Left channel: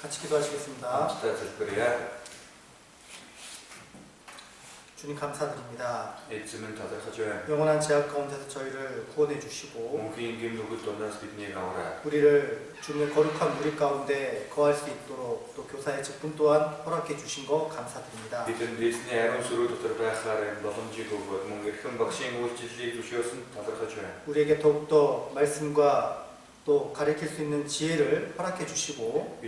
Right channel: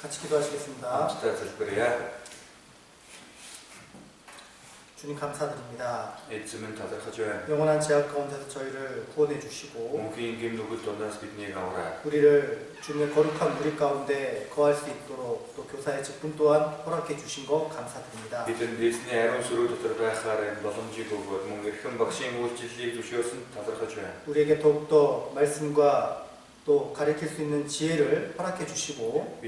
같이 기도하시겠습니다. 주님 감사드립니다. 영원한 제약 가운데서 저희를 구원해 주시고 우리를 주님의 거룩한 무리 가운데 거할 수 있도록 또 교사의 직분 또한 허락해 주신 거 감사드립니다. 우리에게 더욱더 말씀과 또 가르칠 수 있는 지혜를 허락해 주시고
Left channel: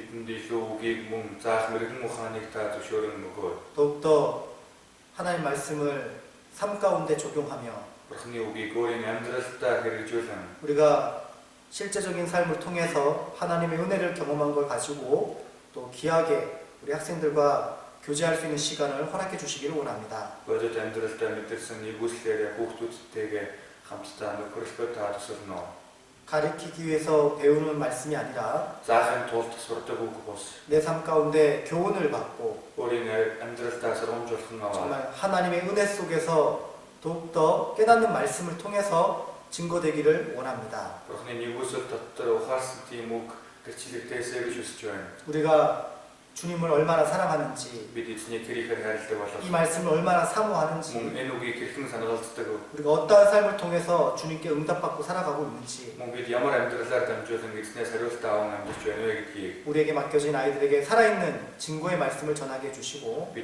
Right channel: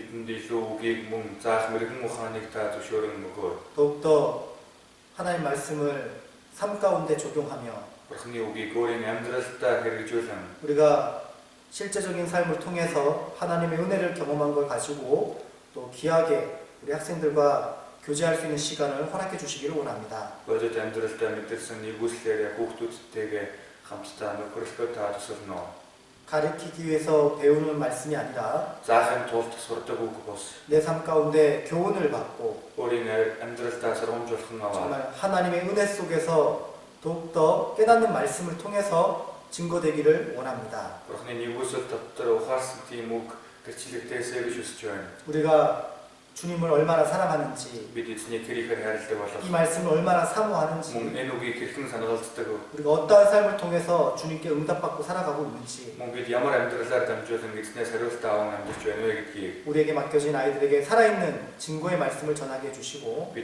더욱더 하나님의 말씀을 삶 가운데 적용하며 우리가 실제적인 삶을 통해서 하나님의 은혜를 경험한 걸 가지고 또 귀하게 우리 학생들과 교제할 수 있는 시간을 허락해 주시기를 원합니다. 가르치기 위해서 배우는 말씀이 아니라 내 삶 가운데 교훈을 받고 정말 하나님의 은혜 속에서 더욱더 깨닫는 말씀을 통해서 증거되기를 원합니다. 우리가 주님을 얼마나 사랑하는지 이 말씀을 얼마나 사모하는지 우리가 어떠한 삶을 통해서 주님께 응답받고 살아가고 있는지 우리에게 맡겨진 아이들에게 살아있는 증거의 말씀을 전하게 해주시고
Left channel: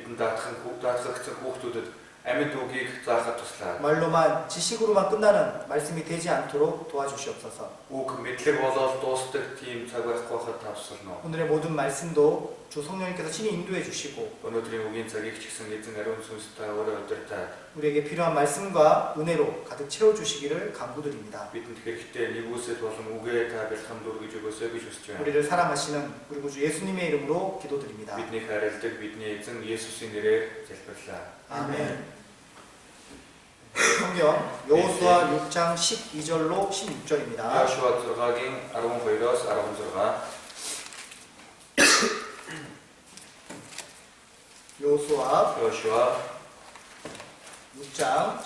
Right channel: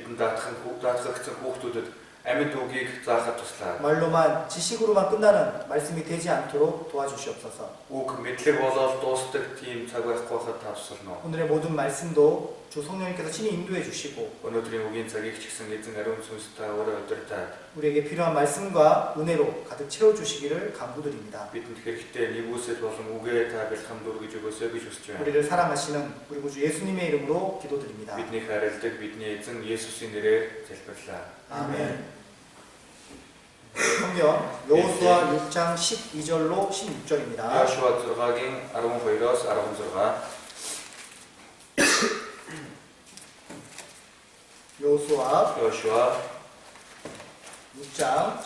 말로만 지식으로만 끝나는 말씀이 되지 않도록 도와주시옵소서. 오늘의 모든 말씀도 주 성령님께서 친히 인도해 주시고 우리에게 필요한 말씀과 은혜로 가득 채워주시기를 간구드립니다. 우리를 사랑하시는 우리 구주 예수님의 이름으로 기도드립니다. 아멘. 성경 여호수아 6장 12절로 16절입니다. 여호수아 6장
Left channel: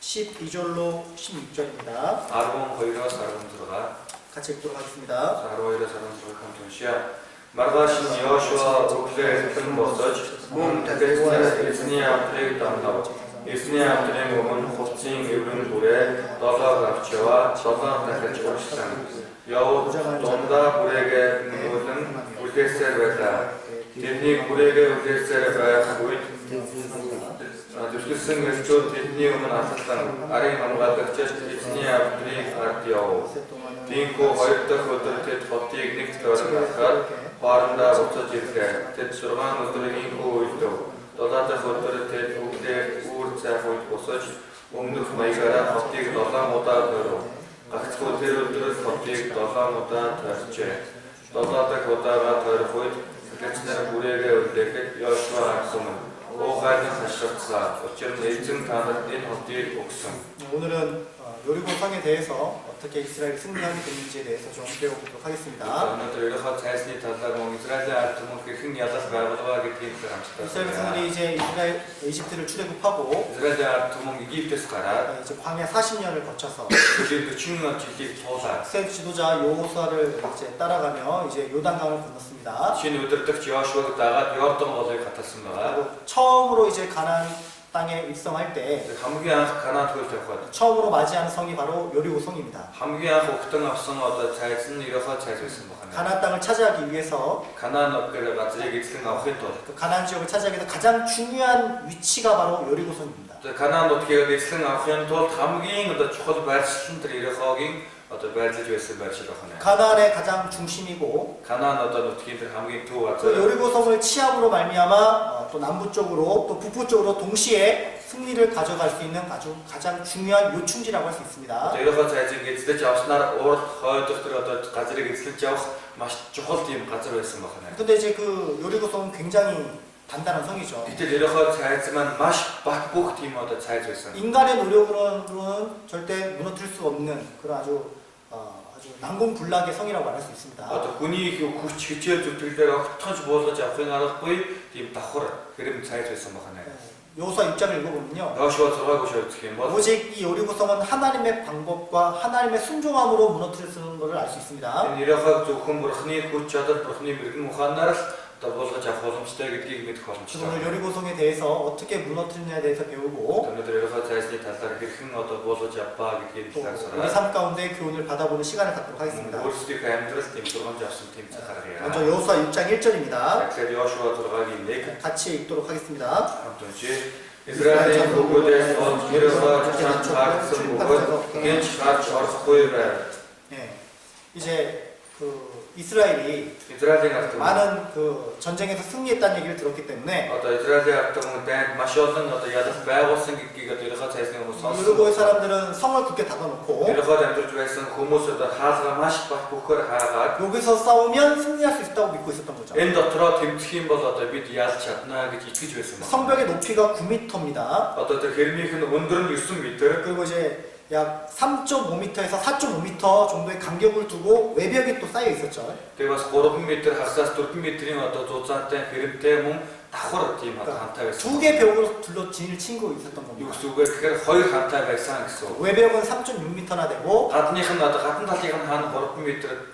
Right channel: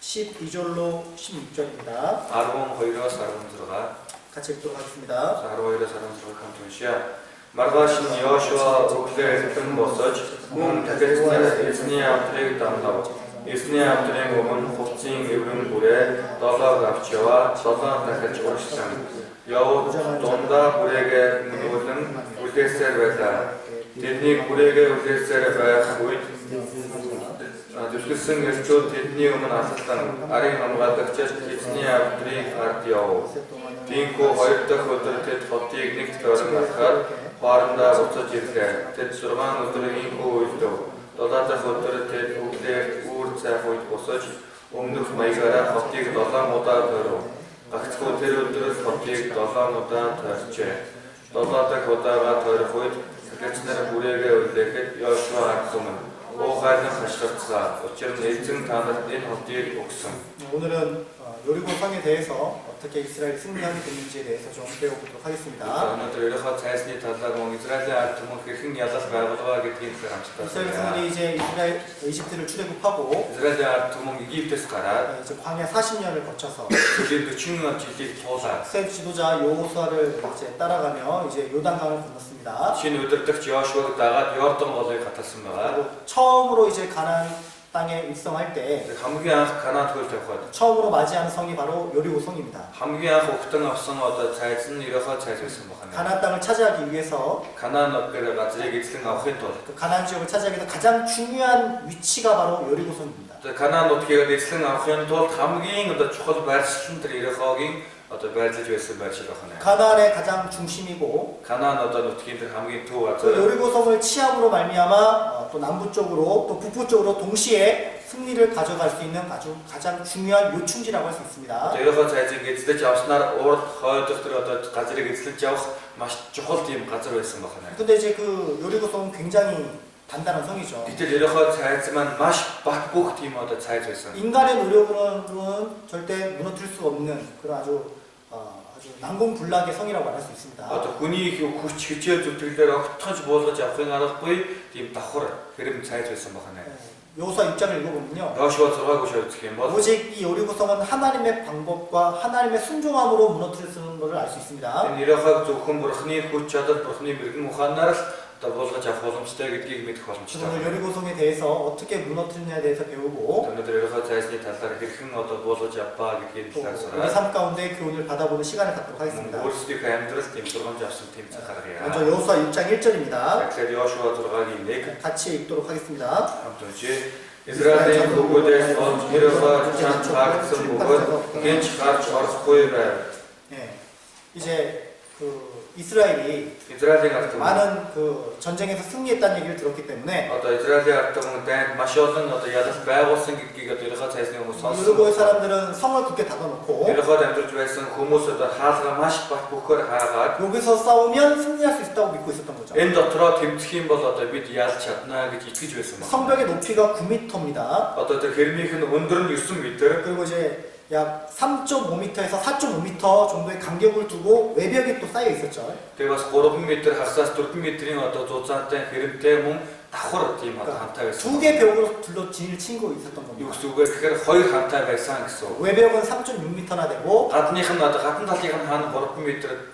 12절로 16절입니다. 같이 읽도록 하겠습니다. Маргаашин Йошуа өглөө босож мөн дахиад эзний авдрыг дамнав. Эзний авдрын өмнө хувцсийн эврэн бүрээ 7 авч яваа 7 дахиж урагшлан. Явж дундаа бүрээгээ нүүлэн үлдээсээр байлаа. Тэдний бүрээгээ үлдээсээр байх үед зүсгэлсэн элчүүд тэдний өмнө алхалсан арын хамгаалагчид эзний авдрыг ард яв. Тиймээс хоёр дахь өдөр тэд хотыг нэгт орон алхаад хоорондоо буцаж ирлээ. Тэд 6 өдрийн үеэв. 7 дахь өдөр тэд бүгдээ үүр цайх үед босож өмнөх маягаараа хотыг 7 удаа тойров. Гагцхүү тэр өдөр хотыг 7 удаа тойрчээ. 7 дахь удаага тойрох үед гэлцнэр бүрээгээ үлдээхэд Йошуа агсумын 오가는 하셨사. 어쩌면 일증 단을 낸 헛디에 옥성. 오늘은 여리고 성에 대해서 어떻게 이스라엘이 승리하게 됐는지에 대해서 좀 배워보도록 하겠습니다. 이스라엘 성들이 이제 이집트를 출애굽하고 이제 광야 40년을 거쳐서 이스라엘 지도자 여호수아를 이제 따라가며 이제 요단강을 건넜습니다. 그리고 처음으로 이제 가나안 땅에 입성할 때 처음으로 맞이하는 성이 바로 여리고 성입니다. 가나안 땅을 차지하기 위해서 가나안 지역을 차지하기 위해서 가장 중요한 위치가 바로 여리고 성입니다. 가나안의 가장 중심이고 그 여리고 성을 취함으로 말미암아 또 남부 쪽으로 또 북부 쪽으로 동시에 승리를 가져갈 수 있는 아주 가장 중요한 요충지라고 할 수 있습니다. 근데 이제 그 여리고 성은 굉장히 단단한 성이죠. 인간의 노력으로는 절대 무너뜨릴 수 없는 그런 아주 난공불락의 성이라고 말할 수 있습니다. 여호수아 6장을 읽어보면요. Йошуа 6-ыг уншаад үзэх юм бол 오직 이 여리고성은 하나님의 방법과 하나님의 순종함으로 무너뜨리는 것을 알 수 있습니다. энэ Ерохог зөвхөн бурхны хүч чадал, бурхны мэрэгэн ухаанаар л одоо буулгаж авах боломжтой гэдгийг мэдэх боломжтой. 오늘 여리고성에 대해서 어떻게 무너뜨리느냐에 대해서 배우고 өнөөдөр Ерохог зайсны талаар хэрхэн одоо буулгаж авбаа гэдгийг 또 талаар 우리 сураад 삶 가운데 교훈을 받아보는 시간을 갖도록 하겠습니다. өөрсдийнхөө амьдралд тийм сургамж авсан тийм цаг гаргая. 먼저 여호수아 6장 1절입니다. Тэгэхээр Йошуа 6-гийн 1 같이 읽도록 하겠습니다. хамт уншия. Израилийн бүгдээс олж Ерохог чамд хаагдсан бөгөөд гинж гарч орохгүй байв. 예, 이제 그 이스라엘이 Израилийн ард түмэн 많은 그 전쟁에서 승리했다는 얘기를 들었기 때문에 одоо Израилийн ард түмэн дайнд маш олон одоо ялах байгуулсан гэдгийг одоо Ерохог цайсны хүмүүс 유르고의 сонссон. 사람들은 성을 굳게 닫아놓고 Ерохог амьдарч байсан хүмүүс одоо хаалгаа маш бат бөхөр хаагаад 여기서 싸우면 승리할 수 있다고 믿고 있었던 거죠. энэ дотроо тэмцэх юм бол одоо бид ялж чадна гэж итгэж байсан байна. 성벽의 높이가 9m입니다. Одоо тэр хэрмийнх нь өндөр нь 9 м. 그리고 이제 약 3.5m에서 4.5m 정도의 간격을 두고 외벽이 또 쌓여 있었죠. Тэгээ бас 3 м хагасаас 4 м-ийн одоо зузаантай хэрэмтэй мөн давхар тийм одоо хамтаа байсан. 두 개 벽으로 둘러 진을 치고 있었던 Юу 겁니다. гэсэн үг вэ гэхээр хоёр хамтаа байсан гэсэн үг. 외벽은 3.6m나 되고 Гадных нь одоо гадна талынх нь хаана 3 м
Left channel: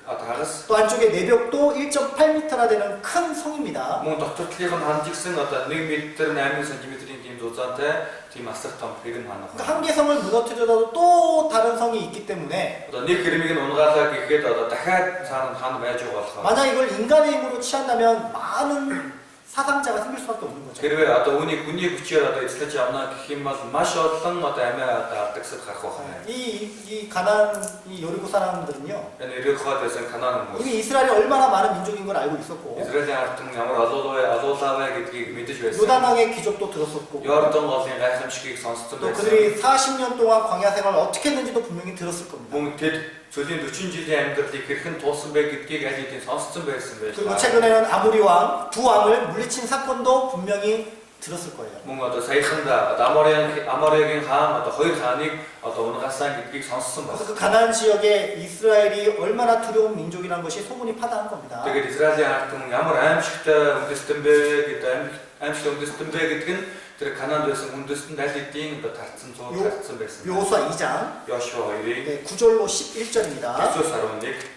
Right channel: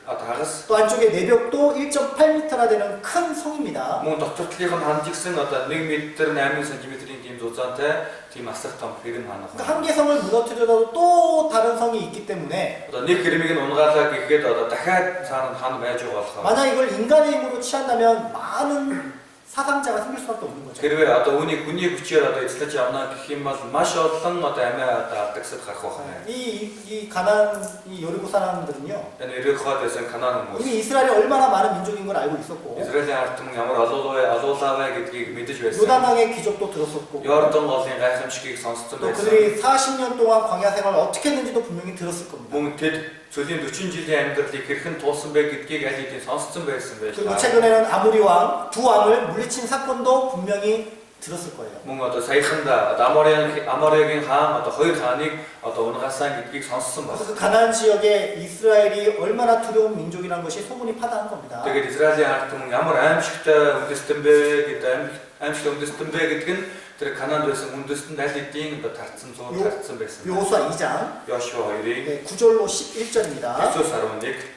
одоо хагас 또 안쪽에 내벽도 1.8m나 되는 큰 성입니다. мөн дотор талынх нь ханджигсан одоо 1 м 8 см-ийн тийм зузаантай тийм асар том хэрэм ханах. 그러니까 한 개 성을 무너뜨려도 또 다른 성이 있기 때문에 Одоо нэг хэрмийг нь унгаалаа гэхэд одоо дахиад цаана нь хан байж байгаа болохоор 만약 이걸 인간의 힘으로 취한다면 많은 사상자가 생길 수밖에 없는 거죠. хэрвээ одоо үүнийг хүний хүчээр одоо эзлэж авна гэх юм бол маш олон одоо амиа одоо алдагсад гарах байна. 이 가나안 이 여리고 사람들은요. Энэ Ерохог байсан Канаан хүмүүс 이미 이스라엘이 얼마나 많은 민족인 걸 알고 있었고 Израилийн ард түмэн ямар алуулаа гэдгийг мэдэж байсан. 요단강의 기적도 들었었고 Йордан голын гайхамшигыг сонссон 또 байсан. 그들이 40년 동안 광야 생활을 어떻게 했는지도 분명히 들었을 겁니다. Мөн тэд цөлийн 40 жилийн амьдралыг хэрхэн туулсан бэ гэдгийг аль хэдийн сонссон байсан байж 그리고 таа. 최근에는 아모리 왕 두 왕을 물리친 사건도 분명히 들었을 거예요. Мөн одоо саяханда Аморигийн хаан одоо хоёр хааныг одоо унгаасан гэдгийг сонссон 그래서 байна. 그 가나안 지역에 이스라엘이 얼마나 두려운 민족이라는 것이 소문이 파다한 겁니다. Тэгээд Израилийн ард түмэн ямар аимшигтай үндэстэн бэ гэдэг аимшигтай үндэстэн бэ гэдэг нь тэр Канаанд байсан үндэстэнд аль хэдийн одоо тарцсан байсан. 여호수아 2장 Йошуа 2-ыг 9절로 11절입니다. Есүс 11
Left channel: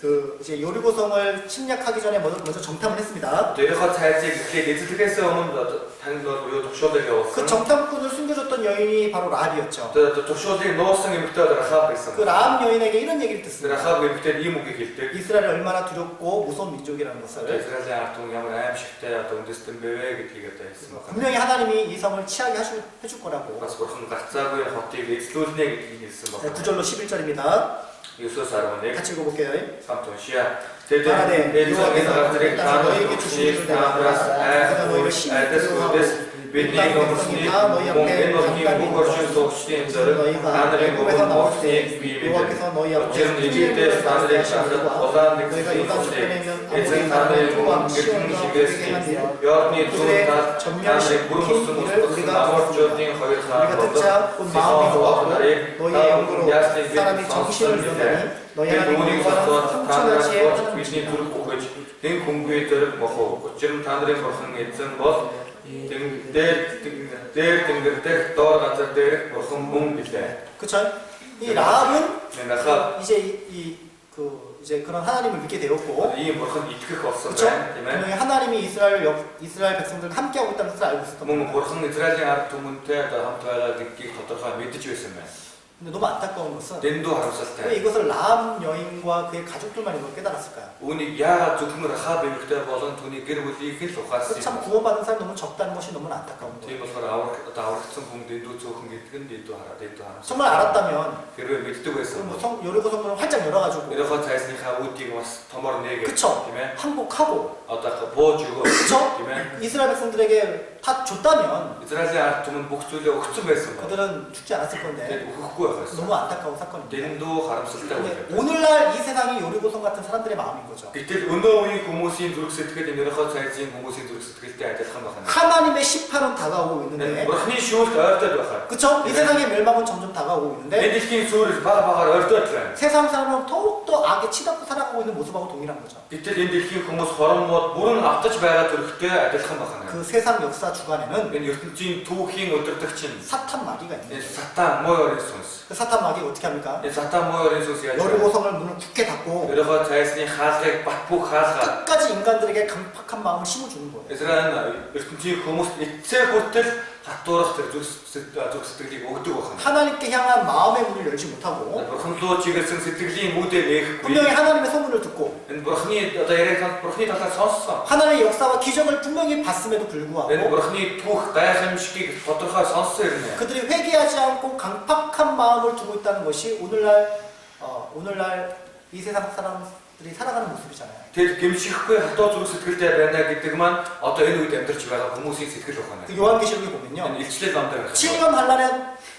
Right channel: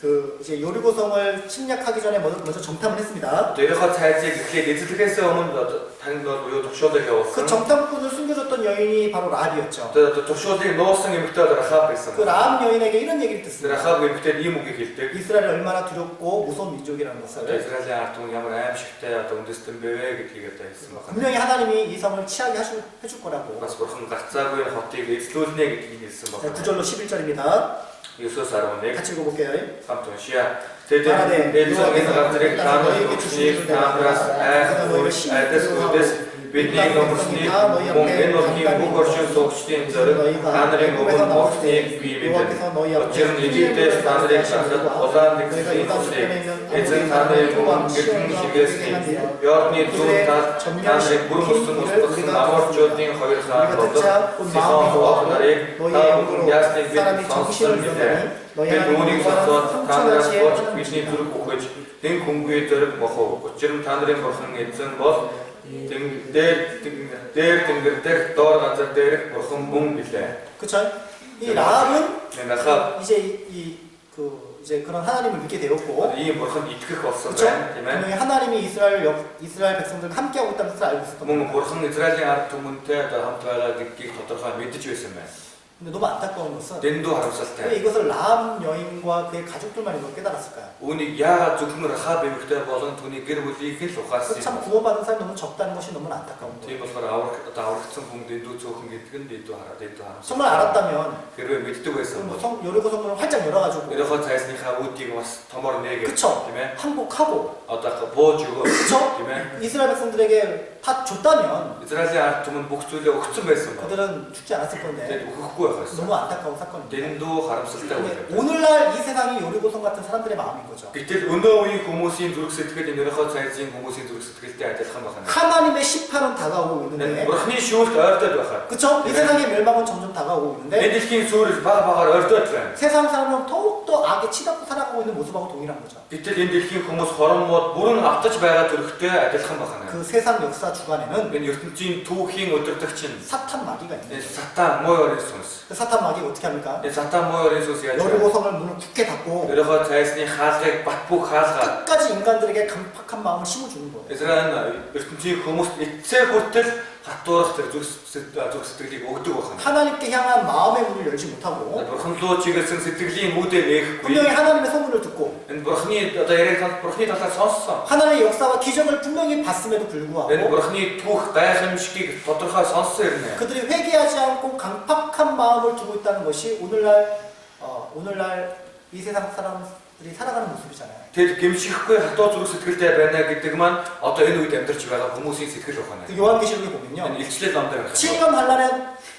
그 이제 여리고성을 침략하기 전에 먼저 정탐을 했습니다. Ерохог цайзыг эхлээд эзлэхээс өмнө танд бол буюу тушуулыг 그 явуулсан. 정탐꾼을 숨겨줬던 여인이 바로 라합이었죠. Тэгээд тушуулыг нуусан эмэгтэй Рахаб байсан. 그 라합 여인에게 이런 얘기를 듣습니다. Рахаб эмэгтэй ийм үгийг хэлдэг. 이스라엘이 얼마나 두렵고 무서운 민족이라는 Одоо 것을 Израилийн ард түмэн ямар аимшигтай одоо үндэстэн бэ гэдгийг одоо хэлсэн байна. 분명히 하나님이 이 성을 취하게 해줄 거라고. Бас бурхан гарцаагүй хотыг эзлүүлнэ гэдгийг хэлсэн байна. 9절로 11절입니다. Есүс 11 같이 읽어볼게요. хамт уншия. Тэд энэ газрыг та нөөрийг таамраас айхгүйр айдас үдэс бидний өмсний мөн энэ өрхийн бүх оршин суугчдын зориг та нарын өмнө мохныг бий мэдээ. Учир нь Египтээс та нарыг шахаад улаан нэгсэн эзэн та нарын өмнө гэрхэн шигээсний Йордны зүүн талд та нарыг бүрэн өссөн устгасан Аморчуудын хоёр хаан Сихон хот нарыг та өмнө ясны бид сонссон мэдээ. Тэр үүнийг сонсоод та нараас болж бидний зүрх үхэж тэн хүнгүй зэрэг мохов. Учир нь та нарын бурхан эзэн бол дээр тэнгэр дэх доор газар дээрх бурхан мөн билээ. 그쵸? 이 라합은 Рахаб 이제 그런 하나님을 믿게 되었고, ийм бурхан итгэх болсон 그쵸? байна, тийм ээ. 분명히 하나님이 이스라엘 백성들과 함께하고 있다는 것을 알고 있었던 Мөн 겁니다. бурхан Израилийн ард түмэнтэй одоо хамт байгаа гэдгийг тодорхой мэдэж байсан байна. 근데 너무 안타까운 것은 Дэндүү 왜 харамсалтай. 이것을 라합 여인과 그의 가족들만 이걸 깨달았을까요? Үүнийг яагаад зөвхөн Рахаб эмэгтэй болон түүний гэр бүлийг л ухаасан 참 юм. 구원받은 사람이 너무 적다는 것이 너무 안타까운 거예요. Тийм болохоор аврагдсан хүн дэндүү цөөхөн гэдэг нь дэндүү харамсалтай. 정말 알았다면 Хэрвээ мэддэг байсан 뭐 бол 여리고 성문을 활짝 열어가지고, Ерохог цайсныхаа үүдийг бас томор нээгээд 그쵸? тийм ээ. 항복하고, Одоо бууж өгөө 그쵸? тийм ээ. 이스라엘 백성들에게 다 줬다면 Израилийн ард түмэнд бүх зүйлээ өгсөн байсан ба. 그들은 죽지 않았을 건데 Тэгээд өгөхгүй байсан. 너무 안타까운 사건입니다. Дэндүү харамсалтай 근데 үйл. 오늘날 이 세상이 요리고성 같은 사람들의 마음인 거죠. Гэтэл өнөө үеийн хүмүүсийн зүрх сэтгэл энэрхүү цайзын хүмүүсийн зүрх сэтгэлтэй адилхан байна. 하나님의 심판은 다가오고 있는데 Бурхны шүүлт ойртоод байна. 그쵸? 이 세상의 멸망은 점점 다가오고 있는데 Энэ дэлхийн сүрэл баг багаар ойртоод байна. 세상 사람은 더욱더 악에 치닫고 살아가고 있는 모습하고 동일한 거죠. Гэтэл энэ дэлхийн хүмүүс хороммод бүрэн автаж байгаа төрхтэй адилхан байна. 그 세상 역사 주관에는 Энэ ертөнцийн түүхийн өдөртөгч нь 사탄 마귀가 энэ 있는 거예요. сатан муу ёрын сүнс. 그 사탄 마귀가 어떻게 합니까? Энэ сатан муу ёрын сүнс яаж вэ? 여리고성을 문을 굳게 닫고 Өөрийнхөө цайсны хаалгыг бат бүх хаалгаа 끝까지 인간들에게 강팍한 마음을 심어주는 거예요. Израиль ертөнцийн хүмүүст эцсээ хүртэл хатуурах тэр зүрх сэтгэлийг өгдөг байна. 하나님께 향한 마음의 문을 열지 못하고 Бурхан руу чиглэсэн сэтгэлийн үүдээ нээхгүй. 분명히 하나님의 소문을 듣고 Энэ бурхны одоо яриаг бурхны талаар сонссон. 하나님의 역사와 기적을 분명히 봤음에도 Энэ 불구하고 бурхны түүх гайхамшигыг тодорхой сонссон юм. 그들이 회개하지 않고 강팍한 마음을 두고 있다는 것이 오늘날 이 세상 사람들이 살아가는 모습이잖아요. Тэд гэмшихгүй хатуу зүрх сэтгэлтэй байна гэдэг маань одоо энэ үед амьдарч байгаа хүмүүсийн сэтгэл байна. 그 요한계시록에 보면요. Энэ илчлэл номдэр байна. 7년 반란에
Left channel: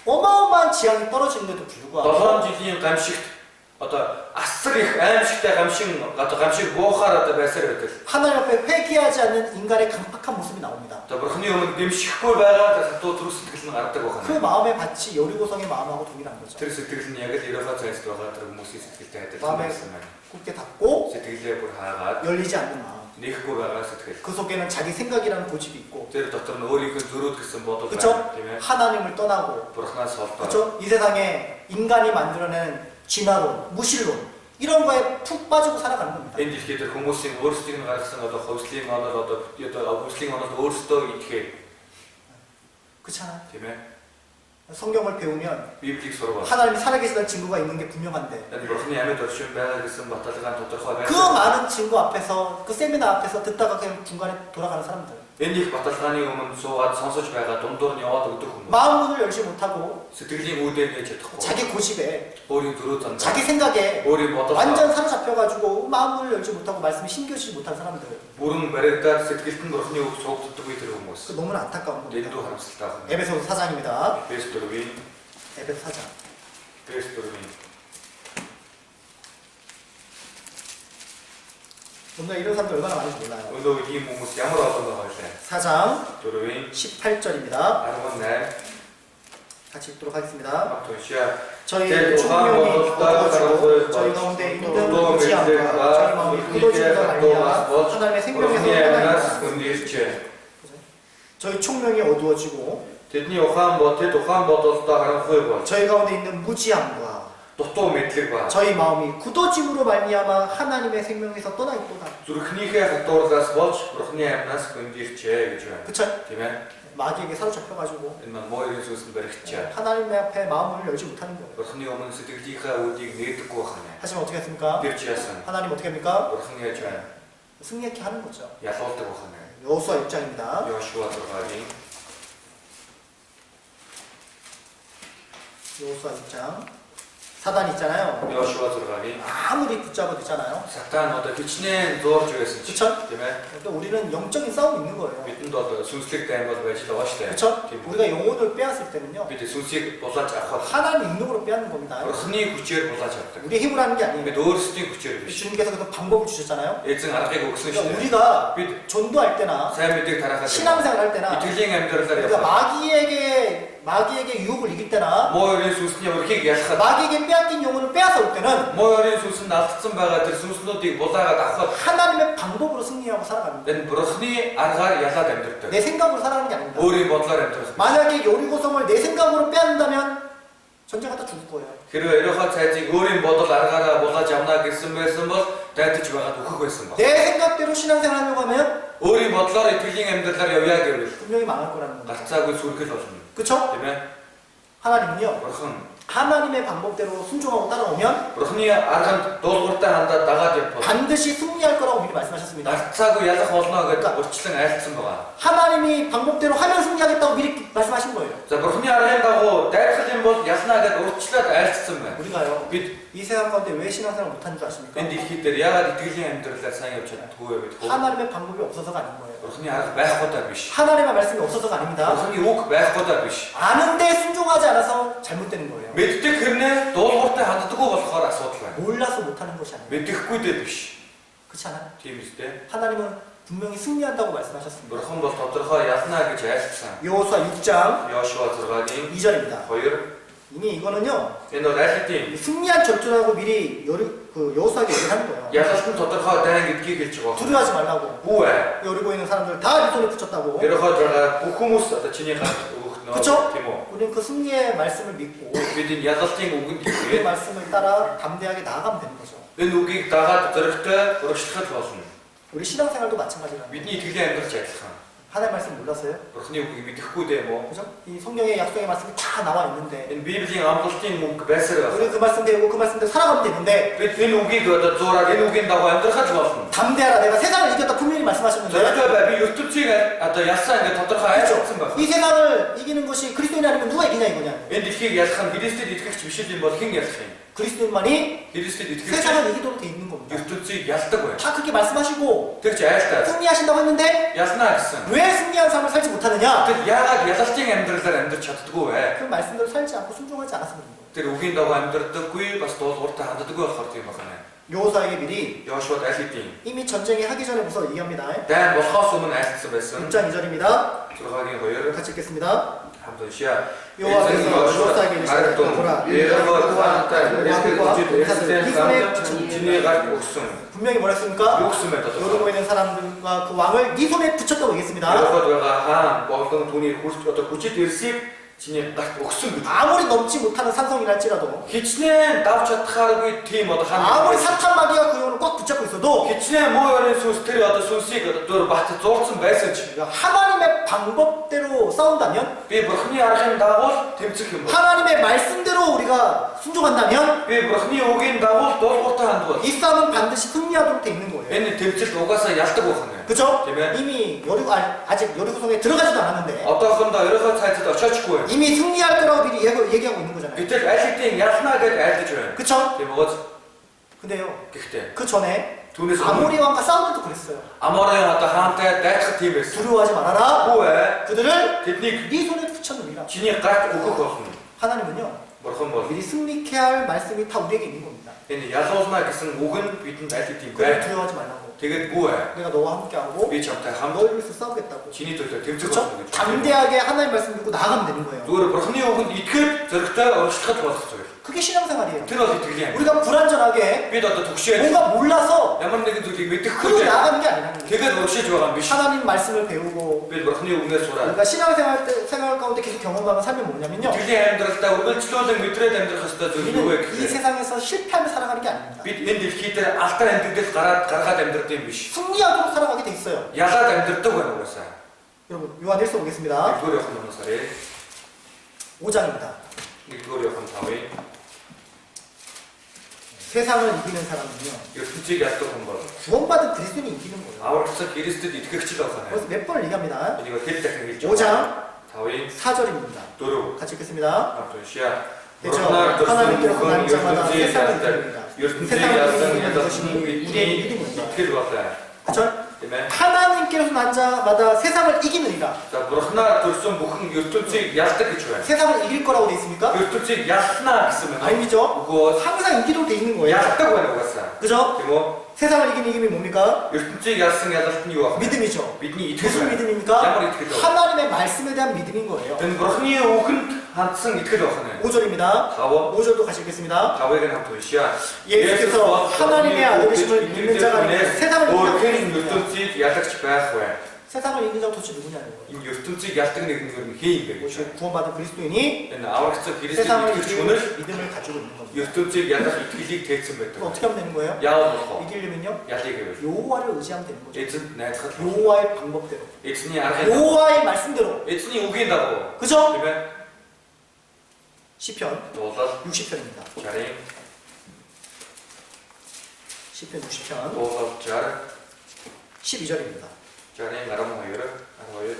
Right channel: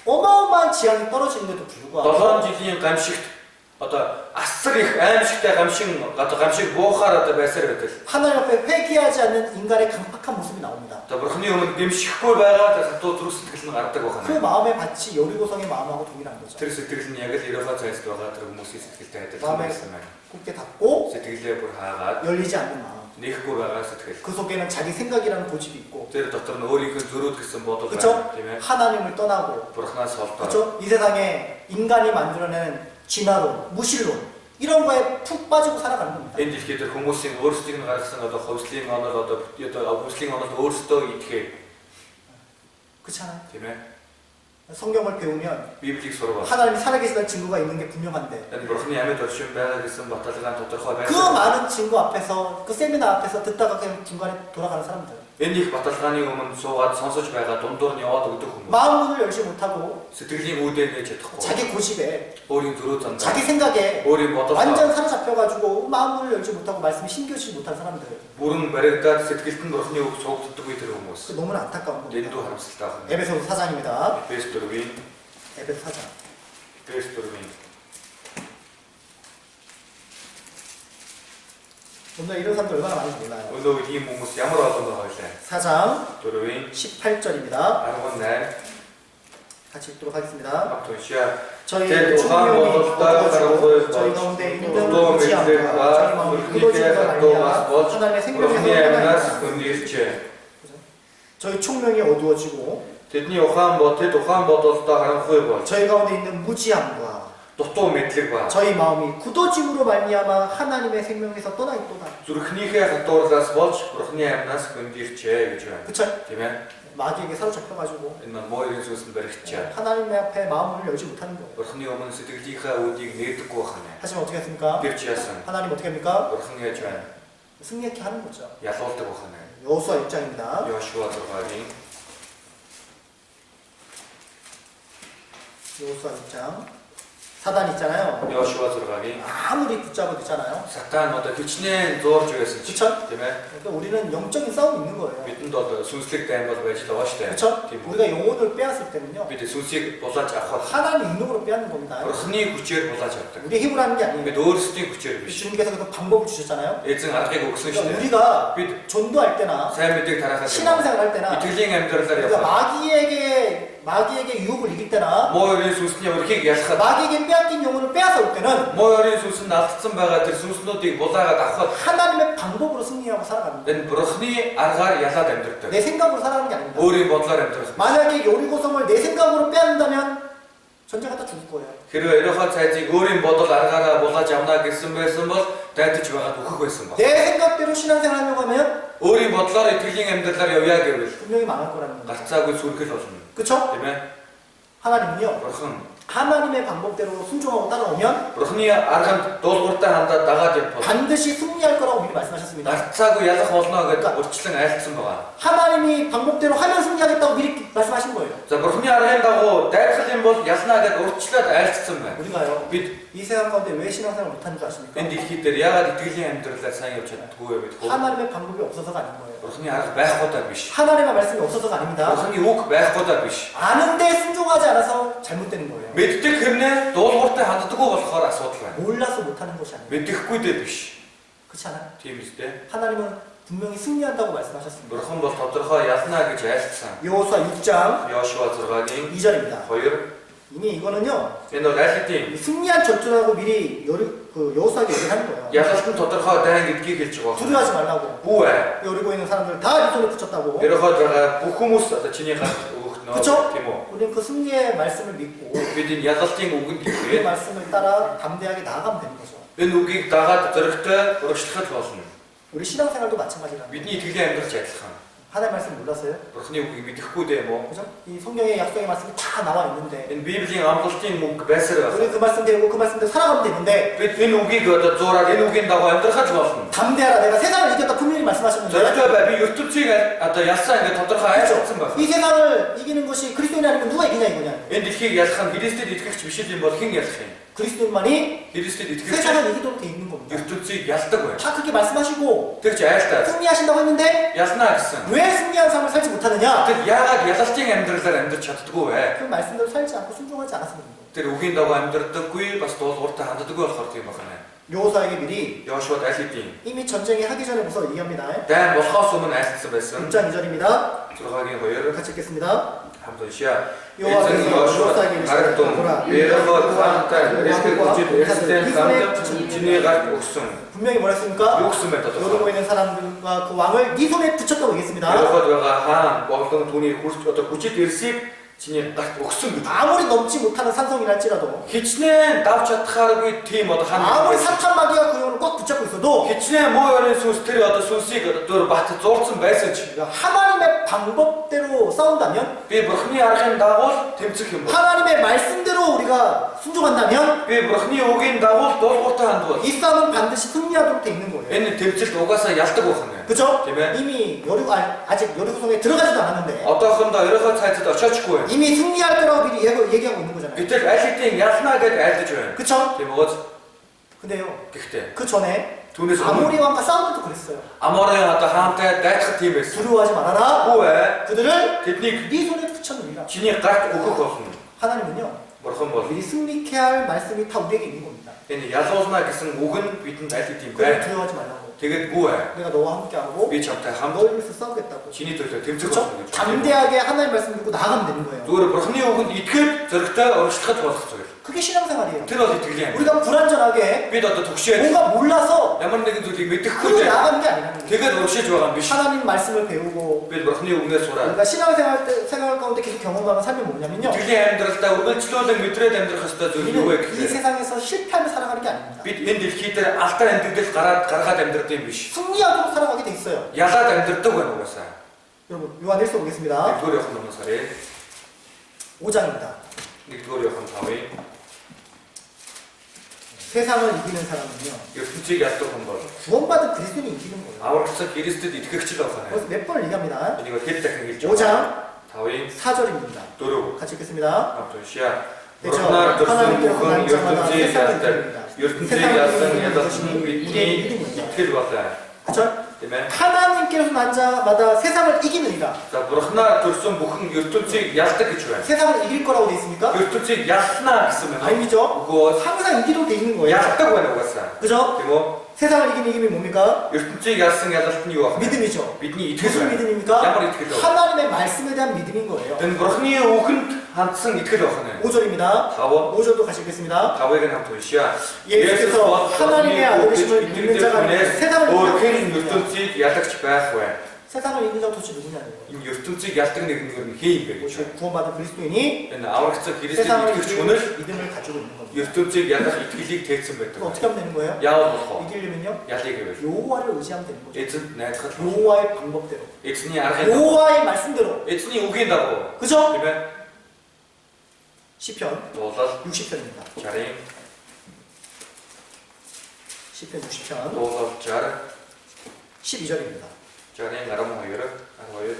어마어마한 재앙이 떨어지는데도 불구하고 7 жилийн гамшигт одоо асар их аимшигтай гамшиг буухаар одоо байсаар байдаг. 하나님 앞에 회개하지 않는 인간의 강팍한 모습이 나옵니다. Одоо бурхны өмнө гэмшихгүй байгаа хатуу зүрх сэтгэл нь гардаг 그 байна. 마음의 밭이 여리고성의 마음하고 동일한 거죠. Тэр сэтгэл нь яг л ерөөхөө цайст байгаа тэр хүмүүсийн сэтгэлтэй адилхан 마음에 байсан байна. 굳게 닫고 Сэтгэлээ бүр хаагаад 열리지 않는 마음. нэхгүй байгаа сэтгэл. 그 속에는 자기 생각이라는 고집이 있고, Тэр дотор нь өөрийнхөө зөрүүд гэсэн бодол 그렇죠? байна, тийм ээ. 하나님을 떠나고, Бурханаас холдоод. 그렇죠? 이 세상에 인간이 만들어내는 진화론, 무신론 이런 거에 푹 빠지고 살아가는 겁니다. Энэ дэлхийд хүмүүсийн өөрсдийг нь гаргасан одоо ховслын онол одоо ховслын онолд өөрсдөө итгэхэд 그렇잖아요. тийм ээ. 성경을 배우면 Библийг сурвал. 하나님이 살아계시다는 증거가 있는 게 분명한데 Энэ бурхны амьд оршин байгаа гэсэн баталгаа тодорхой 그 байна. 많은 증거 앞에서 그 세미나 앞에서 듣다가 그냥 중간에 돌아가는 사람들 Энэ их баталгааны өмнө суугаад сонсож байгаа дундуур нь яваад өгдөг хүмүүс. 마음 문을 열지 못하고 Сэтгэлийн үүдээ нээж чадахгүй. 자기 고집에 өөрийн зөрүү зам. 자기 생각에 өөрийн бодол. 완전 사로잡혀가지고 마음 문을 열지 못하고 말씀에 신겨지지 못한 사람들 бүрэн баригдаад сэтгэлд нь бурхны үг суугддаг үе тэр хүмүүс. 그 너무나 안타까운 겁니다. Дэндүү харамсалтай байна. 에베소서 4장입니다. Эфес 4-ийн 에베소 4장. Эфес 4-ийн 오늘 이런 사람들 얼마나 많은지 몰라요. өнөө ийм хүмүүс ямар олон байгаа вэ? 4장 4-ийн 18절입니다. 18 같이 읽도록 하겠습니다. Автуншаа 저희 제 총명이 도함보다 얻어지고 저희 가운데 있는 무지함과 저희 마음이 굳어짐과 말미암아 하나님의 생명에서 떠나니라. 저희 총명이 어두워지고 Тэдний ухаан бодолдоо харанхуй бол 저희 가운데 있는 무지함과 дутуу мэдлэг ба 저희 마음이 굳어짐으로 말미암아 하나님의 생명에서 떠나 있도다. зүрхнийхээ хатуурлаас болж бурхны амьнаас хөндөрчээ гэж байна. 그쵸? Тийм ээ. 마귀에게 사로잡혀가지고 Энэ маань моёрын сүнсэнд баригдчихаа. 하나님 앞에 마음을 열지 못하는 거예요. Бурхны өмнө сэтгэлийнхаа үүдийг нээдэггүй байна. 하지만 어떻게 했습니까? Тэр ч яасан. 하나님 어떻게 합니까? Бурхан яаж байна? 승리케 하는 거죠. Ялуулдаг байна. 여호수아 6장입니다. Йошуа 6-гийн 여호수아 6장. 사단 있잖아요. Йошуа 6-гийн 아무리 붙잡아도 있잖아요. Сатан одоо хичнээн зуурж байсан ч 그쵸? тийм ээ. 근데 우리는 영적인 싸움이 있는 거예요. Бидэнд бол сүнслэг дайм бол байж байгаа шүү дээ. 그쵸? Тийм үү? 우리가 영혼을 빼앗을 때는요. Бид сүнсийг булааж авах 하나님 능력으로 빼앗는 겁니다. Бурхны хүчээр булааж авдаг. 우리의 힘으로 하는 게 아니에요. Бид өөрсдийн хүчээр биш. 주님께서 그 방법을 주셨잖아요. Эзэн аргыг өгсөн шүү 그러니까 дээ. 우리가 Бид 전도할 때나 сайн мэдээг тараахаас 신앙생활 할 때나 итгэлийн амьдралаар 우리가 явах. 마귀에게 유혹을 이길 때나 Моёрын сүнсний өрхийг ялахад 마귀에게 빼앗긴 영혼을 빼앗아올 때는 моёрын сүнс нь алдсан байгаа тэр сүнснүүдийг булаагаад авахад 하나님의 방법으로 승리하고 살아갑니다. энэ бурхны аргаар ялаад амьдрдаг. 내 생각으로 살아가는 게 아닙니다. өөрийн бодлоор амьдрах. 만약에 요리고성을 내 생각으로 빼앗는다면 전쟁하다 죽을 거예요. Хэрвээ ерөөхөө цайзыг өөрийн бодол аргаараа булааж авна гэсэн байсан бол дайдаж байгаад үхэх байсан баг. 내 생각대로 신앙생활 하려고 하면 өөрийн бодлоор итгэлийн амьдралаар явъя гэвэл 분명히 망할 거라는 겁니다. гарцаагүй сүргэл болно. 그쵸? Тийм ээ. 하나님은요. Бурхан 하나님의 방법대로 순종하고 따라오면 Бурхны арганд дуулууртай хандаад дагаад явбал 반드시 승리할 거라고 미리 말씀하셨습니다. гарцаагүй ялах болно гэдэг урьдчилан айлтсан байгаа. 하나님이 방법대로 하면 승리하겠다고 미리 말씀하신 거예요. За Бурхны аргын дагуу дайрхал юм бол ялнаагаад урьдчилаад айлтсан байна. 우리가요. Бид 이 세상 가운데 왜 신앙생활을 못하는 줄 아십니까? энэ дэлхий дээр яагаад итгэлийн амьдралаар сайн явж чаддаггүй вэ гэдгээр 하나님의 방법이 없어서가 아닌 거예요. Бурхны арга байхгүйдаа биш. 하나님의 말씀이 없어서가 아닙니다. Бурхны үг байхгүйдаа биш. 아는데 순종하지 않아서 잘못되는 거예요. Мэддэг хэрнээ дуулууртай ханддаггүй болохоор асуудал байна. 몰라서 못하는 것이 아니에요. Мэдэхгүй дээ биш. 그렇지 않아요? Тийм үстэй. 하나님은 분명히 승리한다고 말씀하셨습니다. Бурхан бол тодорхой ялнаа гэж айлтсан. 여호수아 6장 Йошуа 6-гийн 2절입니다. 2. 이미 이거는요. Энэ бол айлтын 승리한 전투라고 미리 여호수아에게 얘기를 하는 거예요. ялалтын тодорхой дайн гэдгийг хэлж байгаа. 두려워하지 말라고. Бүү ээ. 여리고에 있는 사람들 다 네 손에 붙였다고. Ерөнхийд байгаа бүх хүмүүс одоо чиний гарт өгөх нөө 그쵸? тийм үү? 우리는 그 승리의 말씀을 믿고 Бид энэ ялалтын үгэнд 그 итгэгээд 말씀을 따라 담대하게 나아가면 되는 거죠. энэ үгийг дагаад зөрөгтэй урагшлахад болно. 우리 신앙생활도 마찬가지라는 거예요. Бидний итгэлийн амьдралч адилхан. 하나님 말씀 몰랐어요? Бурхны үгийг мэдэхгүй дээ мо. 그죠? 이 성경의 약속의 말씀이 다 나와 있는데 Энэ Библийн амлалтын мөнгө байсаар 우리 байна. 그 말씀 배우고 그 말씀대로 살아가면 되는데 Бид энэ үгийг одоо зураад энэ үгийн дагуу амьдрахад болно. 담대하라 내가 세상을 이겼다 분명히 말씀하셨는데 Зөрөгтэй бай би ертөнцийг одоо ялсаа ингээд тодорхой айлцсан байна. 이 세상을 이기는 것이 그리스도인이 아니면 누가 이기냐 이거냐. Энэ дэлхийг ялах нь Христэд итгэгч биш юм бол хэн ялах юм? 그리스도인만이 Христэд итгэгч 세상을 이기도록 돼 있는 겁니다. ертөнцийг ялдаг бай. 다 그렇게 말씀하시고 Тэгж айлтаа 승리하신다고 했는데 ялнаа гэсэн. 왜 승리한 삶을 살지 못하느냐? Тэг яагаад ялалтын амьдралаар амьдрч чаддгүй вэ? 그 말씀대로 살지 않고 순종하지 않았으면 됩니다. Тэр үгийн дагуу амьдрдаггүй бас дуулууртай ханддаггүй болохоор тийм байна. 여호수아에게 미리 Йошуад айлтын 이미 전쟁이 하기 전에 벌써 얘기합니다. дайн болохоос өмнө айлтсан байсан. 6장 2절입니다. 6-гийн 2 같이 읽겠습니다. хамт уншия. 여호와께서 여호수아에게 이르시되 보라 Ерөнхийд хаантай эсрэг үжид эсрэг хамт чиний гарт өгсөн. 분명히 뭐라 했습니까? Юу гэсэн бэ тодорхой. 여러고 있는 사람들과 그 왕을 네 손에 붙였다고 얘기했습니다. Ерөнхийд байгаа хаан болон түүний хүрч одоо хүчит ирсийг чиний гарт өгсөн гэж. 아무리 넘지 못하는 산성이랄지라도 Хичнээн давч чадхааргүй тийм одоо хаан. 아무리 사탄 마귀가 그 영혼을 꽉 붙잡고 있어도 Хичнээн муу өрийн сүнс тэр одоо сүнсийг одоо бат зурцсан байсан ч 하나님의 방법대로 싸운다면 би бурхны аргын дагуу тэмцэх юм бол 하나님의 말씀대로 우리가 순종한다면 би бурхны үгийн дагуу дуулууртай хандвал 이 싸움은 반드시 승리하도록 돼 있는 거예요. энэ тэмцэлд угаасаа ялдаг байна. 그죠? Тийм ээ. 이미 아직 여리고성에 들어가지도 않았는데 Одоохондоо ерөнхийд цайзад очиочгүй байна. 이미 승리할 거라고 미리 얘기하고 있는 거잖아요. Гэтэл аль хэдийн ялнаа гэж айлдаж байна. 그쵸? Тийм үү? 근데요. Гэхдээ 그 전에 түүнээс 아모리 왕과 싸울 때도 그랬어요. Аморын одоо хаантай дайцах тийм байсан. 두려워하지 말아라. Үгүй ээ. 그들을 Тэднийг 네 손에 붙여놓으라. чиний гарт өгөх болно. 하나님은요. Бурхан бол 미리 승리케 할 말씀이 다 우리에게 있는 겁니다. энэ ялуулна гэсэн үг нь бидэнд аль хэдийн 그걸 байна. 두려워하지 말라고. Тэгээд бүү ээ. 내가 너와 함께하고 Би чамтай хамт 너를 위해서 싸우겠다고. чиний төлөө тэмцэх 그렇죠? болно гэж. 담대하게 하나님 말씀 듣고 나가면 되는 거예요. Зүгээр бурхны үгэнд итгэл зөрөгтэй урагшлахад болох зүйл. 그게 신앙생활이에요. Тэр бол итгэлийн юм. 우리가 불안전하게 Бид одоо төгшөөд 뭔가 몰라서 ямар нэгэн зүйлийг мэдэхгүй 그러고 дээ. 나가는 게 아니라는 거예요. Тэгээд урагшиж байгаа юм биш. 하나님 말씀을 배우고 Бид бурхны үгнээс сураад 우리가 생활 가운데 계속 경험하는 삶이 뭐냐면요. итгэлийн амьдралдаа үргэлжлүүлэн мэдрээд амьдрах ёстой зүйл юу вэ 우리는 이 гэхээр 세상에서 실패하며 살아가는 게 아닙니다. бид энэ дэлхий дээр алдаа амьдрал гаргаад амьдрдаг юм биш. 승리하도록 살아가게 돼 있어요. Ялаад амьдрдаг байна угаасаа. 여러분 요한 1서 보겠습니다. 1-р Иохан унасарыг 5장입니다. 1-р Иохан 5-ыг 세상을 이기는 사람은요. ертөнцийг яддаг хүн бол 구원받은 그리스도인이 이기는 거예요. аврагцсан Христэд итгэгч л байна. 그래서 몇 번을 얘기합니다. Энийг хэд дахин хэлж 5장 5-ыг 4절입니다. 4 같이 읽겠습니다. хамт уншия. 그렇죠. Бурханаар төрсөн 하나님께서 бүхэн 난 자마다 ертөнцийг 세상을 яддаг. 이깁니다. ертөнцийг 세상을 ядсан 이기는 ядсан 것이 бидний 우리의 믿음입니다. итгэл байна. 그렇죠? Тийм ээ. 하나님께서 난 자마다 세상을 이기느니라. За бурхнаар төрсөн бүхэн ертөнцийг ялдаг гэж байна. 세상을 이길 거라고 돼 있습니까? ертөнцийг ялснаа гэсэн байна. 아니죠. Үгүй 항상 이기도록 돼 있는 거예요. ялдаг байна угаасаа. 그죠? Тийм үү? 세상을 이기는 이김이 뭡니까? ертөнцийг ялсан ялалт нь юу вэ? 믿음이죠. Бидний итгэл 무슨 байна. 믿음입니까? Ямар итгэл вэ? 하나님의 말씀에 대한 믿음인 거예요. Энэ бурхны үгэнд хандсан итгэл байна. 5절입니다. 5 5절도 같이 읽겠습니다. 5-ыг хамт уншия. 예수께서 하나님의 아들이심을 믿는 자가 아니라 세상을 өөр хэн 이기는 자가 ертөнцийг ялагч байх вэ? 세상을 이기는 자가 도대체 누구냐는 거예요. Энэ ертөнцийг ялдаг нэг нь хэн юм бэ гэж. 오직 구원받은 그리스도인이 Энэ аврагцсан Христэд 세상을 итгэгч 이기는 хүн л 믿음을 가지고 있는 겁니다. ертөнцийг ялах итгэлийг тэйсэн байдаг. 그럼 어떻게 하면 되는 거예요? Яавал болох вэ? 이기려면요. Ялыг гэвэл 여호와를 의지하면 되는 거죠. эзэнд найдахад 여호와의 방법대로. эзний аргын дагуу, 여호와의 말씀대로. эзний үгийн дагуу 그죠? тийм ээ. 시편 Дуулал 60편입니다. 60-ын 시편 60편 дуулал 60 12절입니다. 60-ын 12 12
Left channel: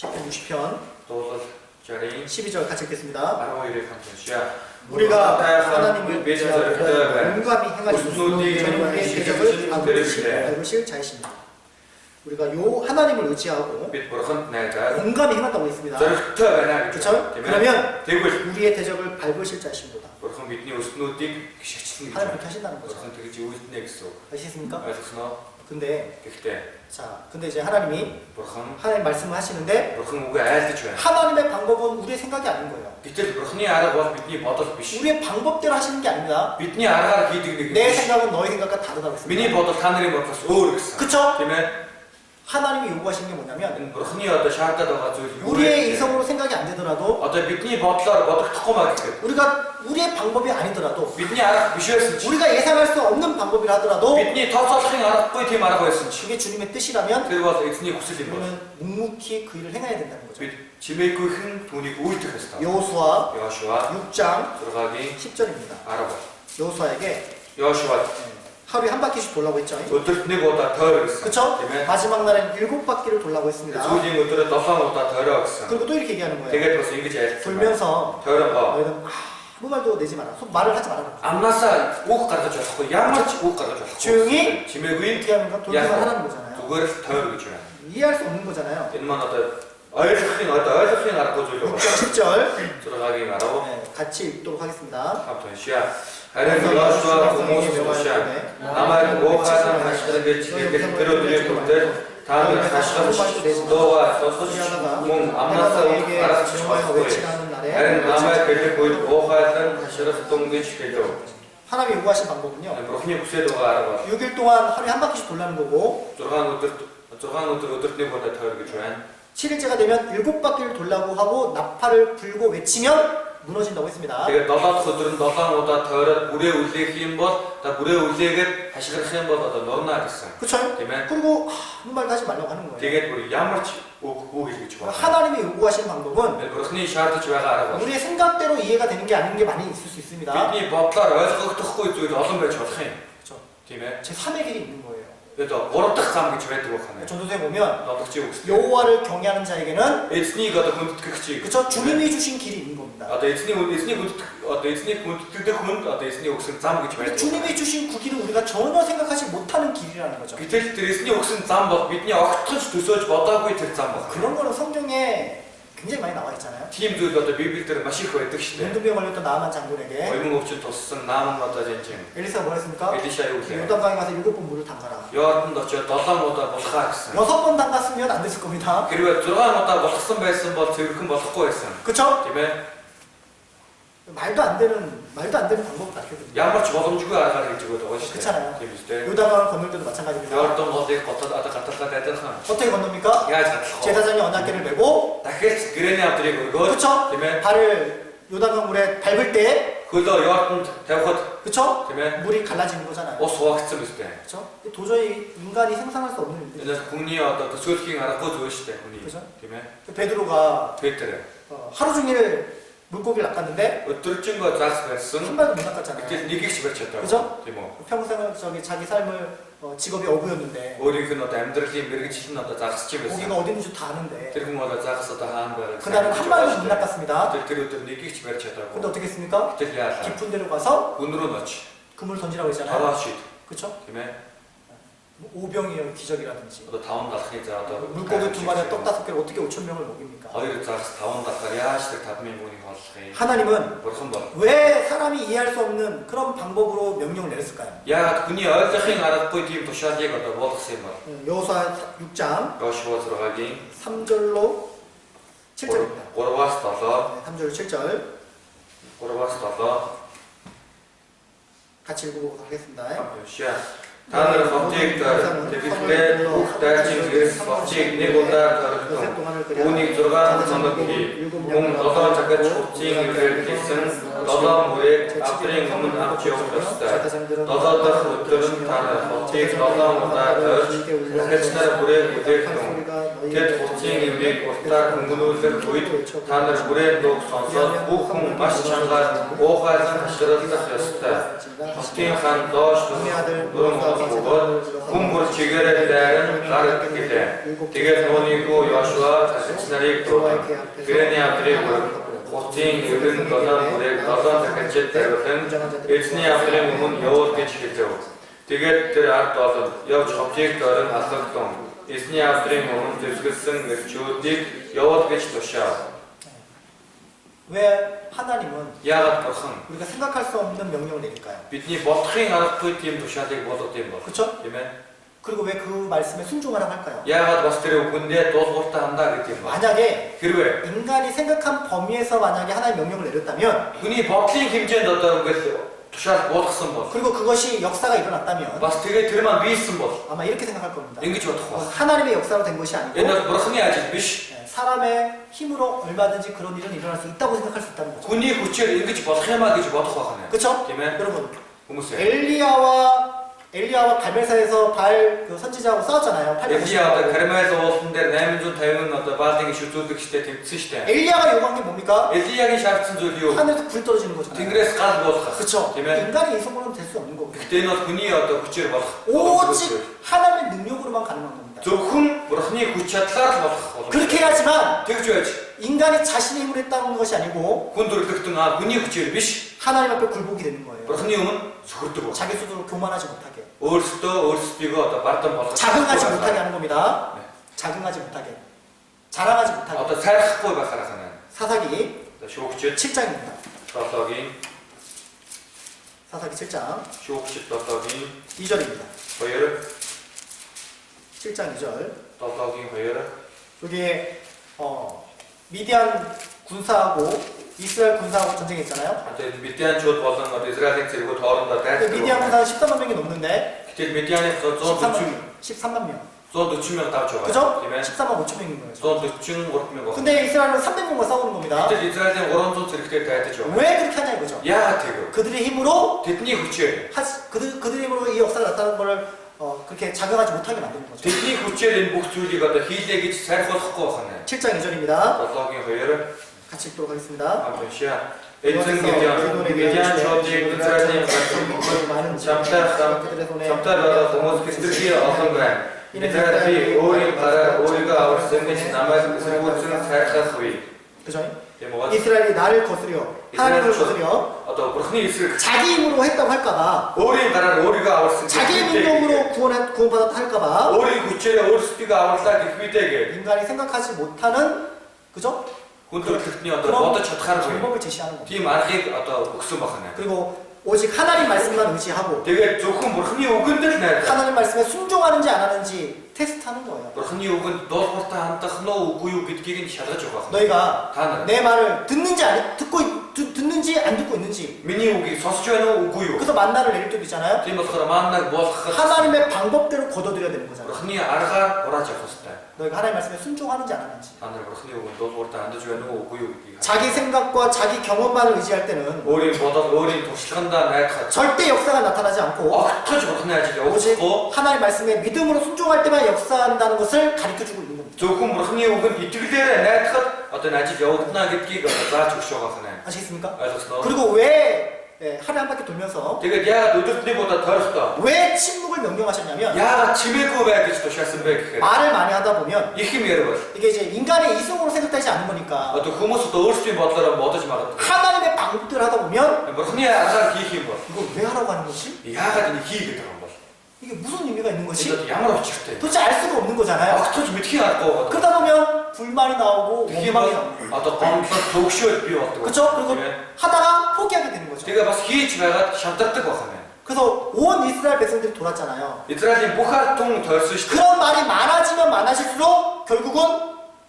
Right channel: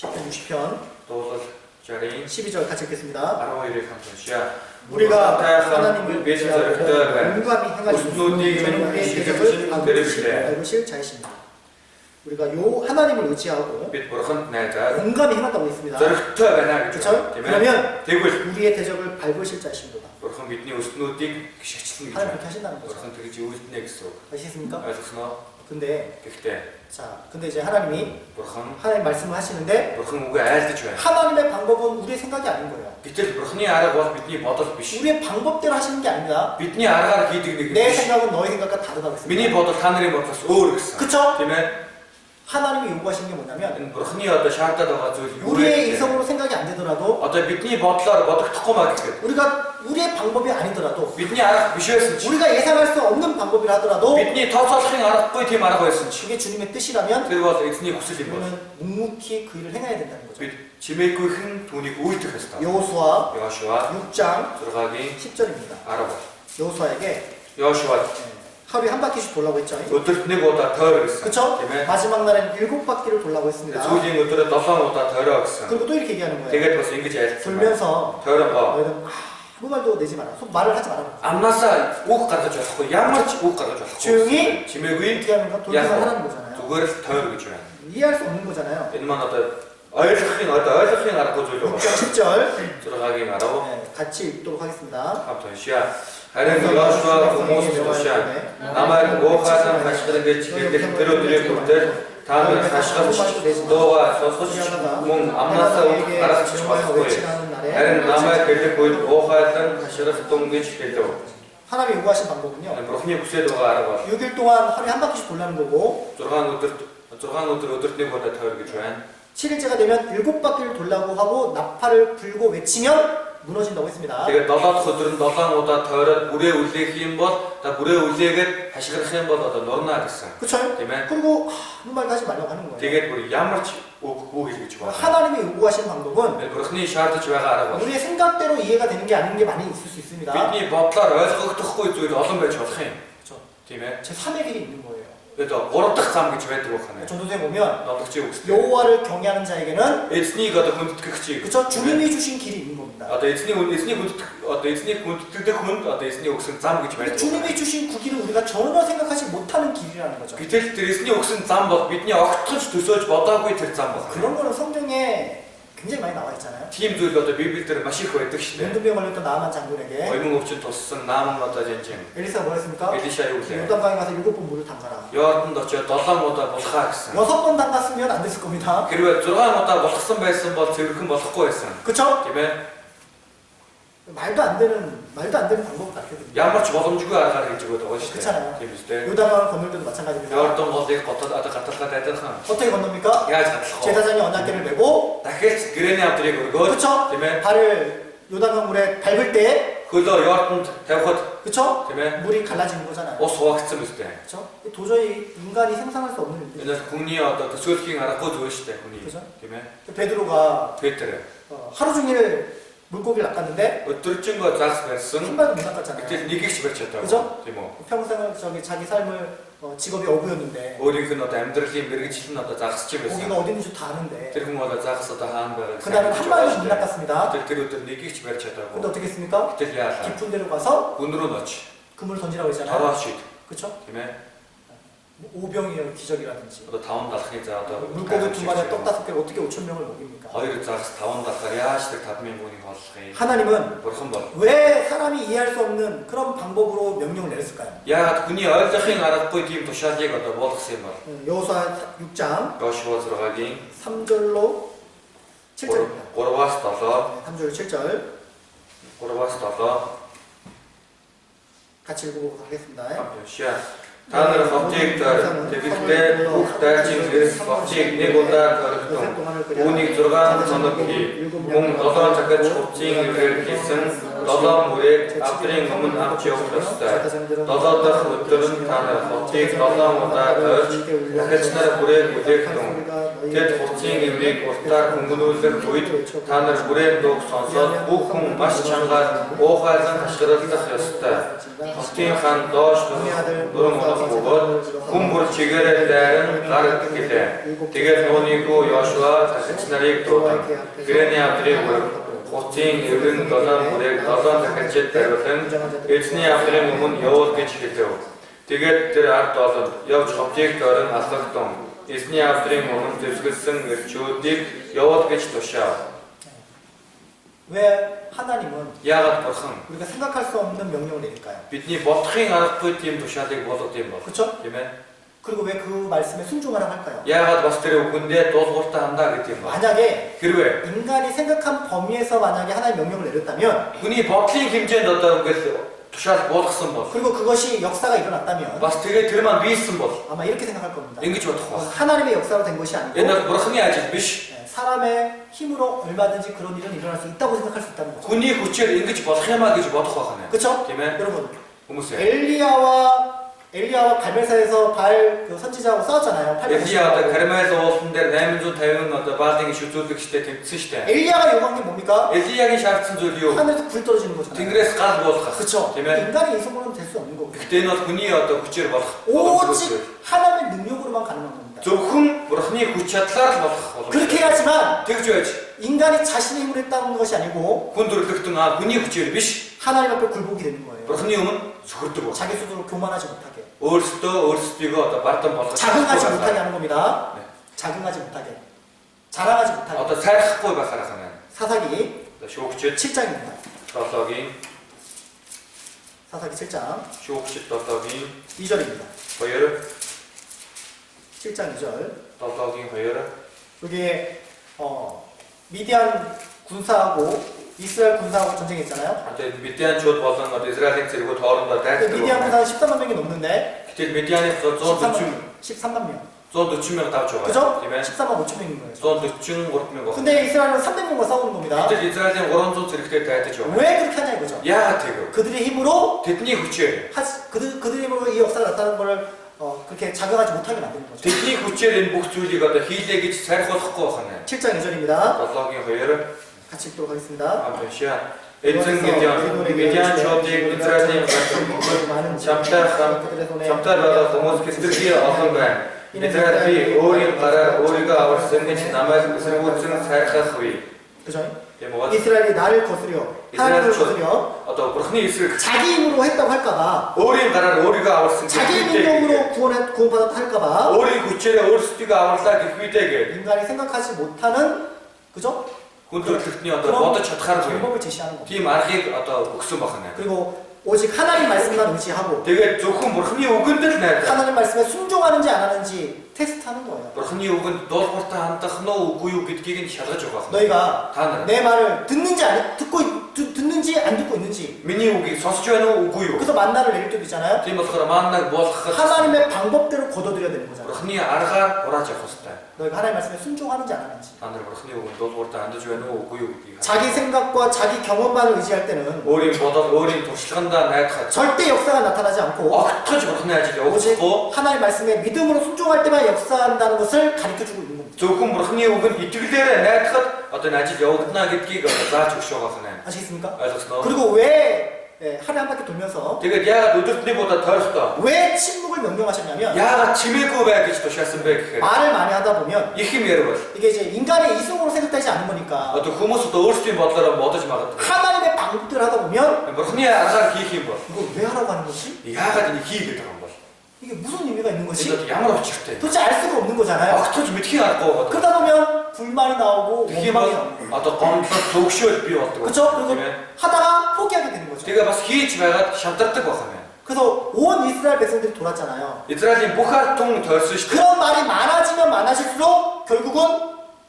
시편 60편 도서 자리 12절 같이 읽겠습니다. 아로이를 감사시야 우리가 하나님을 의지하고 용감히 행하시는 저는 우리의 대적을 밟으실 자이십니다. 우리가 요 하나님을 의지하고 용감히 행한다고 했습니다. 그렇죠? 그러면 우리의 대적을 밟으실 자이십니다. 하나님 그렇게 하신다는 거죠. 아시겠습니까? 근데 근데 이제 하나님 말씀을 하시는데 하나님의 방법은 우리의 생각이 아닌 거예요. 우리의 방법대로 하시는 게 아닙니다. 내 생각은 너의 생각과 다르다고 했습니다. 그쵸? 하나님이 요구하시는 게 뭐냐면 우리의 이성으로 생각이 안 되더라도 우리가 우리의 방법이 아니더라도 우리가 예상할 수 없는 방법이라 하더라도 그게 주님의 뜻이라면 우리는 묵묵히 그 일을 행해야 된다는 거죠. 여호수아 6장 10절입니다. 여호수아에게 하루에 한 바퀴씩 돌라고 했죠. 그쵸? 마지막 날에는 7바퀴를 돌라고 했습니다. 그리고 또 이렇게 얘기하는 거예요. 돌면서 너희는 아무 말도 내지 마라. 말을 하지 마라. 조용히 이렇게 하면 돌기만 하라는 거잖아요. 이해할 수 없는 거잖아요. 6장 10절 같이 읽도록 하겠습니다. 하나님 여호수아 고모스도시아 아마르 모하산 하시다게 지게게 들어드릴 것들 다음에 하시던 너와 소소시몽 암나사 알아서 쳐봤고요. 하나님 아마르 벨리 보이 모하산 하시다 동게 지게도 하나님이 요구하신 방법은요. 6일 동안 하루에 한 바퀴씩 돌라는 거고 7일째가 되면 7바퀴를 돌라고 하고 나팔을 불고 외치면 무너진다고 했습니다. 그쵸? 그리고 아무 말도 하지 말라고 하는 거예요. 하나님이 요구하시는 방법은 우리의 생각대로 이해가 되는 게 아닌 게 많이 있을 수 있습니다. 그쵸? 제 3의 길이 있는 거예요. 전도서에 보면 여호와를 경외하는 자에게는 그쵸? 주님이 주신 길이 있는 겁니다. 주님이 주신 그 길은 우리가 전혀 생각하지 못하는 길이라는 거죠. 그런 거는 성경에 굉장히 많이 나와 있잖아요. 문둥병 걸렸던 나아만 장군에게 엘리사가 뭐 했습니까? 요단강에 가서 7번 물을 담가라. 6번 담갔으면 안 됐을 겁니다. 그쵸? 말도 안 되는 방법을 가르쳐줍니다. 그렇잖아요. 요단강을 건널 때도 마찬가지입니다. 어떻게 건넙니까? 제사장이 언약궤를 메고 그쵸? 발을 요단강 물에 밟을 때 그쵸? 물이 갈라지는 거잖아요. 그쵸? 도저히 인간이 상상할 수 없는 일들. 그죠? 베드로가 하루 종일 물고기를 낚았는데 한 발도 못 낚았잖아요. 그죠? 평생 자기 삶을 직업이 어부였는데 고기가 어디 있는지 다 아는데 그날은 한 발도 못 낚았습니다. 근데 어떻게 했습니까? 깊은 데로 가서 그물을 던지라고 했잖아요. 그쵸? 오병이어 기적이라든지 물고기 2마리에 떡 5개를 어떻게 5,000명을 먹입니까? 하나님은 왜 사람이 이해할 수 없는 그런 방법으로 명령을 내렸을까요? 여호수아 6장 3절로 7절입니다. 3절로 7절 같이 읽어보도록 하겠습니다. Танар ховтыг тэгэлтэй бүх дайчин гэрс ховтыг нэг удаа дөрвөн үүнийг 6 хоног хий. Мөн 7 цагт хувцсийн ирээр хийсэн 7 мөрийг авдрын өмнө авч явах ёстой. 7 дахь өдөр нь танар ховтыг 7 удаа дөрж хэтснэр бүрээ бүтээгдэн Тэд хуцын эврийг уртаар хөнгөнүүлэх үед та нар бүрэн дууг сонсоод бүх хүн маш чангаар уухайлан хашгиралдах ёстой. Хотын хаан доош дөрөн хоног бөгөөд хүн бүр чигээрээ дайран гардаг гэлээ. Тэгээд нуунийхүү Йошуа цахилч нарыг дуудан. Гэрээний авдрыг хуцын эврэн 7 бүрээг 7 дахиад тариулан эзний авдрын өмнө явуул гэж хэлэв. Тэгээд тэр ард олон явж ховчийг дөрөн алгадсан. Эзний авдрын өмнө дэвсгэлсэн эрчүүдийг явуул гэж тушаав. 왜 하나님은 야가 бурхан 우리가 생각할 수 없는 명령을 내릴까요? бидний бодохын аргагүй тийм тушаалыг болгоод юм бол. 그렇죠? Тийм ээ. 그리고 왜 그 말씀에 순종하라고 할까요? 야가 бас тэр үгэндээ дуулууртаа хандаа гэдэг юм байна. 만약에 хэрвээ 인간이 생각한 범위에서 만약에 하나님 명령을 내렸다면 хүний бодлын хэмжээнд одоо ингээд тушаал болгосон бол 그리고 그것이 역사가 일어났다면 бас тэгээ тэр маань биелсэн бол 아마 이렇게 생각할 겁니다. ингэж бодох ба. 하나님의 역사로 된 것이 아니고 Энэ бол бурханы ажил биш. 사람의 힘으로 얼마든지 그런 일은 일어날 수 있다고 생각할 수 있다는 거죠. хүний хүчээр ингэж болох юмаа гэж бодох байна. 그렇죠? Тийм ээ. 여러분 хүмүүсээ. 엘리야와 갈멜사에서 바알 그 선지자하고 싸웠잖아요. 엘리야 одоо Кармел уулан дээр 850 одоо Баалын шүтүүлэгчтэй тэмцсэн шүү дээ. 엘리야가 요구한 게 뭡니까? 엘리야гийн шаардсан зүйл юу? 하늘에서 불 떨어지는 거잖아요. Тэнгэрээс гал буулгах. 그렇죠? Тийм ээ. 인간의 이성으로는 될 수 없는 거고. Гэхдээ энэ бол хүний одоо хүчээр болох. 오직 하나님의 능력으로만 가능한 겁니다. зөвхөн бурханы хүч чадлаар л болох боломжтой. 그렇게 해야지만 тэгж байж 인간이 자신의 힘으로 했다는 것이 아니고 хүн дөрлөгтөн хүний хүчээр биш. 하나님 앞에 굴복이 되는 거예요. бурханы өмнө зөвхөрдөг. 자기 스스로 교만하지 못하게. өөрсдийгөө одоо бардам болгох. 자긍하지 못하게 하는 겁니다. 네. 자긍하지 못하게. 자랑하지 못하게. Одоо сайрахгүй байхаар хана. 사사기 Шүүгчд 7장입니다. 7-гийн 사사기 7장 шүүгчд 7-гийн 2절입니다. 2 7장 2절. 7-гийн 2 여기에 미디안 군사하고 이스라엘 군사하고 전쟁했잖아요. одоо Медианчууд болон одоо Израилийн цэргүүд хоорондоо 근데 дайрдаг. 미디안 군사는 13만 명이 넘는데 гэтэл Медианы 13만 명. 140 мянга давж байгаа. 그죠? Тийм ээ. 13만 5천 명인 거예요. 143 мянга. 근데 이스라엘은 300명과 싸우는 겁니다. гэтэл Израилийн 300 цэрэгтэй дайдаж байгаа. 왜 그렇게 하냐 이거죠. Яагаад тэгв? 그들의 힘으로 Тэдний хүчээр 그들의 힘으로 이 역사가 났다는 걸 그렇게 자각하지 못하게 만드는 거죠. тэдний хүчээр энэ бүх зүйлийг одоо хийлээ гэж сайрхуулахгүй байна. 7장 2절입니다. 7-гийн 2 같이 읽도록 하겠습니다. амтшаа эзэн Медианчуудыг Израилийн чамтар байгаа хүмүүс хэсэрхий олон байна. Израиль би өөрийн гараар өөрийгөө аварсан гэж намайг эсэргүүцэн сайрхах вэ. 그죠? Тийм үү? 이스라엘이 나를 거스려 하나님을 거스려 одоо бурхны эсрэг 자기 힘으로 했다고 할까봐 өөрийн гараар өөрийгөө аварсан 자기 능력으로 구원받았다 할까봐 өөрийн хүчээрээ өөрсдийгөө аварлаа гэх үедээ гээд 인간이 생각하지 못하는 그죠? хүн төрөлхтний одоо бодож чадхааргүй 방법을 제시하는 겁니다. тийм аргыг одоо өгсөн байна. 그리고 오직 하나님 말씀만 의지하고 тэгээд зөвхөн бурхны үгэнд л найдах. 하나님 말씀에 순종하는지 안 하는지 테스트하는 거예요. бурхны үгэнд дуулууртаа хандах нь үгүй юу гэдгийг нь шалгаж байгаа. 너희가 та нар 내 말을 듣는지 듣는지 안 듣고 있는지 миний үгийг сонсож байна уу үгүй юу? 그래서 만나를 내릴 때도 있잖아요. тийм болохоор маннаг болгоход 하나님의 방법대로 거둬들여야 되는 거잖아요. бурхны аргаар хурааж явах хэрэгтэй. 너희가 하나님 말씀에 순종하는지 안 하는지. та нар бурхны үгэнд дуулууртаа хандаж байна уу үгүй юу гэдгийг 자기 생각과 자기 경험만을 의지할 때는 өөрийн бодол өөрийн туршлагандаа найдахад 절대 역사가 나타나지 않고 огтхож бурхны ажил 오직 явуулахгүй 하나님 말씀에 믿음으로 순종할 때만 역사한다는 것을 가르쳐주고 있는 겁니다. зөвхөн бурхны үгэнд итгэлээрээ найдахад одоо энэ ажил явагдана гэдгийг зааж өгч байгаа байна. 아시겠습니까? ойлгосноо? 그리고 왜 하루에 한 바퀴 돌면서 тэгээд яагаад өдөртний 보다 тойрохдоо 왜 침묵을 명령하셨냐면 яагаад чимээгүй бай гэж тушаасан бэ гэхээр 말을 많이 하다 보면 их юм ярил. 이게 이제 인간의 이성으로 생각되지 않는 거니까 одоо хүмүүс одоо өөрсдийн бодлороо бодож магадгүй. 하나님의 방법대로 하다 보면 бурхны аргаар хийх юм бол 이거 왜 하라고 하는 거지? яагаад энийг хий гэдэг юм бол 이게 무슨 의미가 있는 거지? энэ ямар учиртай. 도대체 알 수가 없는 거잖아요. огтхож мэдхий аргагүй байгаа. 그러다 보면 불만이 나오고 тийм 원망이 бол 나오고 одоо гомдлол төгшөөл бий болдог. 그렇죠? 그리고 하다가 포기하게 되는 거죠. тэгээ бас хийж байгаад шантардаг байна. 그래서 온 이스라엘 백성들이 돌았잖아요. Израилийн бүх ард түмэн тойрсон шүү дээ. 그런 말이 많아지면 많아질수록 결국은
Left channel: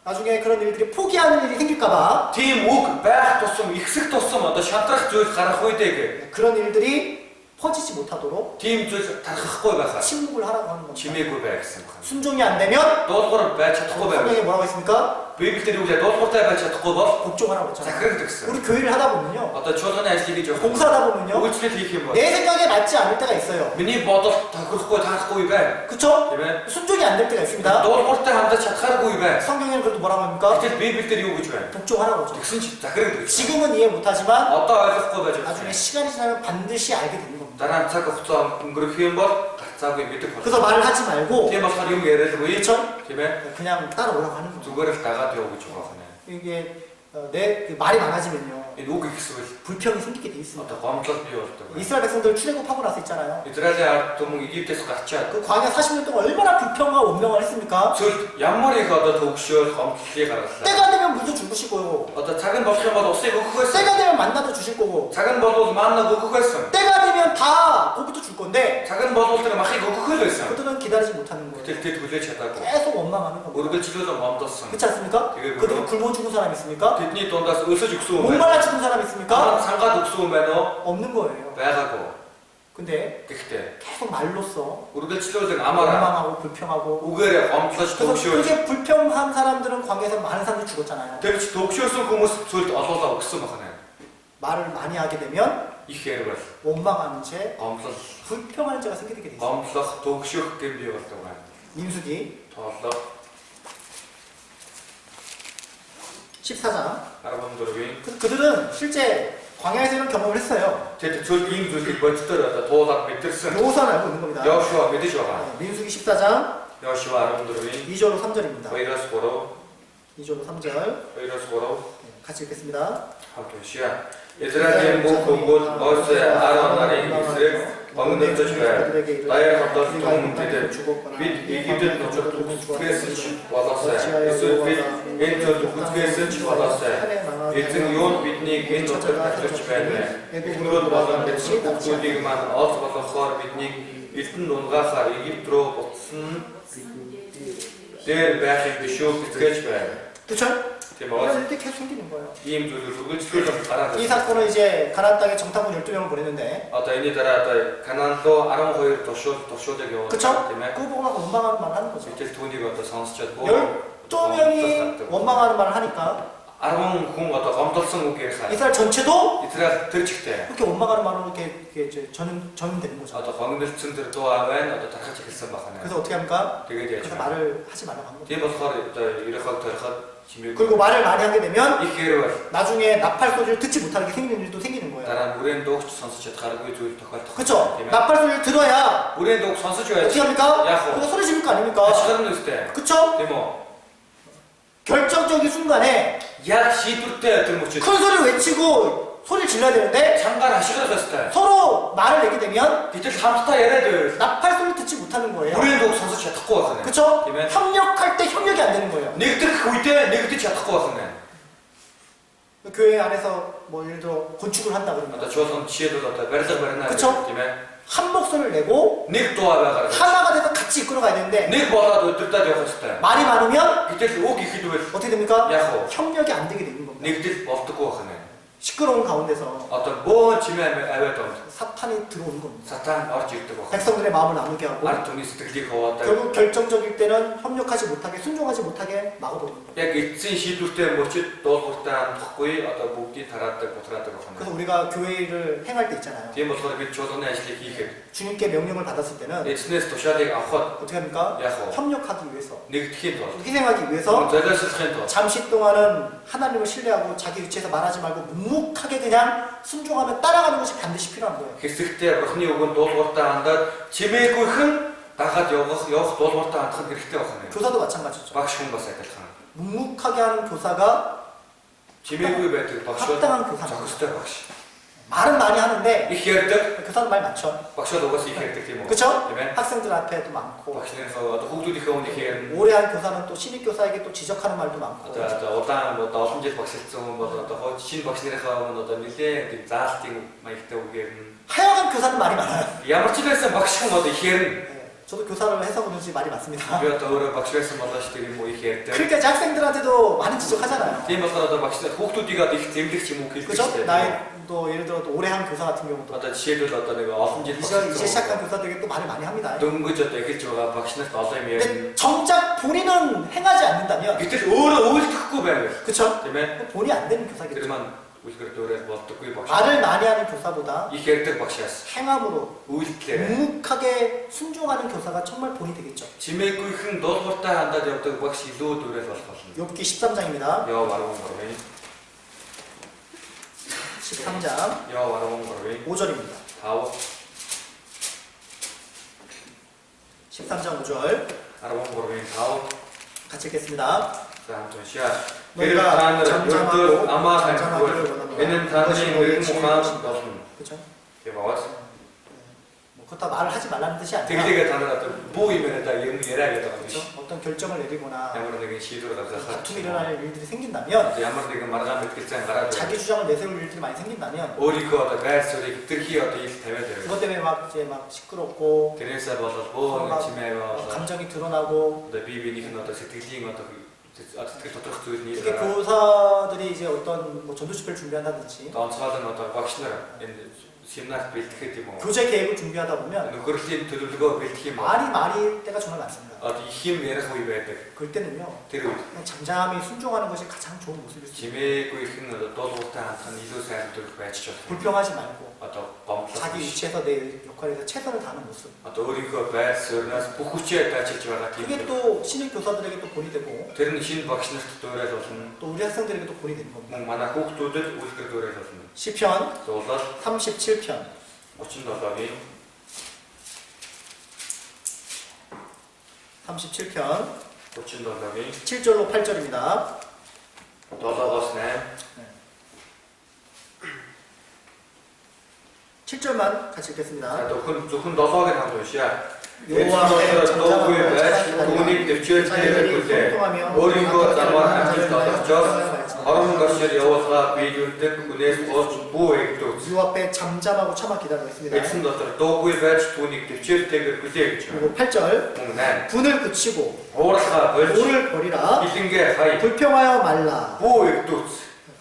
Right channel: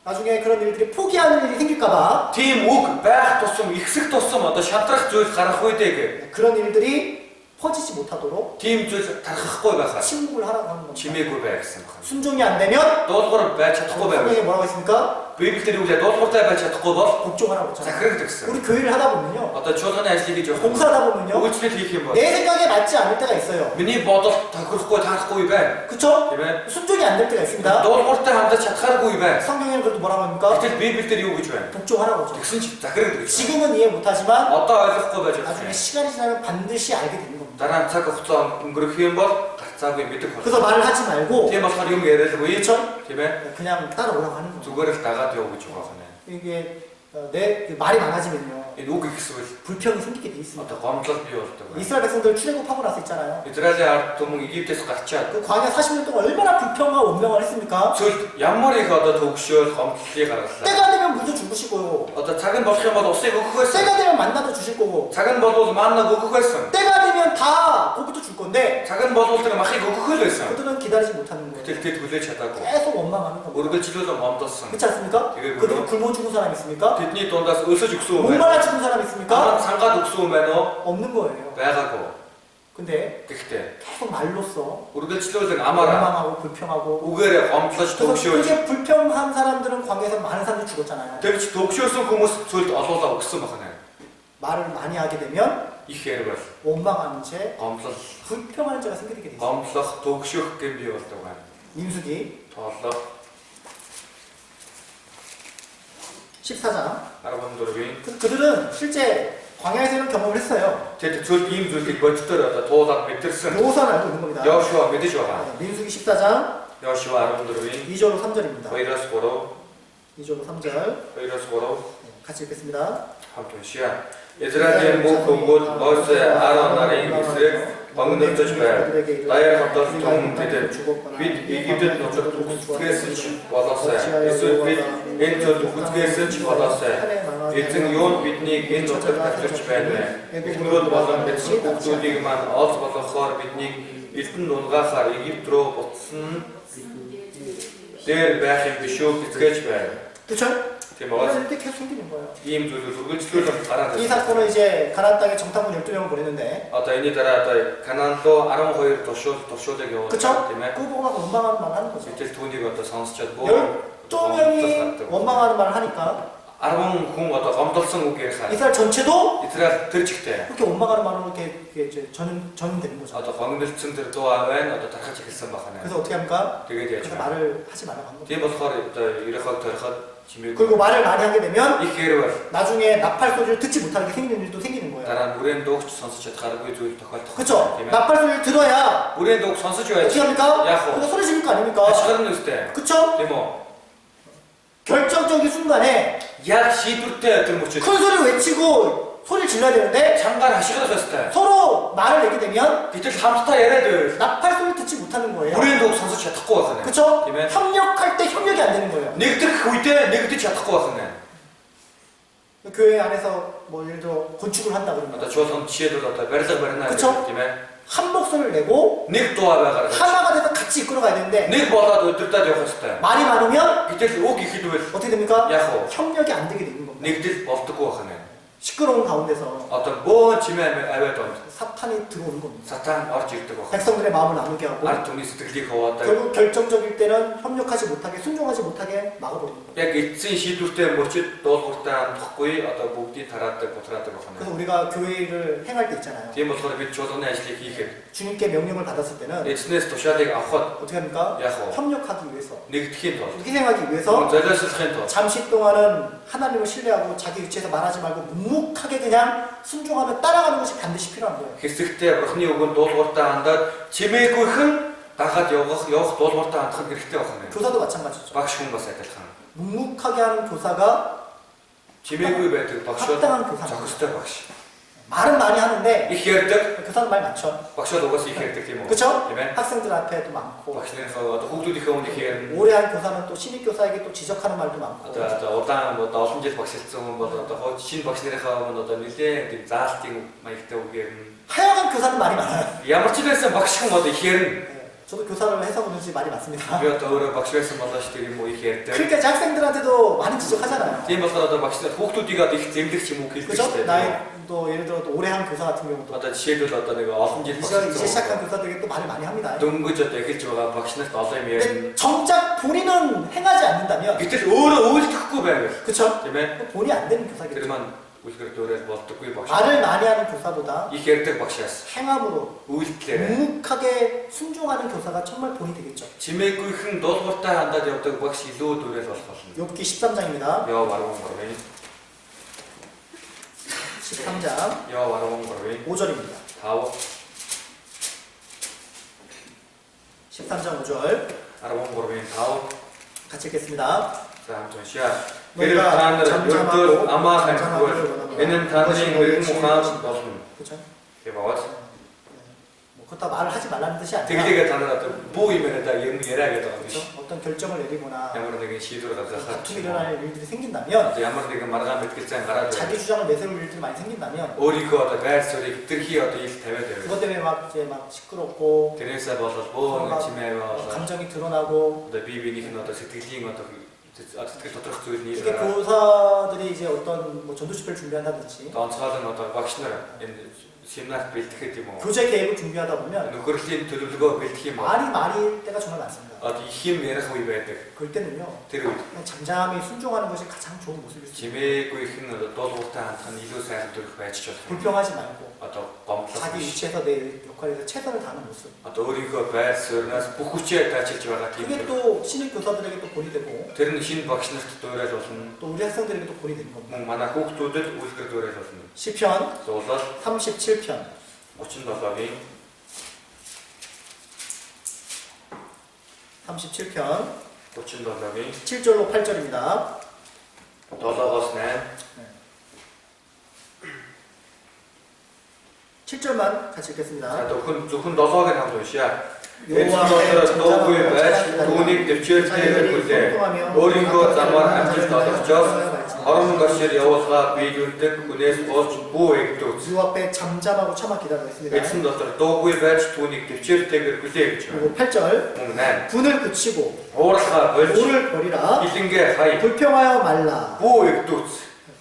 나중에 그런 일들이 포기하는 일이 생길까봐 тийм үг байх тусам ихсэх тусам одоо шантрах зүйл гарах үедээ 그런 일들이 퍼지지 못하도록 тийм зүйл тархахгүй байхаар 침묵을 하라고 하는 겁니다. чимээгүй бай гэсэн байна. 순종이 안 되면 Дуулуур байж чадахгүй байвал 성경에 뭐라고 했습니까? Библиэлд юу гэдэг дуулууртай байж чадахгүй бол 복종하라고 했잖아요. захирагддаг гэсэн. 우리 교회를 하다 보면요. Одоо чуулганы ажлыг хийж явах 봉사하다 보면요. үйлчлэл хийх юм бол 내 생각에 맞지 않을 때가 있어요. миний бодолд тохирохгүй таахгүй байна. 그쵸? Тийм ээ. 순종이 안 될 때가 있습니다. Дуулууртай хандаж чадхааргүй байна. 성경에는 그래도 뭐라고 합니까? Гэтэл Библиэлд юу гэж байна? 복종하라고 하죠. Тэгсэн чинь захирагддаг. 지금은 이해 못하지만 Одоо ойлгохгүй байж 나중에 байгаа. 시간이 지나면 반드시 알게 되는 겁니다. Дараа нь цаг хугацаа өнгөрөх юм бол гарцаагүй мэдэх болно. 그래서 말을 하지 말고 Тийм болохоор юм яриалгүй. 그쵸? Тийм ээ. 그냥 따라오라고 하는 거죠. Зүгээр л дагаад явуу гэж байгаа юм. 이게 내 말이 많아지면요. Энэ үг ихсвэл 불평이 생기게 돼 있습니다. одоо гомдлол бий болдог байна. 이스라엘 백성들 출애굽하고 나서 있잖아요. Израилийн ард түмэн Египтээс гарчаад 그 광야 40년 동안 얼마나 불평과 원명을 했습니까? цөлд ямар их одоо төгшөөл гомдлолыг гаргалаа. 때가 되면 물도 주시고요. Одоо цаг нь болох юм бол усыг өгөх байсан. 때가 되면 만나도 주실 거고. Цаг нь болвол маннаг өгөх байсан. 때가 되면 다 고기도 줄 건데 Цаг нь болвол тэр махыг өгөх л байсан. 그들은 기다리지 못하는 거예요. Гэтэл тэд хүлээж чадаагүй. 계속 원망하는 겁니다. Үргэлжлүүлэн гомдолсон. 그렇지 않습니까? 이게 그들이 뭐예요? 굶어 죽은 사람 있습니까? Тэдний дундаас өсөж өгсөн юм байна. 목말라 죽은 사람 Дараа 있습니까? нь сангаад өгсөн юм байна уу? 없는 거예요. Байгаагүй. 근데 Гэхдээ 계속 말로써 үргэлжлүүлэн амаараа 원망하고 불평하고 үгээрээ гомдлож 그래서 төгшөөж 그게 불평한 사람들은 광야에서 많은 사람들이 죽었잖아요. тэгж төгшөөсөн хүмүүс цөлд олоолаа өгсөн байна. 말을 많이 하게 되면 Их хэрвэр 원망하는 죄, гомдлол, 불평하는 죄가 생기게 돼 있어요. гомдлох, төгшөх гэм бий болдог байна. 민수기 Тооллоо 14장. 14-ийн 그들은 실제 광야에서 이런 경험을 했어요. тэд цөлд ийм зүйлийг боддоор одоо туулаад мэдэрсэн. 여호수아는 알고 있는 겁니다. Йошуа мэдэж байгаа. 민수기 14장 Йошуа 14-ийн 2절로 3절입니다. 2-3, 2절로 3절 2-3 같이 읽겠습니다. хамт уншия. Израилийн бүх хүмүүс Мосе Аарон нарын эсрэг богинодож байв. Даяар хамтар түмэнтэд бид Египтэд нутагт үхсгээс ч болоосай. Эсвэл бид энэ цөлд үхсгээс ч болоосай. Эзэн юу биднийг энэ нутагт авчирч байна вэ? Эхнэрүүд болон эцэг хүүхдүүдийг маань олж болгохоор биднийг элдэн нунгаахаар Египт рүү буцсан дээр байхыг биш үү гэцгээж байв. 그렇죠? Тийм үү? 이렇게 계속 생기는 거예요. ийм зүйлүүд үргэлжлүүлэн гараад 이 ирсэн. 사건은 이제 가나안 땅에 정탐꾼 12명을 보냈는데 Одоо энэний дараа одоо Канаан руу 12 туршуулыг явуулсан 그쵸? тийм ээ. 그거 보고 나서 원망하는 말을 하는 거죠. Гэтэл түүнийг одоо сонсчод 12명이 원망하는 말을 하니까 10 хүн одоо гомдолсон үг ярихаа. 이스라엘 전체도 Израиль тэр чигтээ 그렇게 원망하는 말로 이렇게 이제 전되는 거죠. одоо гомдолсон тэр дуу авайн одоо тархаж эхэлсэн байна. 그래서 어떻게 합니까? Тэгээд яаж 그래서 вэ? 말을 하지 말라고 한 거죠. Тийм болохоор одоо ерөхөг ториход чимээг 그리고 말을 많이 하게 되면 их хэрвэр 나중에 나팔 소리를 듣지 못하게 생기는 일도 생기는 거예요. дараа нь бүрэн дуугч сонсож чадхааргүй зүйл тохиолдох. 그렇죠? тийм ээ. 나팔 소리를 들어야 Бүрэн дууг сонсож байж 어떻게 합니까? 야호. 그거 소리 지를 거 아닙니까? ашиглан үстэй. 그렇죠? Тийм үү? 결정적인 순간에 Яг шийдвэртэй тэр мөчөд 큰 소리를 외치고 소리를 질러야 되는데 чангаар ашиглах ёстой. 서로 말을 내게 되면 Гэтэл хамтдаа яриад байвал 나팔 소리를 듣지 못하는 거예요. бүрийн дууг сонсож чадахгүй байх нь. 그렇죠? Тийм ээ. 협력할 때 협력이 안 되는 거예요. Нэгдэх үедээ нэгдэж чадахгүй байх нь. 교회 안에서 뭐 예를 들어 건축을 한다 Одоо 그러면 чуулганд жишээлбэл одоо барилга барина 그쵸? гэх тийм ээ. 한 목소리를 내고 Нэг дуу байгаар 하나가 돼서 같이 이끌어가야 되는데 нэг болоод өдөртөөд явах ёстой. 말이 많으면 Гэтэл үг ихэдвэл 어떻게 됩니까? яг уу 협력이 안 되게 되는 겁니다. нэгдэл болдоггүй байх нь. 시끄러운 가운데서 Одоо бөөн чимээ аваад ond 사탄이 들어오는 겁니다. сатан орж ирдэг байх. 백성들의 마음을 나누게 하고 Ард түмний сэтгэлийг хуваадаг. 결국 결정적일 때는 협력하지 못하게 순종하지 못하게 막아버리는 거예요. Яг эцсийн шийдвэртэй мөчид дуулууртай амтахгүй одоо бүгдийг тараадаг, бутраадаг байх 그래서 нь. 우리가 교회를 행할 때 있잖아요. Тийм болохоор бид чуулганы ажлыг хийхэд 주님께 명령을 받았을 때는 эзнээс тушаалыг авахд 어떻게 합니까? яг уу 협력하기 위해서 нэгдэхийн тулд 희생하기 위해서 зориулсахын тулд 잠시 동안은 하나님을 신뢰하고 자기 위치에서 말하지 말고 묵묵하게 그냥 순종하며 따라가는 것이 반드시 필요한 거예요. хэсэгтээ бурхны үгэнд дуулууртай хандаад чимээгүйхэн дагаад явах дуулууртай хандах нь хэрэгтэй байх нь. 교사도 마찬가지죠. Багш хүн бас адилхан. 묵묵하게 하는 교사가 Чимээгүй байдаг багшууд 합당한 교사. зохистой багш. 말은 많이 하는데 Их ярьдаг 교사는 말 많죠. багшууд угаас их ярьдаг тийм үү? 그렇죠? Тийм ээ. 학생들 앞에도 많고 Багшныхаа одоо хүүхдүүдийнхээ өмнө их ярина. 오래 한 교사는 또 신입 교사에게 또 지적하는 말도 많고 Одоо удаан одоо олон жил багшилсан хүн бол одоо хойд шинэ багш нарынхаа өмнө одоо нэлээд тийм заалтын маягтай үг ярина. 하여간 교사는 말이 많아요. Ямар ч байсан багш хүн одоо их ярина. 네, 저도 교사를 해서 그런지 말이 많습니다. Би одоо өөрөө багш байсан болооч тийм үү их ярьдаг. 그러니까 이제 학생들한테도 많이 지적하잖아요. Тийм болохоор одоо багш нар хүүхдүүдийг одоо их зэмлэх ч юм уу хэлдэг 그죠? шүү дээ. 나이도 예를 들어 또 오래 한 교사 같은 경우도 Одоо жишээлбэл одоо нэг олон жил 이제 시작한 багш 교사들에게 또 말을 많이 합니다. дөнгөж одоо эхэлж байгаа багш нарт олон юм ярина. 근데 정작 본인은 행하지 않는다면 Гэтэл өөрөө үйлдэхгүй 그쵸? 그러면 본이 안 되는 교사겠죠. 그러면 우리가 노래 болтоггүй багш. 말을 많이 하는 교사보다 их ярьдаг багшаас 행함으로 үйлдэлээр 묵묵하게 순종하는 교사가 정말 본이 되겠죠. чимээгүйхэн дуулууртай хандаад явдаг багш илүү дүүрэл болох болно. 욥기 13장입니다. Яа баруун гурвын 13장 яа баруун гурвын 5절입니다. 5 13장 5절 баруун гурвын 5 같이 읽겠습니다. за хамт уншия. Хэрэг та нар өрдөө амаа хамтгүй энэ нь таны мэрэгэн ухаан болно. 그렇죠? гэваад 뭐 그렇다 말을 하지 말라는 뜻이 아니라 тэглэгээ та нараа бүү юмэраа юм яриа гэдэг юм 그렇죠? биш. 어떤 결정을 내리거나 ямар нэгэн шийдвэр гаргахад 다툼이 일어날 일들이 생긴다면 ямар нэгэн маргаан мэтгэлцэн гараад 자기 주장을 내세울 일들이 많이 생긴다면 өөрийнхөө одоо байр суурийг хэтэрхий одоо ил тавиад 그것 байв. 때문에 막 이제 막 시끄럽고 тэрээсээ болол бөө ингэ чимээваа 감정이 드러나고 одоо бие биенийх нь одоо сэтгэлийн одоо сэтгэл тоторох зүйл 이게 нийлээ. 교사들이 이제 어떤 뭐 전도 집회를 준비한다든지 онцгой нь одоо багш нар энэ семинар бэлтгэхэд юм уу? 교재 계획을 준비하다 보면 нөхөрлийн төлөвлөгөө бэлтгэх юм уу? 말이 때가 정말 많습니다. одоо их юм ярих үе байдаг. 그럴 때는요 тэр үед 그냥 잠잠히 순종하는 것이 가장 좋은 모습일 수 있어요. чимээгүй их нь дуулууртай хандах нь илүү сайн төрөх байж ч болох. 불평하지 말고 одоо гомдлох 자기 위치에서 내 역할에서 최선을 다하는 모습. одоо өөрийнхөө байр суурнаас бүх хүчээ даачилж байгаа тийм. 그게 또 신입 교사들에게 또 본이 되고 тэр нь шинэ багш нарт дөөрэл болно. 또 우리 학생들에게 또 본이 되는 겁니다. мөн манай хүүхдүүдэд үлгэр дөөрэл болно. 시편 зуулал 37편 37-гийн 37편 37-гийн 7절로 8절입니다. 7-оос 8 7절만 같이 읽겠습니다. за зөвхөн 7-ыг нь хамт уншия. 여호와 에스더가 дуугүй байж түүнийг дэвчээртэйгээр хүлээ. өөрийнхөө замаар амжилт олгочоос хорон гашир явуулгаа биелүүлдэг хүнээс болж бүү эгдүүц. 유 앞에 잠잠하고 참아 기다리고 있습니다. эцэн дотор дуугүй байж түүнийг дэвчээртэйгээр хүлээ гэж байна. 그리고 8절 мөн 8 분을 그치고 уурхаа болж 오를 버리라 хилэнгээ хай 불평하여 말라. бүү эгдүүц.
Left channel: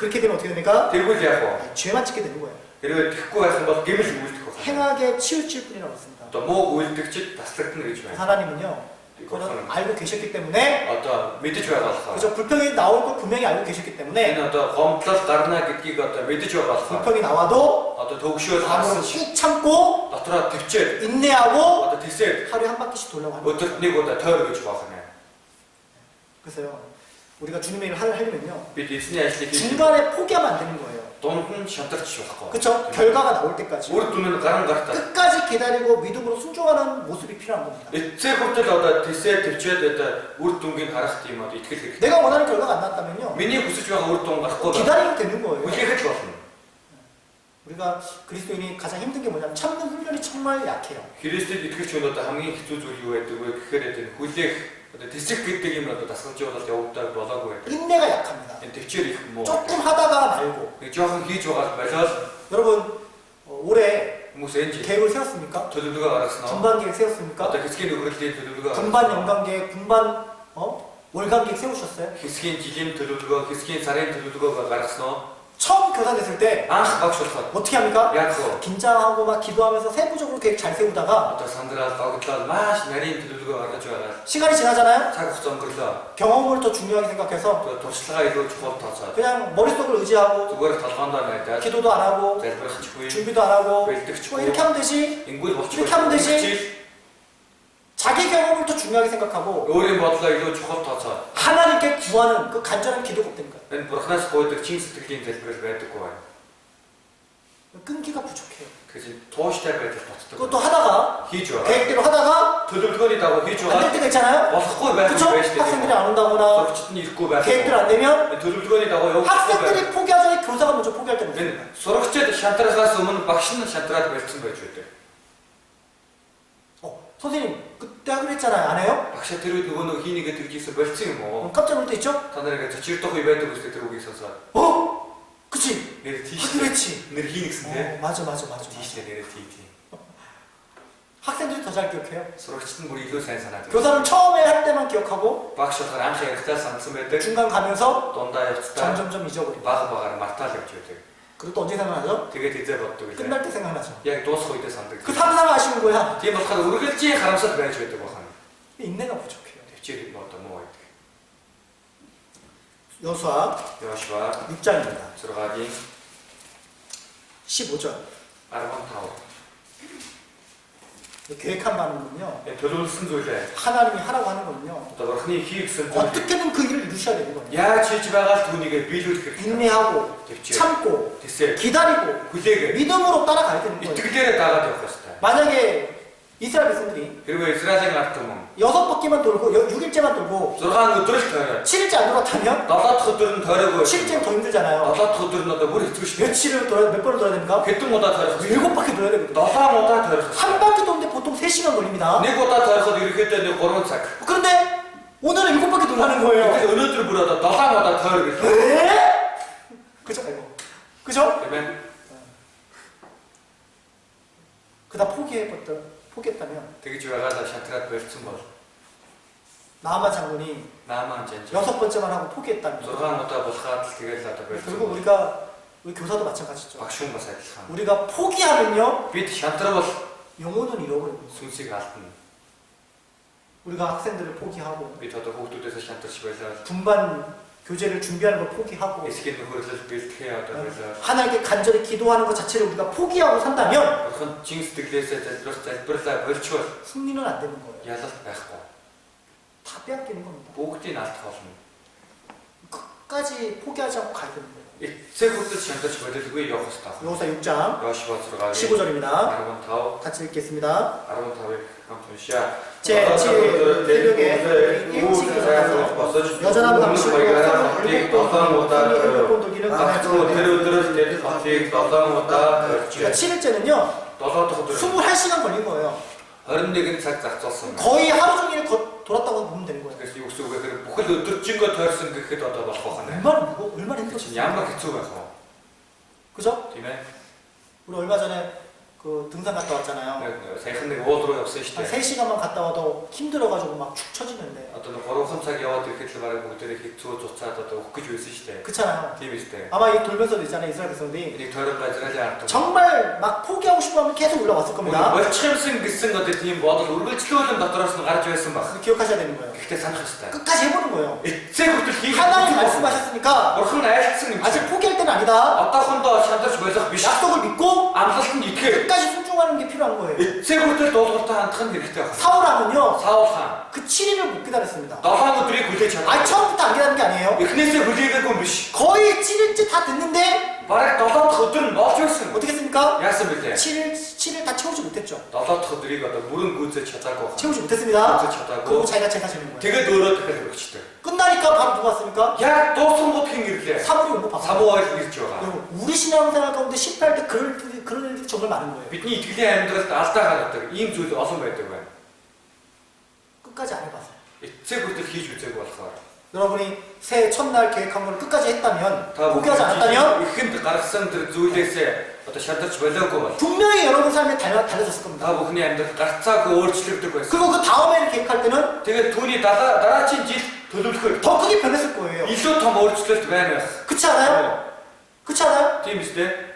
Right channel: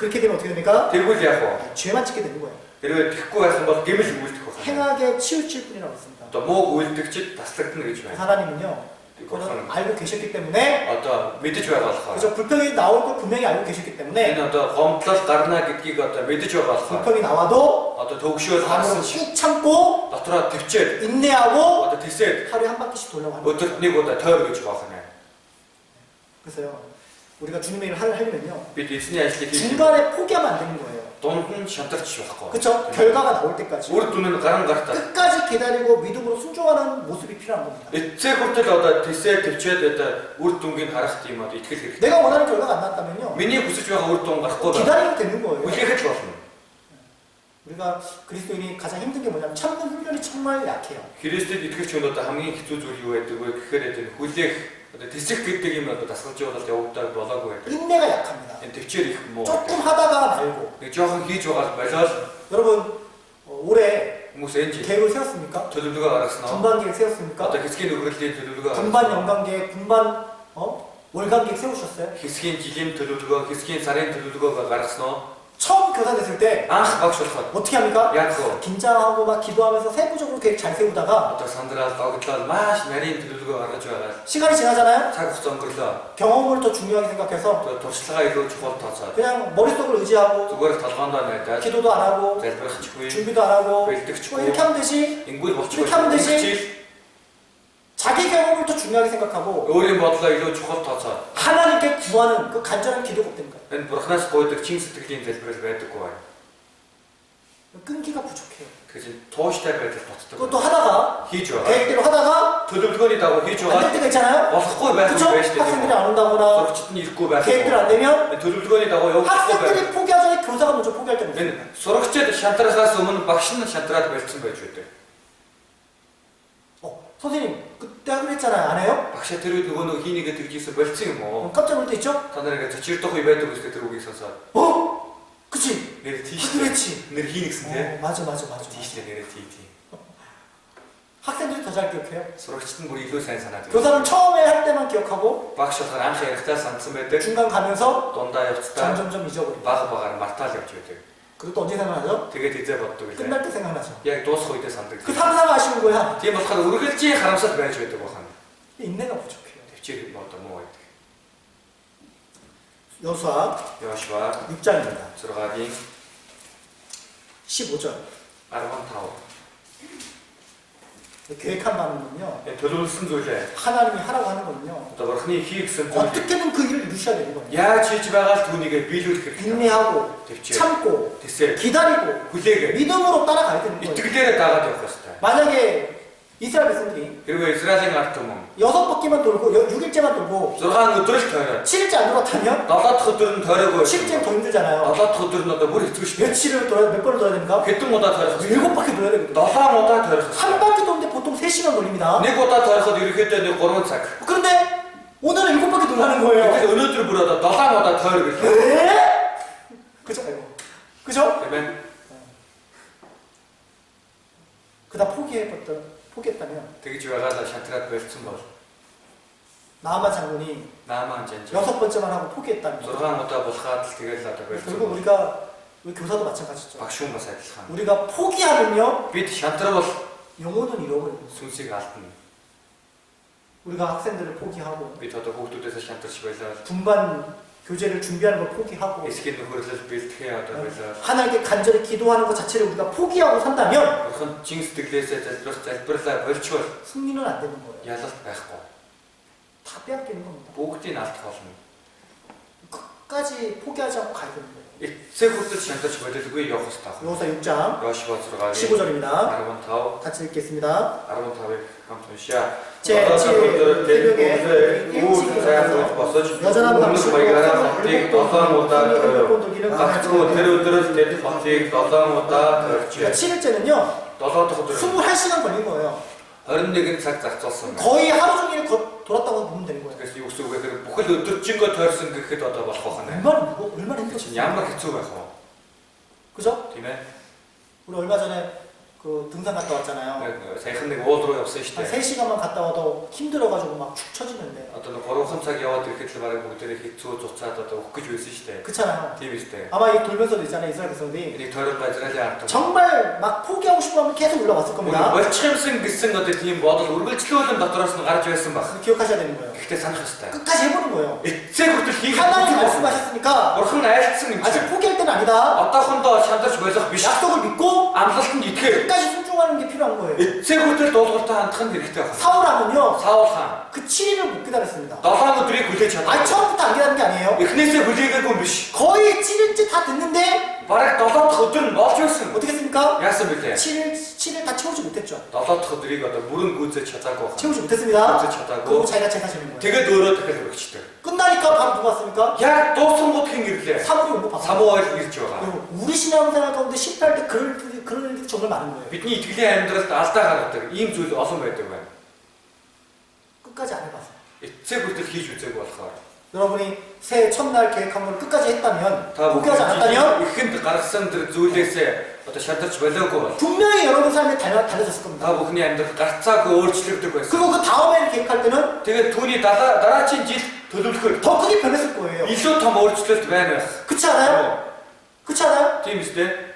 그렇게 되면 어떻게 됩니까? тэргүүл яах вэ? 죄만 짓게 되는 거예요. хэрвээ тэхгүй байсан бол гэмэл үйлдэх байх. 행하게 치우칠 뿐이라고 했습니다. одоо муу үйлдэгчд таслагдана гэж байна. 하나님은요 그거는 알고 계셨기 때문에 одоо мэдэж байгаа болохоор 그죠? 불평이 나올 걸 분명히 알고 계셨기 때문에 энэ одоо гомдлол гарна гэдгийг одоо мэдэж байгаа болохоор 불평이 나와도 одоо төгшөөл 마음으로 харсан 꾹 참고 дотроо төвчээд 인내하고 одоо тэсээд 하루에 한 바퀴씩 돌려고 하는 거예요. өдөрт нэг удаа тойр гэж байх юм. 그래서요 우리가 주님의 일을 하려면요 бид эзний ажлыг хийж 중간에 포기하면 안 되는 거예요. дунд нь шантарч байхгүй. 그렇죠? 결과가 나올 때까지 үр дүн нь гарan гартаа. 끝까지 기다리고 믿음으로 순종하는 모습이 필요한 겁니다. эцэг хүртэл одоо тэсээд төвчээд одоо үр дүнгийг харах тийм одоо итгэл хэрэгтэй. 내가 원하는 결과가 안 나왔다면요 миний хүсэж байгаа үр дүн гарахгүй бол 기다리면 되는 거예요. үлээхэд болно. 우리가 그리스도인이 가장 힘든 게 뭐냐면 참는 훈련이 정말 약해요. Христэд итгэж өнөөдөр хамгийн хэцүү зүйл юу байдаг вэ гэхээр энэ хүлээх одоо тэсэх гэдэг юм одоо дасгалжуулалт явагдаад болоогүй байдаг. 인내가 약합니다. энэ төвчээр их муу. 조금 하다가 말고. нэг жоохон хийж байгаа болоод 여러분 올해 хүмүүс энэ жил 계획을 세웠습니까? төлөвлөгөө гаргаснаа. 분반 계획 세웠습니까? одоо хэсгийн нөхрөлийн төлөвлөгөө 분반 연간 계획, 분반 월간 계획 세우셨어요? хэсгийн жилийн төлөвлөгөө, хэсгийн сарын төлөвлөгөө гаргаснаа. 처음 교사 됐을 때 анх багш болоход 어떻게 합니까? яг хөө 긴장하고 막 기도하면서 세부적으로 계획 잘 세우다가 одоо сандрал догтлол маш нарийн төлөвлөгөө гаргаж байгаа. 시간이 지나잖아요. цаг хугацаа өнгөрлөө. 경험을 더 중요하게 생각해서 одоо туршлагаа илүү чухал тооцоод 그냥 머릿속을 의지하고 зүгээр толгоондоо найдаад 기도도 안 하고 залбирахгүй, 준비도 안 하고 뭐 бэлтгэхгүй, 이렇게 하면 되지. ингүүл болчихгүй. 이렇게 하면 되지. 자기 경험을 더 중요하게 생각하고 өөрийн бодлоо илүү чухал тооцоод 하나님께 구하는 그 간절한 기도가 없다는 거예요. энэ бурхнаас гуйдаг чин сэтгэлийн залбирал байдаггүй байна. 끈기가 부족해요. 그래서 тууштай байдал 그것도 ботдог. 하다가 хийж байгаа. 계획대로 하다가 төлөвлөгөөний дагуу хийж 안 될 байгаа. 때가 있잖아요. болохгүй байх 그렇죠? үе байж тээ. 학생들이 안 온다거나 сурагчид нь ирэхгүй байх. 계획대로 안 되면 төлөвлөгөөний дагуу явахгүй байх. 학생들이 포기하기 전에 교사가 먼저 포기할 때가 있어요. Энэ сурагчид шантрахаас өмнө багш нь шантраад барьсан байж байдаг. 선생님 그때 하기로 했잖아요. 안 해요? Багшаа тэр үед нөгөө хийнийгээ тэгжсэн болцсон юм уу? 깜짝 놀랄 때 있죠? Та нарыг зочирдох үе байдаг үстэй тэр үгийг сонсоод. 그치? Нэр 그대로 тийш. 했지. Нэр хийнэ гэсэн тийм. 맞아. Тийштэй нэрээ тий. 학생들이 더 잘 기억해요. сурагчид нь бүр илүү сайн санаад байна. 교사는 처음에 할 때만 기억하고 Багш болохоор анх ярихтаа сандсан байдаг. 중간 가면서 Дундаа явцдаа 점점점 잊어버리고 баг мартаал явж байдаг. 그리고 또 언제 생각나죠? Тэгээд хизээ боддог үлээ. 끝날 때 생각나죠. Яг дуусах үедээ сандаг. 그 상상 아쉬운 거야. Тийм болохоор үргэлжийн харамсал байж байдаг бахан. 인내가 부족해요. Төвчээр одоо муу байдаг. 여수와 여호수아 6장입니다. 들어가기 15절. 아르몬 타워. 계획한 바는요. 도둑슨 소리래. 하나님이 하라고 하는 거는요. 또 흔히 기획선 좀. 어떻게든 그 일을 이루셔야 되는 거예요. 야, 지지바가 돈이게 빌드 인내하고 참고 됐어요. 기다리고 그게 믿음으로 따라가야 되는 거예요. 이때에 다가 되었다. 만약에 이스라엘 백성들이 그리고 이스라엘 같으면 6바퀴만 돌고 6일째만 돌고 저간 것들을 더 7일째 안 돌았다면 나다 터들은 더라고 7일째는 더 힘들잖아요. 나다 터들은 나다 머리 듣고 싶어. 며칠을 돌아야 몇 번을 돌아야 됩니까? 개똥 못다 더라고 7바퀴 돌아야 되거든요. 나다 못다 더라고 한 바퀴 도는데 보통 3시간 걸립니다. 네 못다 더라고 이렇게 했더니 거론 싹. 그런데 오늘은 7바퀴 돌라는 거예요. 그래서 어느 줄 불어다 나다 못다 더라고 했어. 에? 그죠? 아이고. 그죠? 그러면 그다 포기했다면 되게 좋아가다 샤트가 베스트 뭐 나아만 장군이 나만 진짜 6번째만 하고 포기했다면 저간 못다 보스가 되게 잘다 베스트 결국 우리 교사도 마찬가지죠. 박시웅 마사이 참 우리가 포기하면요 비트 샤트가 뭐 영혼은 잃어버립니다. 순시가 같은 우리가 학생들을 포기하고 비트도 호투돼서 샤트 집에서 분반 교재를 준비하는 걸 포기하고 에스킨 노르를 비트 해야 돼 그래서 하나님께 간절히 기도하는 것 자체를 우리가 포기하고 산다면 그건 징스 되게서 just 벌써 virtual 승리는 안 되는 거예요. 야서 байхгүй 다 빼앗기는 겁니다. бүгдийг наалтахолно. 끝까지 포기하지 않고 가야 되는 거예요. эцэг хүртэл шантаж болилгүй явах хэрэгтэй. 여호사 6장 Йошуа 6-гийн 15절입니다. 15 같이 읽겠습니다. 15-ыг хамт уншъя. 제7 새벽에 일찍 일어나서 여전한 방식으로 хотыг 7 удаа 일곱 돌기는 гагцгүй тэр өдрөөс гээд хотыг 7 удаа 그러니까 төрж. 7일째는요 7 дахь өдөр 21시간 걸린 거예요. 21 цаг зарцуулсан. 거의 하루 종일 돌았다고 보면 되는 거예요. 그래서 юу гэсэн үг вэ гэхээр бүхэл өдөржингөө тойрсон гэхэд одоо болох байна. 얼마나 힘들었어요. Ямар хэцүү байх вэ? 그죠? Тийм ээ. 우리 얼마 전에 그 등산 갔다 왔잖아요. Саяхан нэг уул руу явсан шүү 한 дээ. 3시간만 갔다 와도 힘들어가지고 막 축 처지는데 Одоо нэг 3хан цаг яваад ирэхэд л бараг бүгдээрээ хэцүү цуцаад одоо өгөх гэж байсан шүү дээ. 그렇잖아요. Тийм шүү дээ. 아마 이 돌면서도 있잖아요. 이스라엘 백성들이 Энийг тойрон базралын ард түмэн. 정말 막 포기하고 싶어하면 계속 올라왔을 겁니다. Болчихсон гэсэн одоо тийм бодол үргэлжлүүлэн дотроос нь гарч байсан баг. 기억하셔야 되는 거예요. Гэхдээ санах хэрэгтэй. 끝까지 해보는 거예요. эцэг хүртэл хийх 하나님 말씀하셨으니까 Бурхан айлтсан юм 아직 чинь. 포기할 때는 아니다. Одоохондоо шантарч болох биш. 약속을 믿고 Амлалтанд итгэх. 끝까지 순종하는 게 필요한 거예요. эцэг хүртэл дуулууртай хандах нь хэрэгтэй байна. 사울하면요 Саул хаан 그 7일을 못 기다렸습니다. 7 өдрийг хүлээж 아니 чадсан. 처음부터 안 기다린 게 아니에요. эхнээсээ хүлээгээгүй юм биш. 거의 7일째 다 됐는데 Бараг 7 дахь өдөр нь болж байсан. 어떻게 했습니까? Яасан бэлээ? 7일 다 채우지 못했죠. 7 дахь өдрийг одоо бүрэн гүйцэж чадаагүй байна. 채우지 못했습니다. гүйцэж чадаагүй. 그리고 자기가 제사지는 거예요. Тэгээд өөрөө дахиад өргөчтэй. 끝나니까 바로 누가 왔습니까? Яг дуусангууд хэн ирлээ? 사울이 온 거 봤어요. 사모아를 ирж байгаа. 그리고 우리 신앙생활 가운데 실패할 때 그런 일들이 정말 많은 거예요. Бидний итгэлийн амьдралд алдаа гаргадаг ийм зүйл олон байдаг байна. 끝까지 안 해봤어요. эцэг хүртэл хийж үзээгүй болохоор 여러분이 새해 첫날 계획한 걸 끝까지 했다면 та 포기하지 않았다면 ихэнд гаргасан тэр зүйлээсээ одоо шалдарч болоогүй бол 분명히 여러분 삶에 달라졌을 겁니다. та бүхний амьдрал гарцаагүй өөрчлөгдөг байсан. 그리고 그 다음에 계획할 때는 Тэгээд түүний дараагийн жил төлөвлөхөөр 더 크게 변했을 거예요. илүү том өөрчлөлт байна байх. 그렇지 않아요? 그렇지 않아요? Тийм үстэй.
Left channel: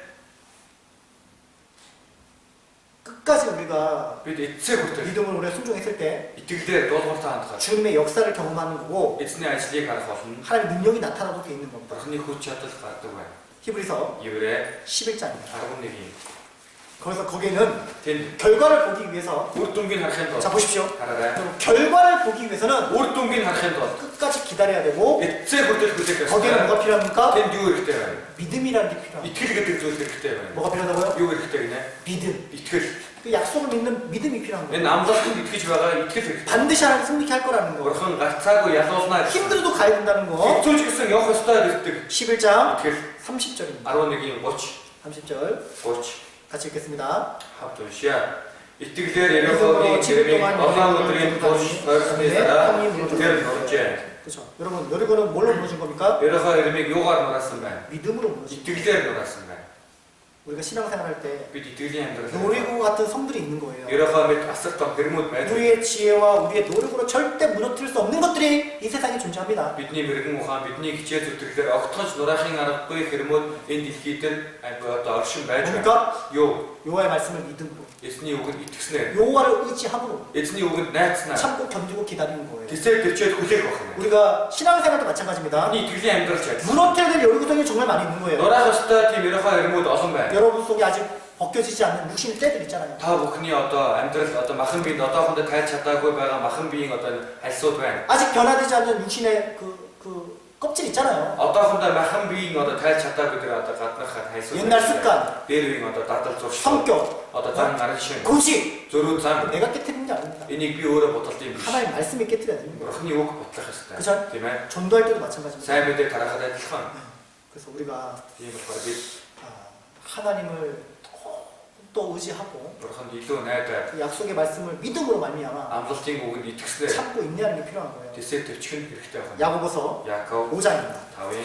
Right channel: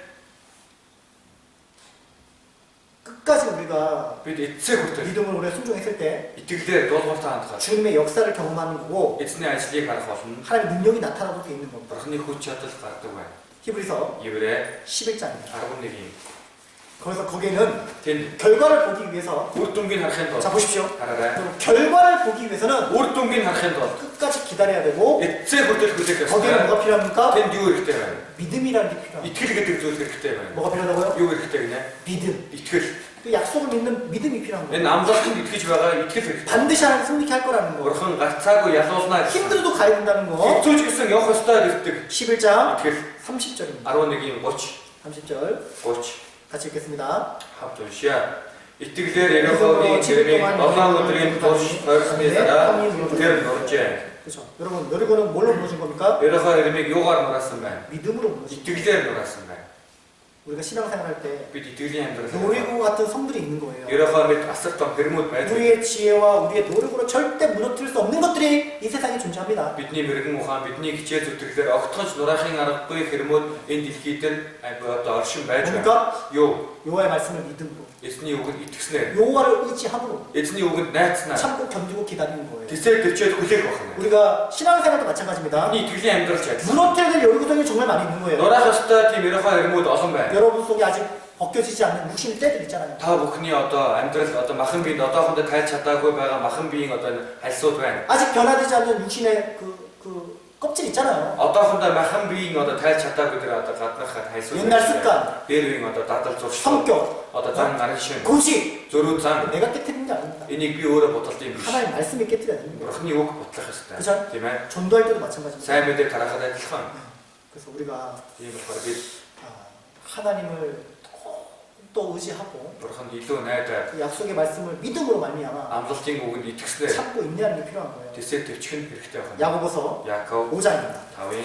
끝까지 우리가 бид эцэг хүртэл 믿음으로 우리가 순종했을 때 итгэлээр дуулууртай хандах. 주님의 역사를 경험하는 거고 эзний ажлыг харах болно. 하나님의 능력이 나타나도 돼 있는 겁니다. бурхны хүч чадал гардаг байна. 히브리서 Еврэ 11장입니다. 11-ийн 거기서 거기에는 тэнд 결과를 보기 위해서 үр дүнгийн харахын 자 тулд 보십시오. хараарай. 결과를 보기 위해서는 үр дүнгийн харахын тулд 끝까지 기다려야 되고 эцэг хүртэл хүлээх 거기에는 ёстой. 뭐가 필요합니까? тэнд юу хэрэгтэй байна? 믿음이라는 게 필요합니다. 이тгэл гэдэг зүйл хэрэгтэй байна. 뭐가 필요하다고요? Юу хэрэгтэй гинэ? 믿음. 이тгэл. 그 약속을 믿는 믿음이 필요한 거예요. Энэ амлалтанд 이тгэж байгаа итгэл хэрэгтэй. 반드시 하나님 승리케 할 거라는 거. Бурхан гарцаагүй ялуулнаа. 힘들어도 가야 된다는 거. хэцүүч гэсэн явах ёстой гэдэг. 11장 итгэл 30절입니다. 11-ийн 30 30절 같이 읽겠습니다. хамт уншия. Итгэлээр Ерөнхийлөгчийн гэрээ 7 өдрийн турш тойрсны дараа тэр нуржээ. 그렇죠. 여러분 여리고는 뭘로 무너진 겁니까? Ерөнхий Ермийг юугаар нураасан байна? 믿음으로 무너진. Итгэлээр нураасан байна. 우리가 신앙생활할 때 бид итгэлийн амьдрал 노리고 같은 성들이 있는 거예요. ерөөхдөө мэд асартан хэрмүүд байдаг. 우리의 지혜와 우리의 노력으로 절대 무너뜨릴 수 없는 것들이 이 세상에 존재합니다. Бидний мэрэгэн ухаан, бидний хичээл зүтгэлээр огтхож нураахын аргагүй хэрмүүд энэ дэлхийд одоо оршин байж байна. 그러니까 Юу? 여호와의 말씀을 믿음으로, Эзний үгэнд итгэснээр, 여호와를 의지함으로 эзний үгэнд найдснаар 참고 견디고 기다리는 거예요. тэсээ төвчөөд хүлээх байна. 우리가 신앙생활도 마찬가지입니다. Бидний итгэлийн амьдрал ч адилхан. 무너뜨려야 될 여리고성이 정말 많이 있는 거예요. Нураах ёстой тийм ерөөхдөө хэрмүүд олон байна. 여러분 속에 아직 벗겨지지 않는 육신의 때들 있잖아요. Та бүхний одоо амьдрал одоо махан биед одоохондоо тайлж чадаагүй байгаа махан биеийн одоо хальсууд байна. 아직 변화되지 않는 육신의 그 껍질 있잖아요. одоохондоо махан биеийн одоо тайлж чадаагүй тэр одоо гаднах хальсууд. 옛날 습관, дээр үеийн одоо дадал зурш. 성격, одоо зан гарын шин. 고집. зөрүү зан. 내가 깨뜨리는 게 아닙니다. Энийг би өөрөө бодолт юм биш. 하나님 말씀이 깨뜨려야 되는 거예요. Бурхны үг бодлох ёстой. 그죠? Тийм ээ. 전도할 때도 마찬가지입니다. сайн мэдээ тарахад адилхан. 그래서 우리가 Тийм болохоор бид 하나님을 또 의지하고 Бурханд илүү найдаад 그 약속의 말씀을 믿음으로 말미암아 амлалтын үгэнд итгэснээр 참고 인내하는 게 필요한 거예요. тэсээ төвчгөн хэрэгтэй байна. 야고보서 Яаков 5장입니다. 5-ын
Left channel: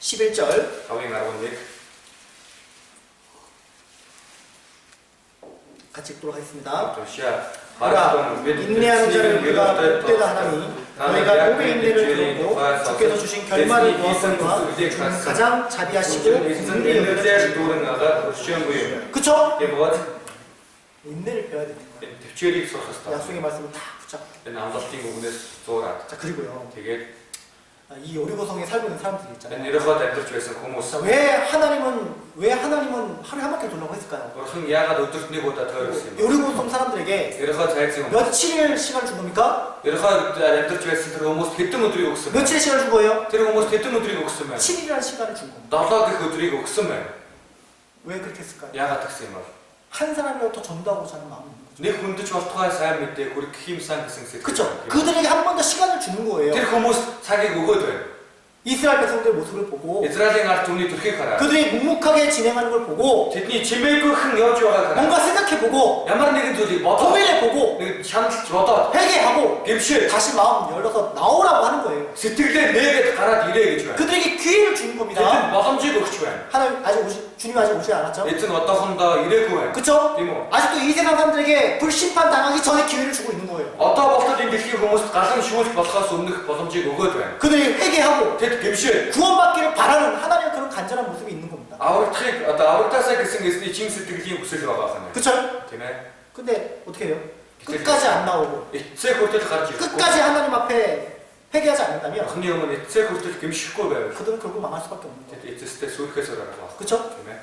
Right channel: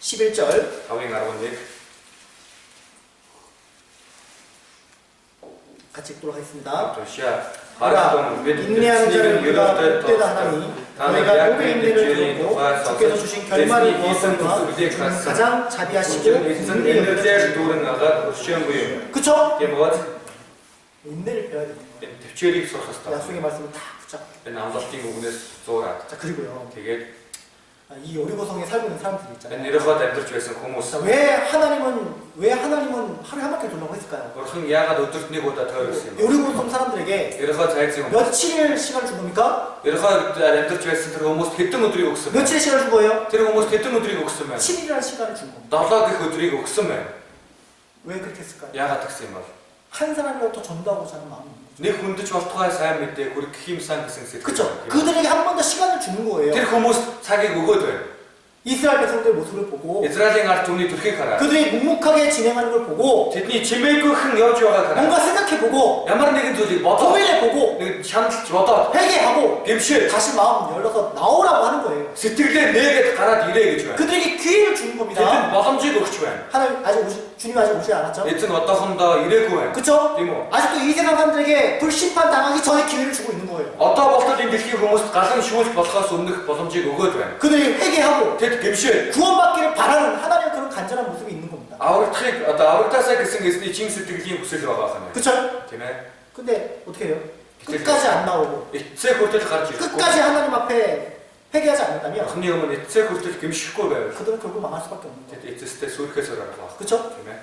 11절 11 같이 읽도록 하겠습니다. 도시야 보라, 인내하는 자를 우리가 복되다 하나니 너희가 복의 인내를 두고 주께서 주신 결말을 보았거니와 가장 자비하시고 은혜를 여겨주시고 그쵸? 인내를 배워야 됩니다. төвчээрийг сурах хэрэгтэй. 약속의 말씀을 다 붙잡고 Энэ амлалтын үгнээс зуураад 자 그리고요 тэгээд 이 여리고성에 살고 있는 사람들이 энэ 있잖아요. нэрхад амьдарч байсан хүмүүс 자, 왜 하나님은 하루에 한 바퀴 돌라고 했을까요? Бурхан яагаад өдөрт нэг удаа тойрсон юм бэ? 여리고성 사람들에게 Ерхад цайцсан юм. 며칠의 시간을 준 겁니까? Ерхад амьдарч байсан тэр хүмүүст хэдэн өдрийг өгсөн бэ? 며칠의 시간을 준 거예요? Тэр хүмүүст хэдэн өдрийг өгсөн бэ? 7일이라는 시간을 준 겁니다. 7 гэх өдрийг өгсөн байна. 왜 그렇게 했을까요? Яагаад тэгсэн юм бэ? 한 사람이라도 더 전도하고자 하는 마음이 있는 거죠. Нэг хүндэж болтугай сайн мэдээ хүрэх 힘сан гэсэн сэтгэл. 그쵸? 그들에게 한 번 더 시간을 주는 거예요. Тэр хүмүүс цагийг өгөөд байна. 이스라엘 백성들의 모습을 보고 Израилийн ард түмний төрхийг хараа. 그들이 묵묵하게 진행하는 걸 보고 Тэдний чимээгүйхэн явж байгааг хараа. 뭔가 생각해보고 Ямар нэгэн зүйлийг бодоо. 고민해보고 нэг шаналж бодоод 회개하고 гэмшээ 다시 마음 열어서 나오라고 하는 거예요. сэтгэлээ нээгээд гараад ирээ гэж байна. 그들에게 기회를 주는 겁니다. Тэдэнд боломжийг өгч байна. 하나님 주님이 아직 오지 않았죠? Эзэн одоохондоо ирээгүй байна. 그쵸? Тийм үү? 아직도 이 세상 사람들에게 불심판 당하기 전에 기회를 주고 있는 거예요. Одоо болтол энэ дэлхийн хүмүүст галан шүүлж болохоос өмнөх боломжийг өгөөд байна. 그들이 회개하고 Тэд гэмшээ 구원받기를 바라는 하나님의 그런 간절한 모습이 있는 겁니다. аврагдахыг одоо аврагдаасаа гэсэн эзний чин сэтгэлийн хүсэл байгаа юм. 그쵸? Тийм ээ. 근데 어떻게 해요? 끝까지 안 나오고 эцэг хүртэл гарч ирэхгүй. 끝까지 하나님 앞에 회개하지 않는다면 Бурхны өмнө эцэг хүртэл гэмшихгүй байвал 그들은 결국 망할 수밖에 없는 거예요. тэд эцэстэй сүрхээс орох. 그쵸? Тийм ээ.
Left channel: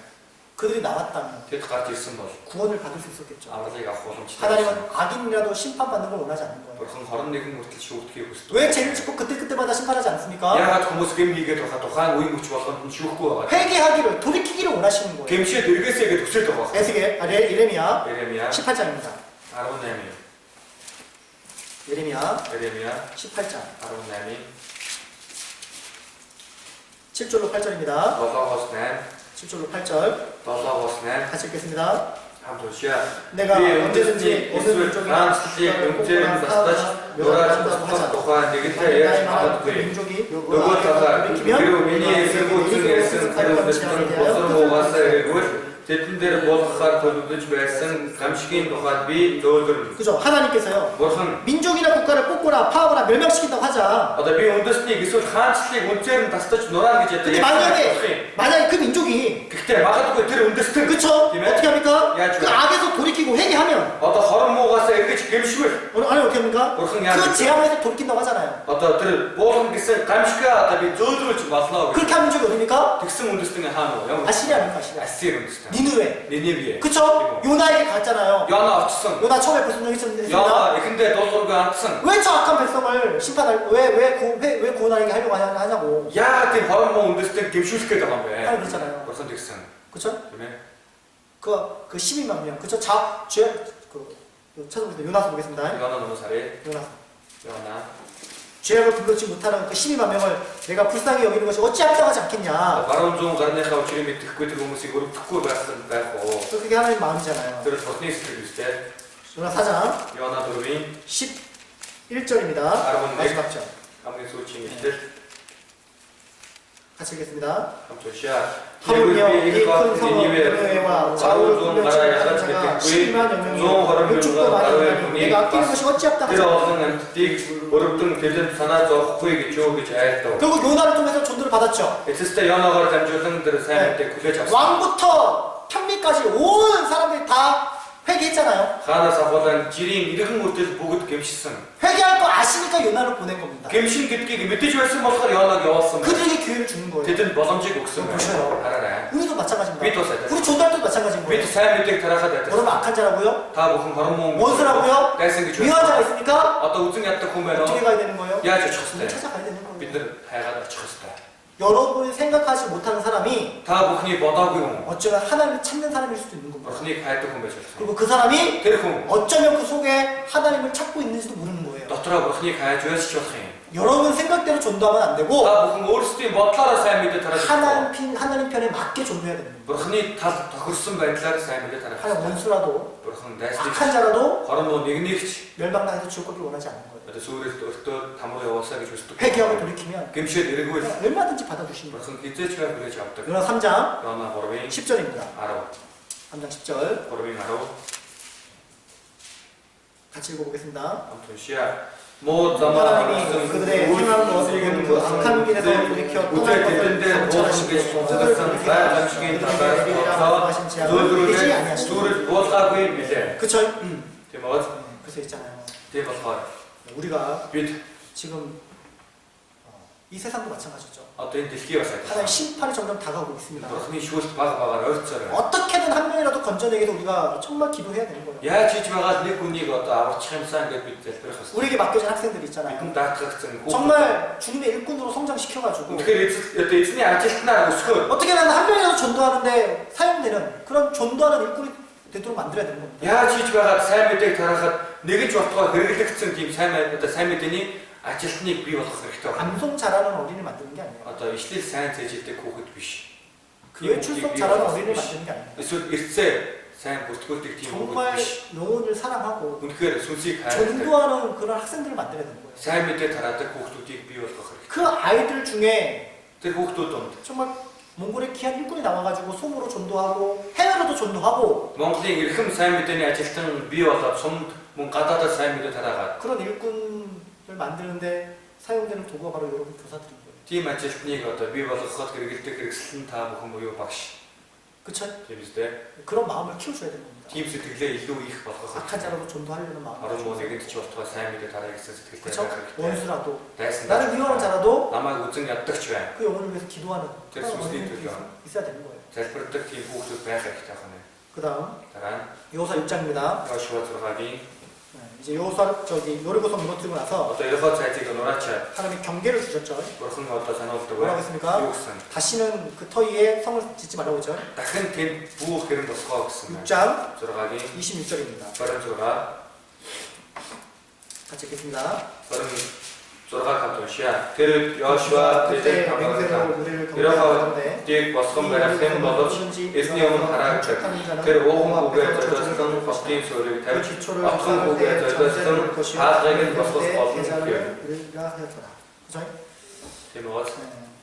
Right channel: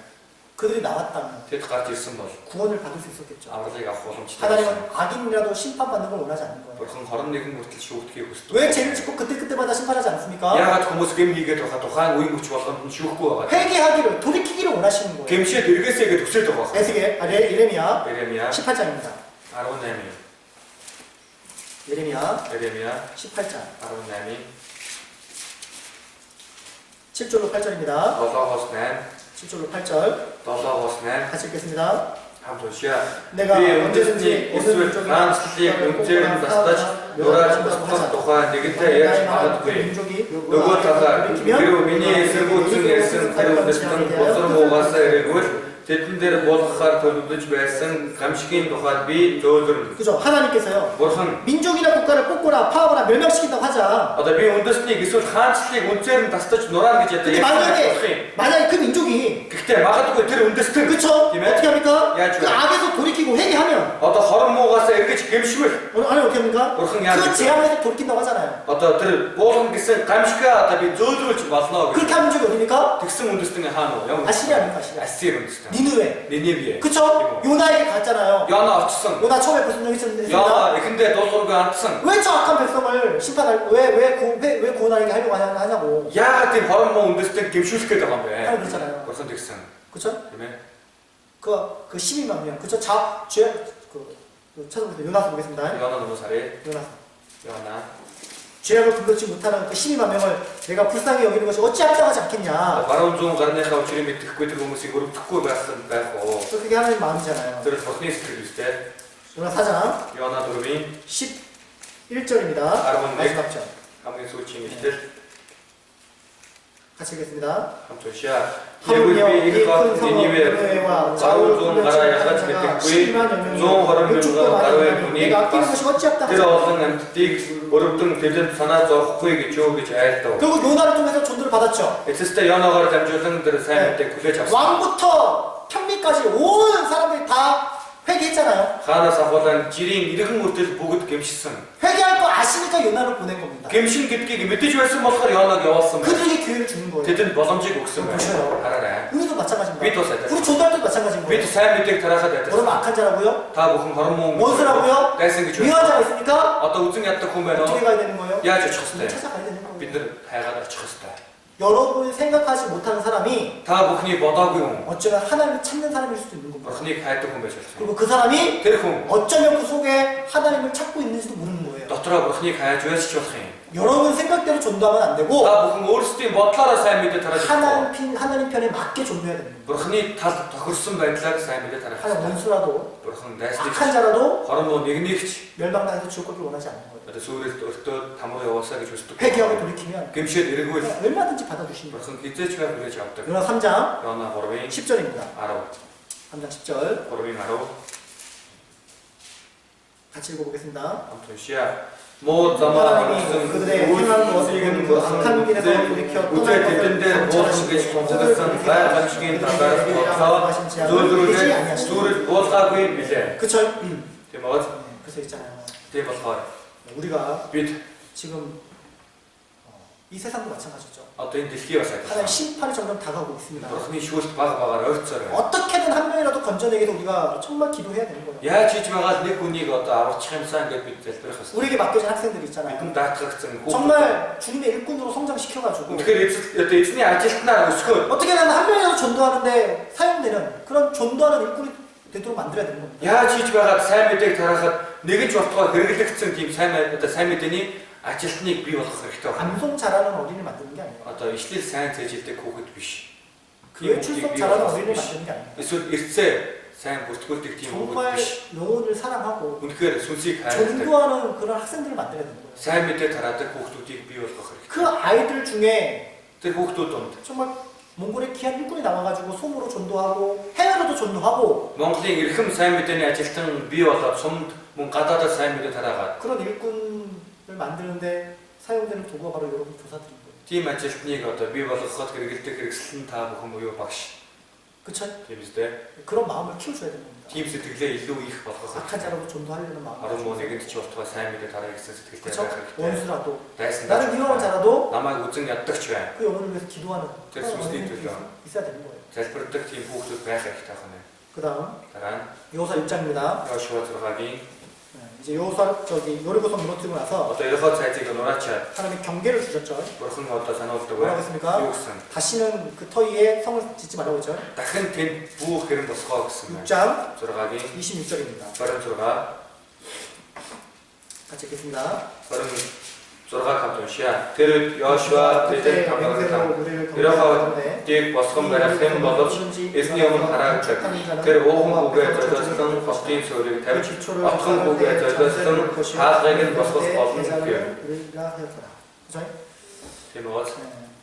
그들이 나왔다면 Тэд гарч ирсэн бол 구원을 받을 수 있었겠죠. авралыг авах боломжтой. 하나님은 악인이라도 심판받는 걸 원하지 않는 거예요. Бурхан 21 хүртэл шүүхтгийг хүсдэг. 왜 죄를 짓고 그때마다 심판하지 않습니까? Яагаад хүмүүс гэм хийгээд байгаа тухайн үеийн хүч болгонд нь шүүхгүй байгаа. 회개하기를 돌이키기를 원하시는 거예요. гэмшээд эргээсэй гэж хүсэж байгаа. 예레미야 Еремия 18장입니다. 18. 예레미야 Еремия 18장 18. 7절로 8절입니다. 7-8. 7절로 8절 7-8. 같이 읽겠습니다. хамт уншия. 내가 Би 언제든지 үндэсний эсвэл хаанчлалыг үнээр нь бастаж нурааж болох тухай нэгэнтээ ярьж магадгүй. Нөгөө талаар хэрв миний эсэргүүцэн ярьсан тэр үндэстэн босор муугаасаа ирээгүй тэдэн дээр болгохаар төлөвлөж байсан гамшигын тухайд би зөөлрөн. 그죠? 하나님께서요. Бурхан 민족이나 국가를 뽑거나 파하거나 멸망시킨다고 하자. одоо би үндэснийг эсвэл хаанчлалыг үнээр нь тастаж нураана гэж 근데 만약에 그 민족이 гэхдээ магадгүй тэр үндэстэн 그쵸? тийм ээ? 어떻게 합니까? яаж 그 вэ? 악에서 돌이키고 회개하면 Одоо хорон муугаасаа эргэж гэмшвэл 아니 어떻게 합니까? бурхан яаж 그 вэ? 재앙에서 돌이킨다고 하잖아요. одоо тэр буулган гэсэн гамшигаа одоо би зөөлрүүлж болно гэж. 그렇게 한 민족이 어딥니까? тэгсэн үндэстэн хаана вэ? Ямар 아시리아입니까? 아시리아. Ассир үндэстэн. 니느웨. Ниневе. 그쵸? 요나에게 갔잖아요. Яна очсон. 요나 처음에 무슨 일 있었습니다. Яна эхэндээ дуулуургүй андсан. 왜 저 악한 백성을 심판할 왜 구원하게 하려고 하냐고. Яагаад тийм хорон муу үндэстэн гэмшүүлэх гээд байгаа юм бэ? 하나님 그랬잖아요. Бурхан тэгсэн. 그쵸? Тийм ээ. 그 12만 명. 그쵸? 찾아보겠습니다. 요나서 보겠습니다. Яна нуус харъя. 요나서. Яна. 죄악을 분별치 못하는 그 12만 명을 내가 불쌍히 여기는 것이 어찌 합당하지 않겠냐. Баруун зүүн гарныхаа учрыг мэдэхгүй тэр хүмүүсийг өрөвдөхгүй байх уу? 그게 하나님 마음이잖아요. Тэр бурхны сэтгэл үстэй. 요나 4장 Яна 4-ийн 11절입니다. 마지막 절. хамгийн сүүлийн ишлэл. 같이 읽겠습니다. 함토시아 하물며 예불비 이 큰 일과 성읍 니니웨 니느웨와 바로 좀 자우를 가라 공격하는 야가 자가 택구이 12만 여명이 좀 걸음 육축도 명가 바로의 많이 분이 내가 아끼는 것이 어찌없다 하지. 들어서는 틱 어렵든 대전 산하저 후에게 주어기 잘했다. 결국 요나를 통해서 전도를 받았죠. 에스테 연어가 잠주등들 삶을 때 구제 잡았어. 왕부터 평민까지 온 사람들이 다 회개했잖아요. 하나 사보단 지링 이렇게 못해서 보고도 gem시선. 회개할 거 아시니까 요나를 보낸 겁니다. gem신 깊게 밑에 주에서 막할 연어가 왔어. 그들에게 기회를 주는 거예요. 대전 버섬지 곡선. 보셔요. 알아라. 우리도 마찬가지입니다. 밑도 세대. 우리 존달 때도 마찬가지인 밑에 거예요. 삶 밑에 들어가야 돼. 여러분 악한 자라고요? 다 무슨 바로 원수라고요? 대생기 줘. 미워한 자가 있습니까? 어떤 우승이 왔다 보면 어떻게 가야 되는 거예요? 야, 저 쳤을 때. 찾아가야 되는 거예요. 빈들 다야가 쳤을 때. 여러분이 생각하지 못하는 사람이 다 무슨이 뭐다고요. 어쩌면 하나님을 찾는 사람일 수도 있는 겁니다. 무슨이 가했다 보면 쳤어. 그리고 그 사람이 데리고 어쩌면 그 속에 하나님을 찾고 있는지도 모르는 거예요. 너더라 무슨이 가야 줘야지 쳤어. 여러분 생각대로 전도하면 안 되고 다 무슨 올스티 뭐 따라 삶 밑에 달아. 하나님 편에 맞게 전도해야 됩니다. 무슨이 다더 그렇습 벤틀라 삶 밑에 달아. 하나님 원수라도 무슨 내스티. 악한 자라도 바로 뭐 니그니치. 멸망당해서 지옥 가길 원하지 않는 거예요. 근데 소리 또 담으로 와서게 줄 수도. 회개하고 돌이키면 김치에 내리고 있어. 얼마든지 받아주십니다. 무슨 기대치가 그래 잡다. 요나 3장 연나 버르빙 10절입니다. 알아. 3장 10절 버르빙 알아. 같이 읽어보겠습니다. 아무튼 시야. 뭐 자마 하나님이 그들의 행한 것을 보는 그 악한 길에서 돌이켜 우주의 떠날 것을 대전대 모든 게 저것은 나의 잠식인 다가서 조들을 수를 보사고 있는데 그쵸? 대마스 그래서 있잖아요. 대마스 우리가 빛 지금 이 세상도 마찬가지죠. 어떤 딜기가 살 하나님 심판이 점점 다가오고 있습니다. 무슨 쉬고서 바가바가 얼처럼 어떻게든 한 명이라도 건져내기 위해서 우리가 정말 기도해야 되는 거예요. 야 지지마가 내 군이가 또 아버 참사한 게 빛을 들어갔어 우리에게 맡겨진 학생들 있잖아요. 이금 다 각성 정말 주님의 일꾼으로 성장시켜가지고 어떻게 이때 아티스트나 스쿨 어떻게든 한 명이라도 전도하는데 사용되는 그런 전도하는 일꾼이 되도록 만들어야 되는 겁니다. 야 지지마가 삶의 때 달아가 내게 좋았다가 그렇게 특성 팀 삶의 때니 아티스트니 비워서 그렇게 감송 잘하는 어린이를 만드는 게 아니에요. 어떤 실리 사이언스 때 그거 비시 교회 출석 잘하는 어린이를 만드는 게 아니에요. 그래서 일세 사이언 보스콜틱 팀 정말 영혼을 사랑하고 그 순수히 가야 전도하는 그런 학생들을 만들어야 되는 거예요. 사이언 밑에 달았다 고속도틱 비워서 그렇게 그 아이들 중에 고속도통 정말 몽골의 귀한 일꾼이 나와가지고 손으로 전도하고 해외로도 전도하고 몽골이 일금 사이언 밑에니 아티스트는 비워서 손문 갖다다 사이언 밑에 달아가 그런 일꾼을 만드는데 사용되는 도구가 바로 여러분 교사들인 거예요. 팀 아티스트니가 어떤 비워서 그것 그렇게 그렇게 쓴다 뭐 그거 박시 그쵸? 재밌대 그런 마음을 키워줘야 되는 겁니다. 팀 스틱에 일로 이х 받아서 악한 자라도 전도하려는 마음을 바로 뭐 키워줘야 내게 돼요. 뒤집어서 사이언 밑에 달아 있어서 그때 그쵸? 원수라도 됐습니다 나는 미워하는 자라도 남아 우증이 어떻게 좋아 그 영혼을 위해서 기도하는 될 그런 수 어린이들이 있죠. 있어야 되는 거예요. 잘 버릇 팀 고속도 배가 있다거네 그 다음 다란 여호수아 6장입니다. 여시와 들어가기 이제 여호수아 여리고성 무너뜨리고 나서 어떤 여러 사이트가 놀았죠. 하나님이 경계를 주셨죠. 그런 거 어떤 산업도 뭐라고 했습니까? 육선. 다시는 그 터위에 성을 짓지 말라고 했죠. 다큰 된 부엌 그런 거 쓰고 있습니다. 6장 들어가기. 26절입니다. 버른 들어가. 같이 읽겠습니다. 버른 들어가 갑자기 시야. 대를 여시와 그때 대전 맹세로 감사합니다. 우리를 이러고 경계하는데 뒤에 와서 가라 샘 너도 예수님은 가라 그 오후 고개 저졌던 법진 소리 대 기초를 앞선 고개 저졌던 다스에게 벗어 벗는 그 우리가 하였더라. 그죠? 제목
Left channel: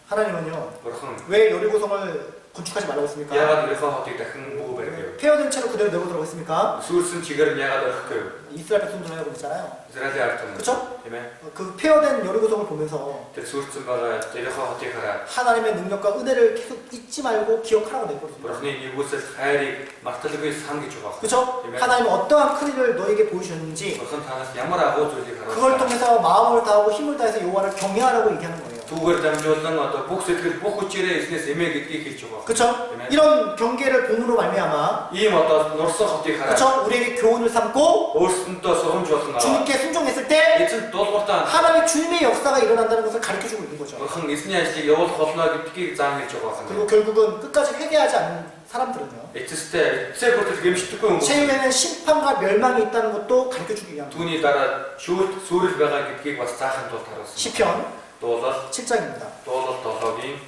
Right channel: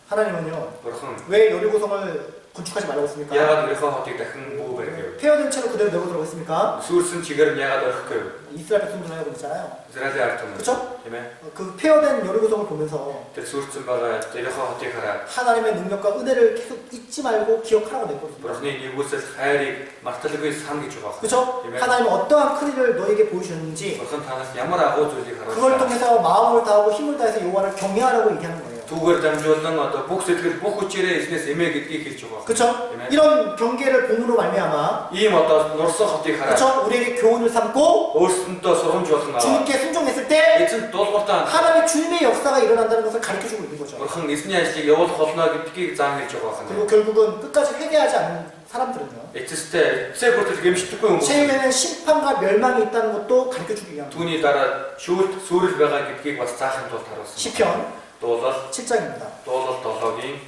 하나님은요 버른 왜 여리고성을 건축하지 말라고 했습니까? 야가 그래서 어떻게 큰 보호를 폐허된 채로 그대로 내버리라고 했습니까? 수슨 지거는 야가 더 그. 이스라엘 백성들 하고 있잖아요. 이스라엘 알통. 그쵸? 예매. 그 폐허된 여리고성을 보면서 수슨 바가 내려가 어떻게 가라. 하나님의 능력과 은혜를 계속 잊지 말고 기억하라고 내버렸습니다. 버럭니 이곳에 하야리 막달리고 삼기 좋아. 그쵸? 예매. 하나님은 어떠한 큰 일을 너에게 보여주셨는지 버럭은 다 야마라고 저기 가라. 그걸 통해서 마음을 다하고 힘을 다해서 여호와를 경외하라고 얘기하는 거예요. 두걸 잠주었던 어떤 복수들 복구질에 있으면 세명이 끼기 좋아. 그쵸? 이런 경계를 봄으로 말미암아 이 어떤 너서 어떻게 가라. 그쵸? 우리에게 교훈을 삼고 올슨 또 소름 좋았던 거. 주님께 순종했을 때 이쯤 또 어떤 하나님의 주님의 역사가 일어난다는 것을 가르쳐주고 있는 거죠. 버럭은 이스니아 씨 여호 거스나게 끼기 장일 좋아. 그리고 결국은 끝까지 회개하지 않는 사람들은요. 에티스 때 세포트 게임시 듣고 온 거. 최후에는 심판과 멸망이 있다는 것도 가르쳐주기 위함. 돈이 따라 소리를 가가 끼기 와서 작은 또 다뤘어. 시편 도서 7장입니다. 도서 도서기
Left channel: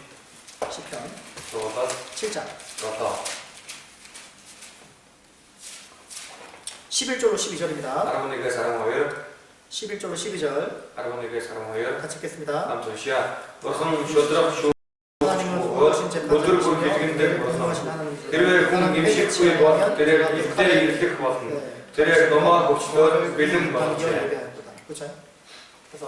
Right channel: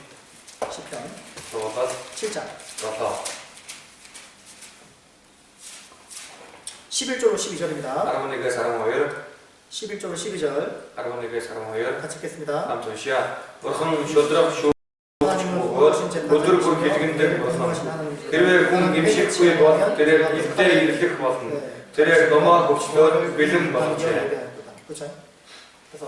시편 도서 7장 도서 11절로 12절입니다. 아르모니가 사랑하여 11절로 12절 아르모니가 사랑하여 같이 읽겠습니다. 남편시야 버흥 쇼드랍 쇼 하나님은 өдөр бүр хэлгэндээ болсон. Тэрээр хүн гимшихгүй бол тэрээр илтээ ирлэх болно. тэрээр 넘어가 봅시다. 믿음 받으세요. 그렇죠. 그래서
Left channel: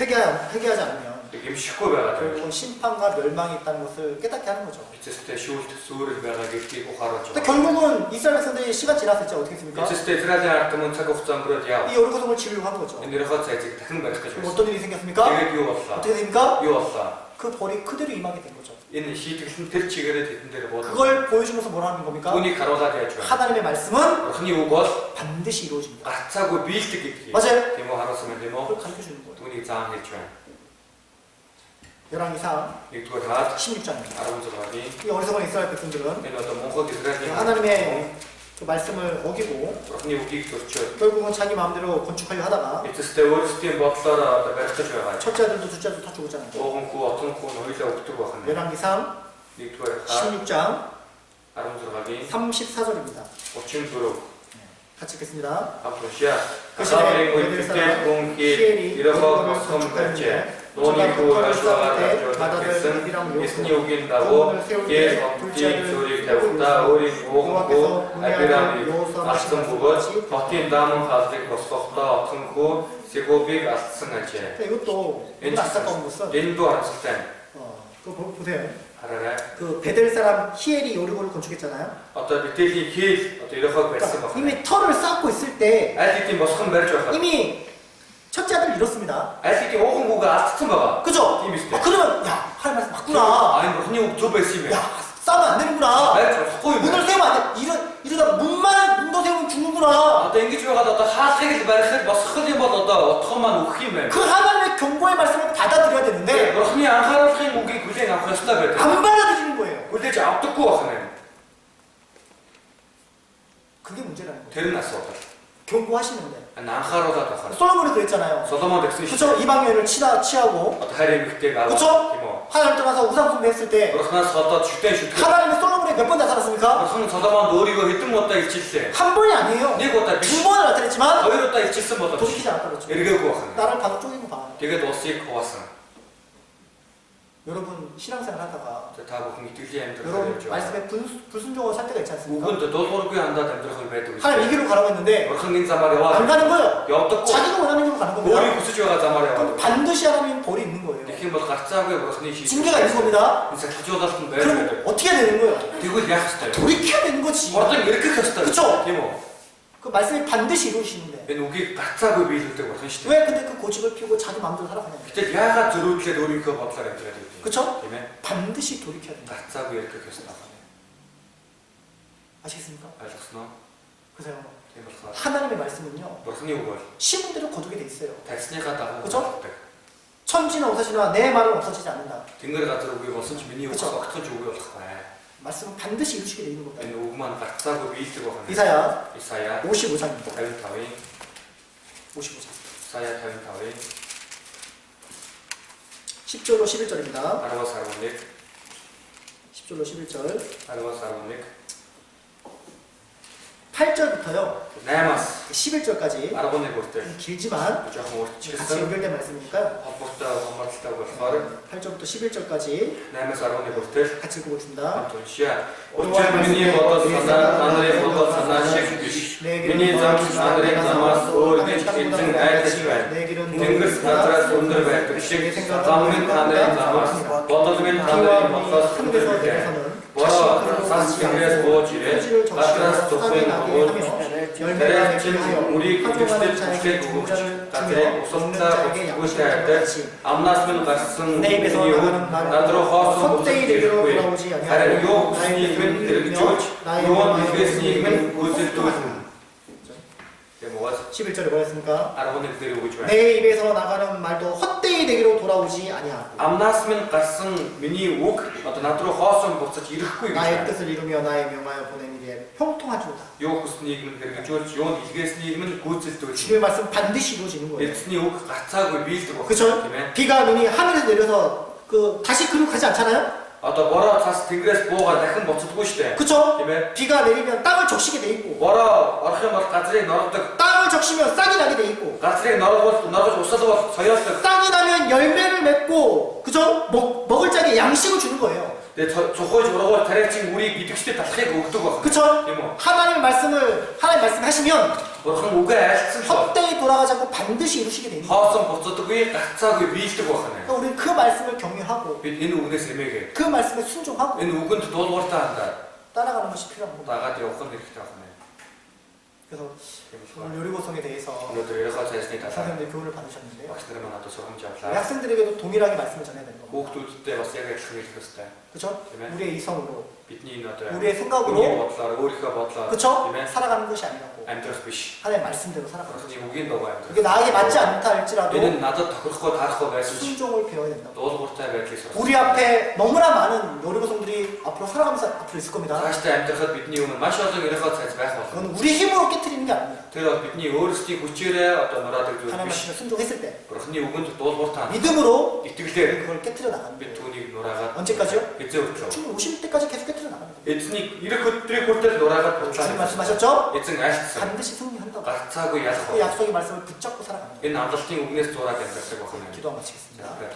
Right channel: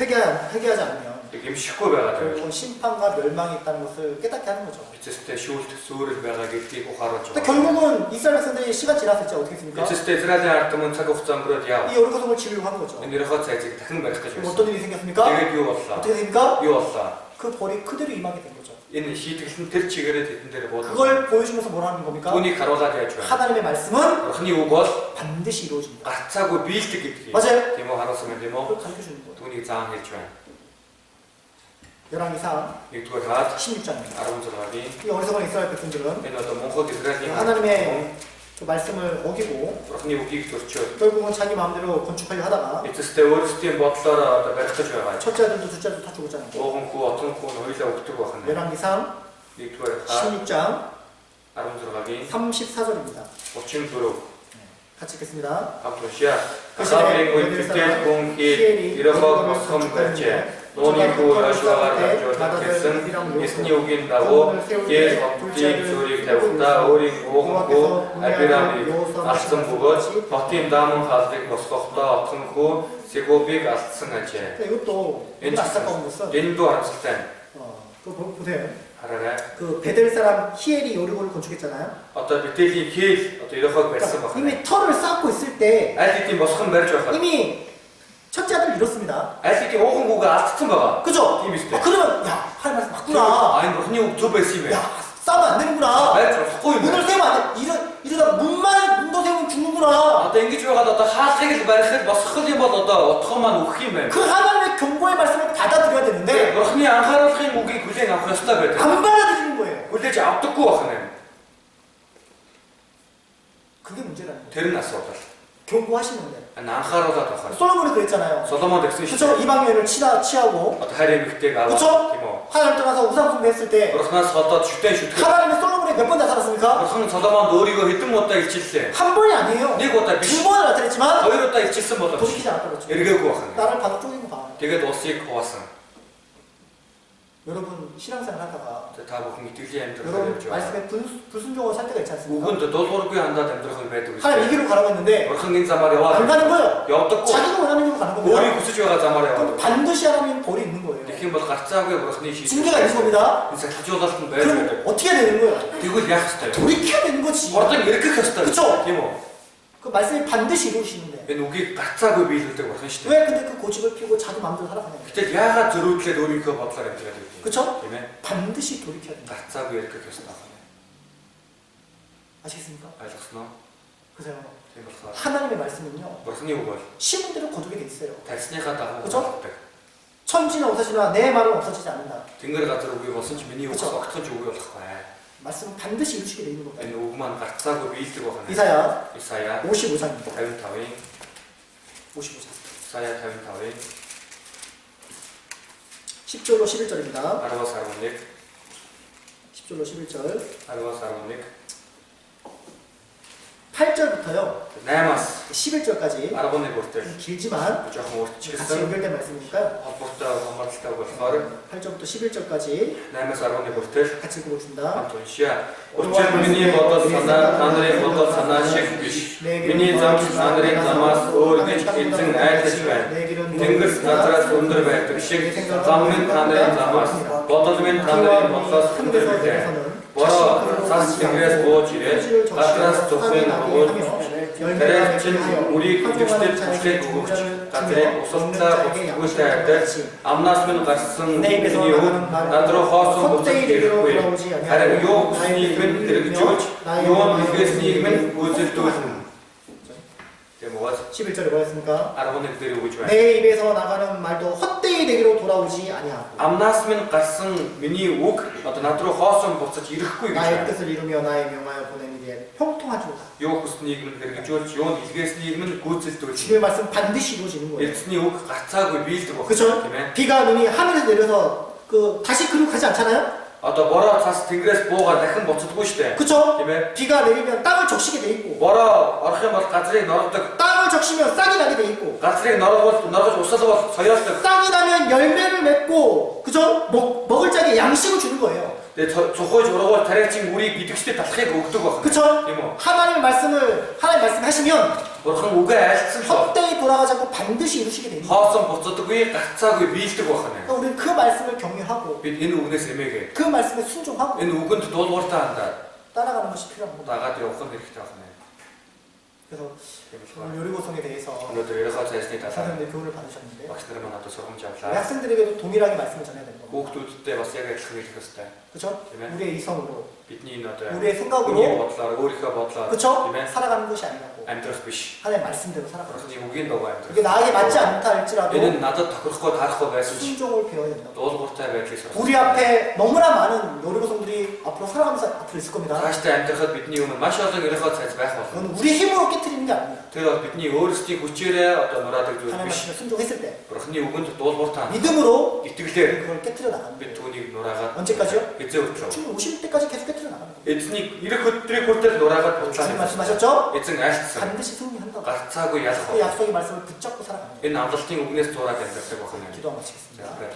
회개하지 않으면 гимшихгүй байгаа тийм. 심판과 멸망이 있다는 것을 깨닫게 하는 거죠. эцэстээ шүүлт сүрэл байгаа гэдгийг ухааруулж 근데 байгаа. 결국은 이스라엘 백성들이 시간 지났을 때 어떻게 했습니까? эцэстээ Израилийн ард түмэн цаг хугацаа өнгөрөөд яв. 이 여리고성을 지으려고 하는 거죠. энэ 여리го цайзыг дахин барих гэж 그럼 байсан. 어떤 일이 생겼습니까? тэгээд юу боллоо? 어떻게 됩니까? юу боллоо? 그 벌이 그대로 임하게 된 거죠. энэ шийтгэл нь тэр чигээрээ тэдэн дээр буудав. 그걸 보여주면서 뭐라는 겁니까? түүнийг харуулад яаж байна? 하나님의 말씀은 Бурхны үг бол 반드시 이루어집니다. гарцаагүй биелдэг гэдгийг. 맞아요. Тийм үү харуулсан юм тийм үү? 그걸 가르쳐 주는 거예요. түүнийг заан хэлж байна. 열왕기상 1-р хаад 16장입니다. 16-гийн 이 어리석은 이스라엘 백성들은 энэ одоо Монхог Израилийн 하나님의 그 말씀을 어기고 Бурхны үгийг зөрчөөд 결국은 자기 마음대로 건축하려 하다가 эцэстээ өөрсдийн бодлоор одоо барих гэж байгаа. 첫째 아들도 둘째 아들도 다 죽었잖아요. Оогон хүү, отон хүү нь хоёулаа өгдөг байна. 열왕기상 1-р хаад 16장 16-гийн 34절입니다. 34. 같이 읽겠습니다. хамт уншия. Ахавын үедээ хүн хий ерөөхөө босгон барьжээ. Нууны хүү хашаагаар хажуудад гэсэн эсний үгийн дагуу гээр хотын зүрийг тавьдаа өөрийн оогонгүй Абирамыг алсан бөгөөд хотын дааман хаалгыг босгохдоо отхон хүү Сегубыг алдсан ажээ. 이것도 안타까운 것은 Энэ дүү харамсалтай. 그거 보세요. хараарай. 그 베델 사람 히엘이 여리고를 건축했잖아요. Одоо Бетелийн хeel одоо ерөөхөө барьсан байна. 이미 터를 쌓고 있을 때 аль хэдийн босгон барьж байхад 이미 첫째 아들 잃었습니다. аль хэдийн оогон хүүгээ алдсан байгаа. 그죠? Тийм үстэй. 그러면 야 하나님 말씀 맞구나. 아니 Бурхны үг зөв байсан юм 야 байна. 싸우면 안 되는구나. барьж болохгүй юм. 문을 세우면 안 돼. 이러다 문도 세우면 죽는구나. Одоо ингэж байгаад одоо хаалхыг л барихад босгох юм бол одоо утга маань өгөх юм байна. 그 하나님의 경고의 말씀을 받아들여야 되는데 Бурхны анхааруулгын үгийг хүлээн авах ёстой байдаг. 안 받아들이는 거예요. хүлээж авдаггүй байна. 그게 문제라는 거예요. Тэр нь асуудал. 경고하시는데 анхааруулаад авах. 솔로몬이 그랬잖아요. 솔로몬 гэсэн 그쵸? шүү. 이방 여인을 취하고 Одоо хайр эмэгтэйг аваад 그쵸? тийм үү? 하나님 떠나서 우상 숭배했을 때 Бурхнаас ходоод шүтэн шүтгэх. 하나님은 솔로몬에 몇 번 나타났습니까? Бурхан Соломонд өөрийгөө хэдэн удаа илчиллээ. 한 번이 아니에요. нэг удаа биш. 두 번을 나타냈지만 хоёр удаа илчилсэн боловч 돌이키지 않았다 그랬죠. эргээгүй байна. 나를 바로 쪼개고 봐. Тэгээд улсыг хуваасан. 여러분 신앙생활 하다가 та бүхэн итгэлийн амьдрал 여러분 явж байгаа. 말씀에 불순종으로 살 때가 있지 않습니까? үгэнд дуулуургүй хандаад амьдрах байдаг. 하나님 이 길로 가라고 했는데 Бурхан энэ замаар 안 яваад 가는 거예요. явдаггүй. 자기가 원하는 길로 가는 өөрийн 겁니다. хүсэж байгаа замаар 그럼 яваад. 반드시 하나님 벌이 있는 거예요. Тэгэх юм бол гарцаагүй Бурханы 징계가 있는 겁니다. энэ сахилжуулалт нь байж 그럼 байдаг. 어떻게 해야 되는 거예요? Тэгвэл яах ёстой вэ? 돌이켜야 되는 거지. Урдан эргэх ёстой. 그쵸? Тийм үү? 그 말씀이 반드시 이루어지시는데 Энэ үгийг гарцаагүй биелүүлдэг Бурхан шүү дээ. 왜 근데 그 고집을 피우고 자기 마음대로 살아가냐? Гэтэл яагаад зөрүүдлээд өөрийнхөө бодлоор амьдраад байдаг юм? 그쵸? Тийм ээ? 반드시 돌이켜야 된다. гарцаагүй эргэх ёстой байна. 아시겠습니까? ойлгосноо? 그래서 Тийм болохоор 하나님의 말씀은요 Бурханы үг бол 심은 대로 거두게 돼 있어요. тарсныхаа дагуу 그쵸? болдог. 천지는 없어지나 내 말은 없어지지 않는다. Тэнгэр газар үгүй болсон ч миний үг 그쵸? огтхож үгүй болохгүй. 말씀은 반드시 이루시게 돼 있는 겁니다. Энэ үг маань гарцаагүй биелдэг байна. 이사야 Исая 55장입니다. 55-ийн 55장. Исая 55-ийн 10절로 11절입니다. 10-аас 11, 10절로 11절. 10-аас 11, 8절부터요 8-аас 11절까지 11 хүртэл 길지만 жоохон 같이 уртчилсан 연결된 말씀이니까요. холбоотой хамааралтай болохоор 8절부터 11절까지 8-аас 11 хүртэл 같이 읽어보겠습니다. хамт уншия. Учир миний бодол санаа та нарын бодол санаа шиг биш. Миний зам та нарын замаас өөр гэж эзэн айлж байна. Тэнгэрс газраас өндөр байдаг шиг зам минь та нарын замаас бодол минь та нарын бодлоос өндөр байдаг. Бороо цаас тэнгэрээс бууж ирээ. Газраас зөвхөн өгөөж тэрээр чин үрийг үжигчдэр түлхээд өгөөч. Газрыг усалцаа бүсгүйтэй адил амнаас минь гарсан миний үг над руу хоосон бүсгүйтэй ирэхгүй. Харин юу хүснийг минь хэрэгжүүлж юу хэлгээснийг минь гүйцэлдүүлнэ. 11절에 뭐였습니까? 11 дээр өгж байна. 내 입에서 나가는 말도 헛되이 내게로 돌아오지 아니하고 Амнаас минь гарсан миний үг одоо над руу хоосон буцаж ирэхгүй гэж 나의 байна. 뜻을 이루며 나의 명하여 보낸 일에 형통하주다. Юу хүсннийг минь хэрэгжүүлж юу хэлгээснийг минь гүйцэлдүүлж. 주님의 말씀 반드시 이루어지는 거예요. Эцний үг гарцаагүй биелдэг байна. 그렇죠? Тийм ээ. 비가 눈이 하늘에서 내려서 그 다시 그리고 가지 않잖아요? Одоо бороо цаас тэнгэрээс буугаад дахин буцдаггүй шүү дээ. 그렇죠? Тийм ээ. 비가 내리면 땅을 적시게 돼 있고 Бороо орох юм бол газрыг нордог. 땅을 적시면 싹이 나게 돼 있고 gatrik 너가 웃어도 서였어. 싹이 나면 열매를 맺고 그죠? 먹을 자에게 양식을 주는 거예요. 근데 저거에 저러고 다래칭 우리 믿음시대 다 크게 ogдөг. 그쵸? 이모. 하나님 말씀을 하시면 бурхан үгээ айлцсан. 헛되이 돌아가지 않고 반드시 이루시게 됩니다. Хоосон буцадаггүй гацаагүй биелдэг байна. 그러니까 우리는 그 말씀을 경유하고 Бид энэ үгнээс эмээгээ. 그 말씀에 순종하고 Энэ үгэнд дуулууртаа хандаад 따라가는 것이 필요한 겁니다. дагаад явах нь хэрэгтэй байна. 그래서 오늘 요리고성에 대해서 өнөөдөр ерөнхий цаасны талаар 선생님들 교훈을 받으셨는데요. багш нар манайд сургамж 우리 авлаа. 학생들에게도 동일하게 말씀을 전해야 되는 겁니다. Хүүхдүүдтэй бас яг адилхан хэлэх ёстой. 그렇죠? Amen. 우리의 이성으로, Бидний энэ одоо 우리의 хүний 생각으로, бодлоор өөрийнхөө бодлоор 그렇죠? тийм ээ 살아가는 것이 아니라고 амьдрах биш. 하나님 말씀대로 살아가는 거죠. Бурхны үгийн дагуу амьдрах. 이게 나에게 맞지 않다 할지라도 Энэ нь надад тохирохгүй тарахгүй байсан ч 순종을 배워야 된다. дуулууртай байдлыг сурах. 우리 앞에 너무나 많은 요리고성들이 앞으로 살아가면서 앞으로 있을 겁니다. Цаашдаа амьдрахад бидний өмнө маш олон ерөнхий цаас байх болно. 그건 우리 힘으로 깨트리는 게 아닙니다. Тэр бол бидний өөрсдийн хүчээрээ одоо нураадаг зүйл 하나님 биш. 말씀에 순종했을 때 Бурхны үгэнд дуулууртай 믿음으로 итгэлээр 그걸 깨트려 나가는 бид 거예요. түүнийг нураагаад 언제까지요? эзэн өчрөө. 충분히 50대까지 계속 깨트려 나가는 거예요. Эзнийг ирэх өдрийг хүртэл нураагаад 주님 буцааж 말씀하셨죠? эзэн айлтсан. 반드시 승리한다고. Гарцаагүй ялах 그 бол 약속의 말씀을 붙잡고 살아가는 거예요. энэ амлалтын үгнээс зураад амьдрах байна. 기도 마치겠습니다. Тэгвэл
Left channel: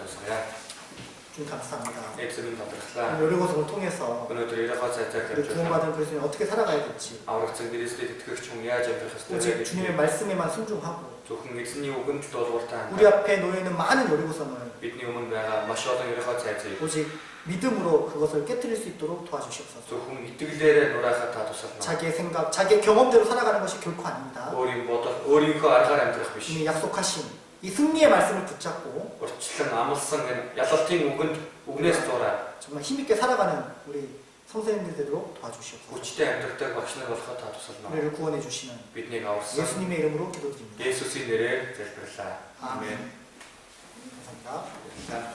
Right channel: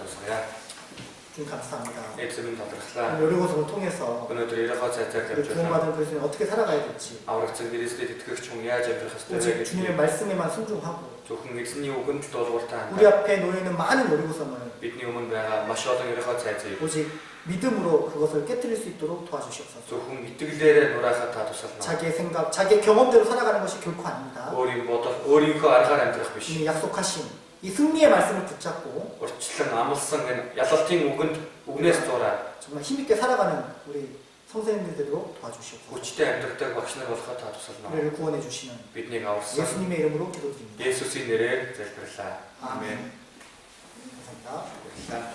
주님 감사합니다. эзэн талархлаа. 오늘 요리고성을 통해서 Өнөөдөр ерөнхий цаазаар 우리 тавьж 구원받은 그리스도인이 어떻게 살아가야 될지 аврагцсан Христэд итгэгч хүн яаж амьдрах 오직 ёстой вэ 주님의 гэдгийг 말씀에만 순종하고 зөвхөн эзний үгэнд дуулууртай 우리 хандаад 앞에 놓여 있는 많은 요리고성을 бидний өмнө байгаа маш олон ерөнхий цаазыг 오직 믿음으로 그것을 깨뜨릴 수 있도록 도와주시옵소서. зөвхөн итгэлээрээ нураахад та тусална. 자기의 생각, 자기의 경험대로 살아가는 것이 결코 아닙니다. өөрийн бодол, өөрийнхөө аргаар амьдрах биш. 이미 약속하신 이 승리의 말씀을 붙잡고 Урьдчилан амлсан энэ ялалтын үгнээс зураад 정말 힘있게 살아가는 우리 성도님들대로 도와주시옵소서. хүчтэй амьдрахдаг багш нар болоход та тусална. 우리를 구원해 주시는 Биднийг аварсан 예수님의 이름으로 기도드립니다. Есүсийн нэрээр залбирлаа. 아멘. Амен. 감사합니다. Баярлалаа.